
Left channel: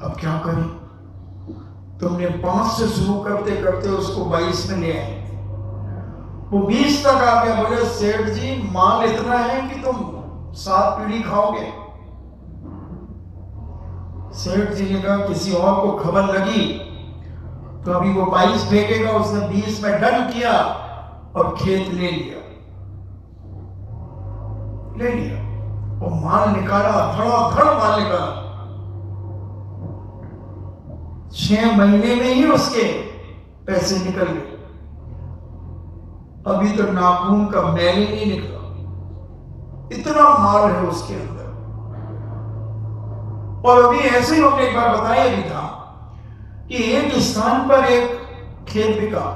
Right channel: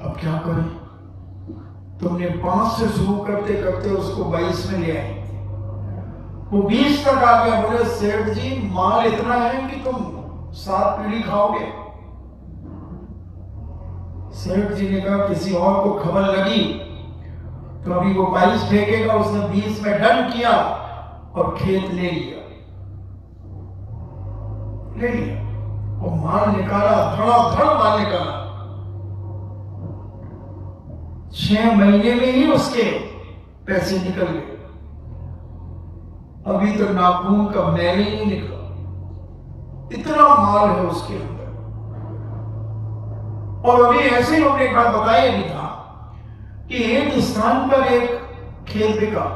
अब क्या करें? तुमने 5 से शुरू करते करते उसको 22 में ले आए, वो 20 तक आ गया। बोले सेठ जी माल इतना है कि तुम 7 पीढ़ी खाओगे। सेठ जी ने कहा किसी और को खबर लगी तो अभी वो 22 फेंकेगा। उसने 20 में डन किया और खेत ले लिया। वो माल निकाला, धड़ा माल निकाला। 6 महीने में ही उसके पैसे निकल गए। अभी तक नाखून का मैल ही नहीं निकला, इतना माल है उसके अंदर। और अभी ऐसे ही हमने एक बार बताया भी था कि एक स्थान पर एक खेत बिका,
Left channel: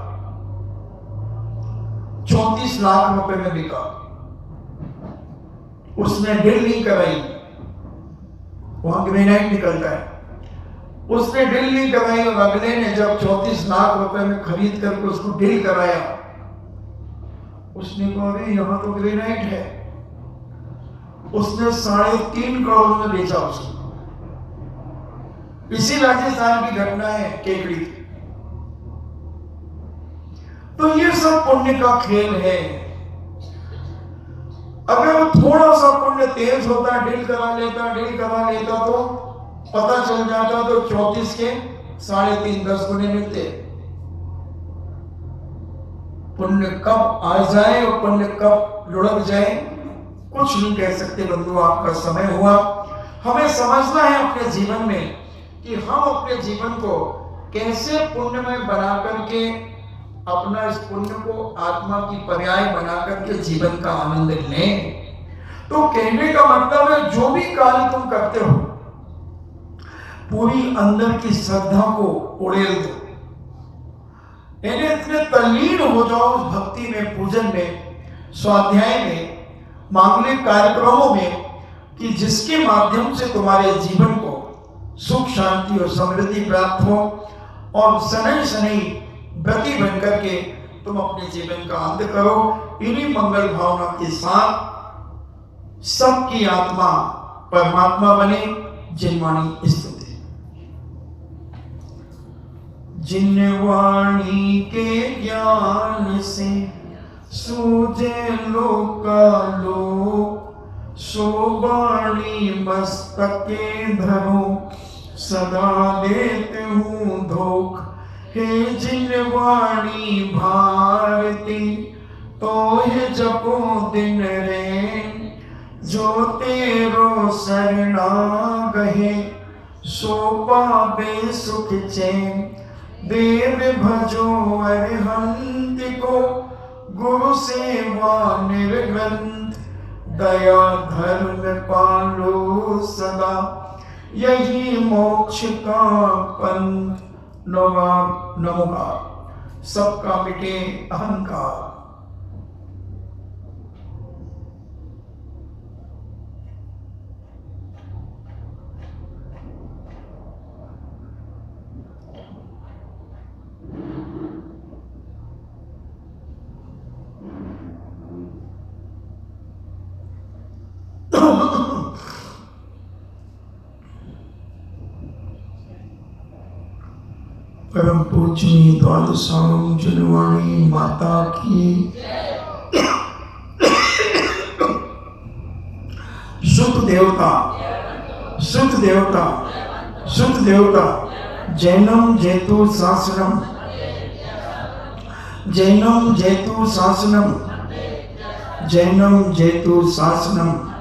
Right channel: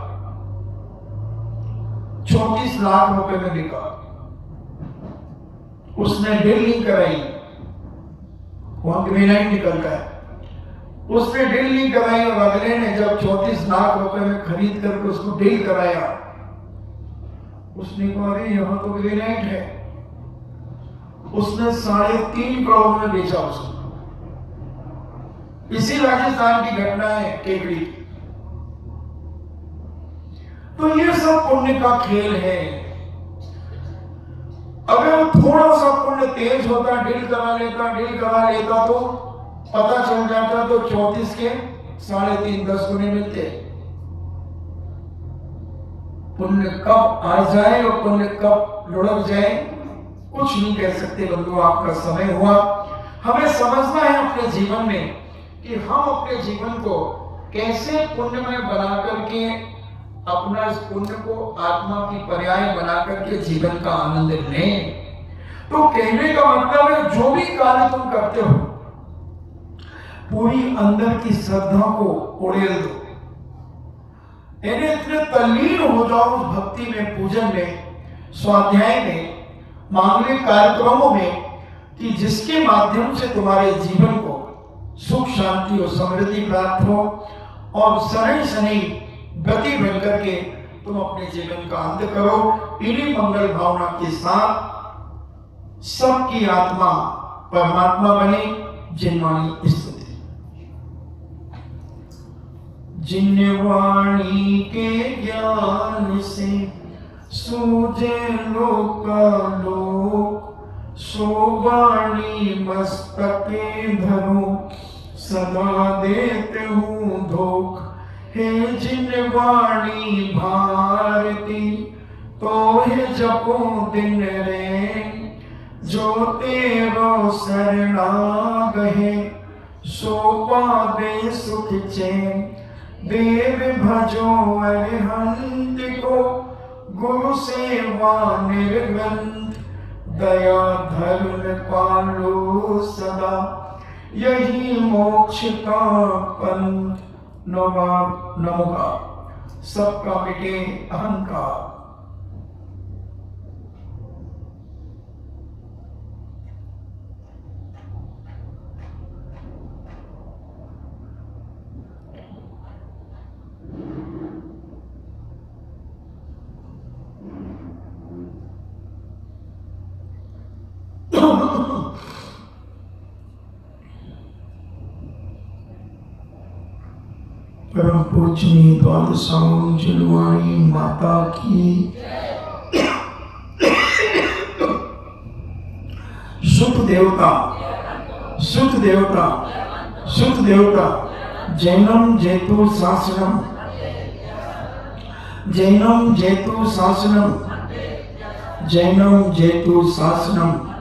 34 लाख रुपए में बिका। उसने डील नहीं कराई, वहां ग्रेनाइट निकलता है, उसने डील नहीं कराई। और अगले ने जब 34 लाख रुपए में खरीद करके उसको डील कराया, उसने कहा अरे यहां तो ग्रेनाइट है। उसने 3.5 करोड़ में बेचा उसको। इसी राजस्थान की घटना है, केकड़ी की। तो ये सब पुण्य का खेल है। अगर थोड़ा सा पुण्य तेज होता, डील करा लेता तो पता चल जाता तो 34 के 3.5 10 गुने मिलते। पुण्य कब आ जाए और पुण्य कब लुढ़क जाए कुछ नहीं कह सकते। बंधु आपका समय हुआ। हमें समझना है अपने जीवन में कि हम अपने जीवन को कैसे पुण्यमय बना करके अपना इस पुण्य को आत्मा की पर्याय बना करके जीवन का आनंद लें। तो कहने का मतलब है जो भी कार्य तुम करते हो पूरी अंदर की श्रद्धा को उड़ेल दो। इतने तल्लीन हो जाओ उस भक्ति में, पूजन में, स्वाध्याय में, मांगलिक कार्यक्रमों में कि जिसके माध्यम से तुम्हारे जीवन को सुख शांति और समृद्धि प्राप्त हो और शनि शनि व्रती बन करके तुम अपने जीवन का अंत करो। इन्हीं मंगल भावना के साथ सबकी आत्मा परमात्मा बने। जिनवाणी स्तुति। जिन वाणी के ज्ञान से सूझे लोकालोक, सो वाणी मस्तके धरो सदा देते हूँ धोख। हे जिन वाणी भारती तो हे जपो दिन रे, जो तेरो शरणागहे सो पावे सुख चैन। वेद भजो अरिहंत को गुरु सेवा निर्ग्रंथ, दया धर्म पालो सदा, यही मोक्ष का पंथ। नमोकार सबका मिटे अहंकार। परम पूजनीय द्वादशाओं जुनवाणी माता की, सुख देवता, सुख देवता, सुख देवता, जैनम जेतु शासनम, जैनम जेतु शासनम, जैनम जेतु शासनम।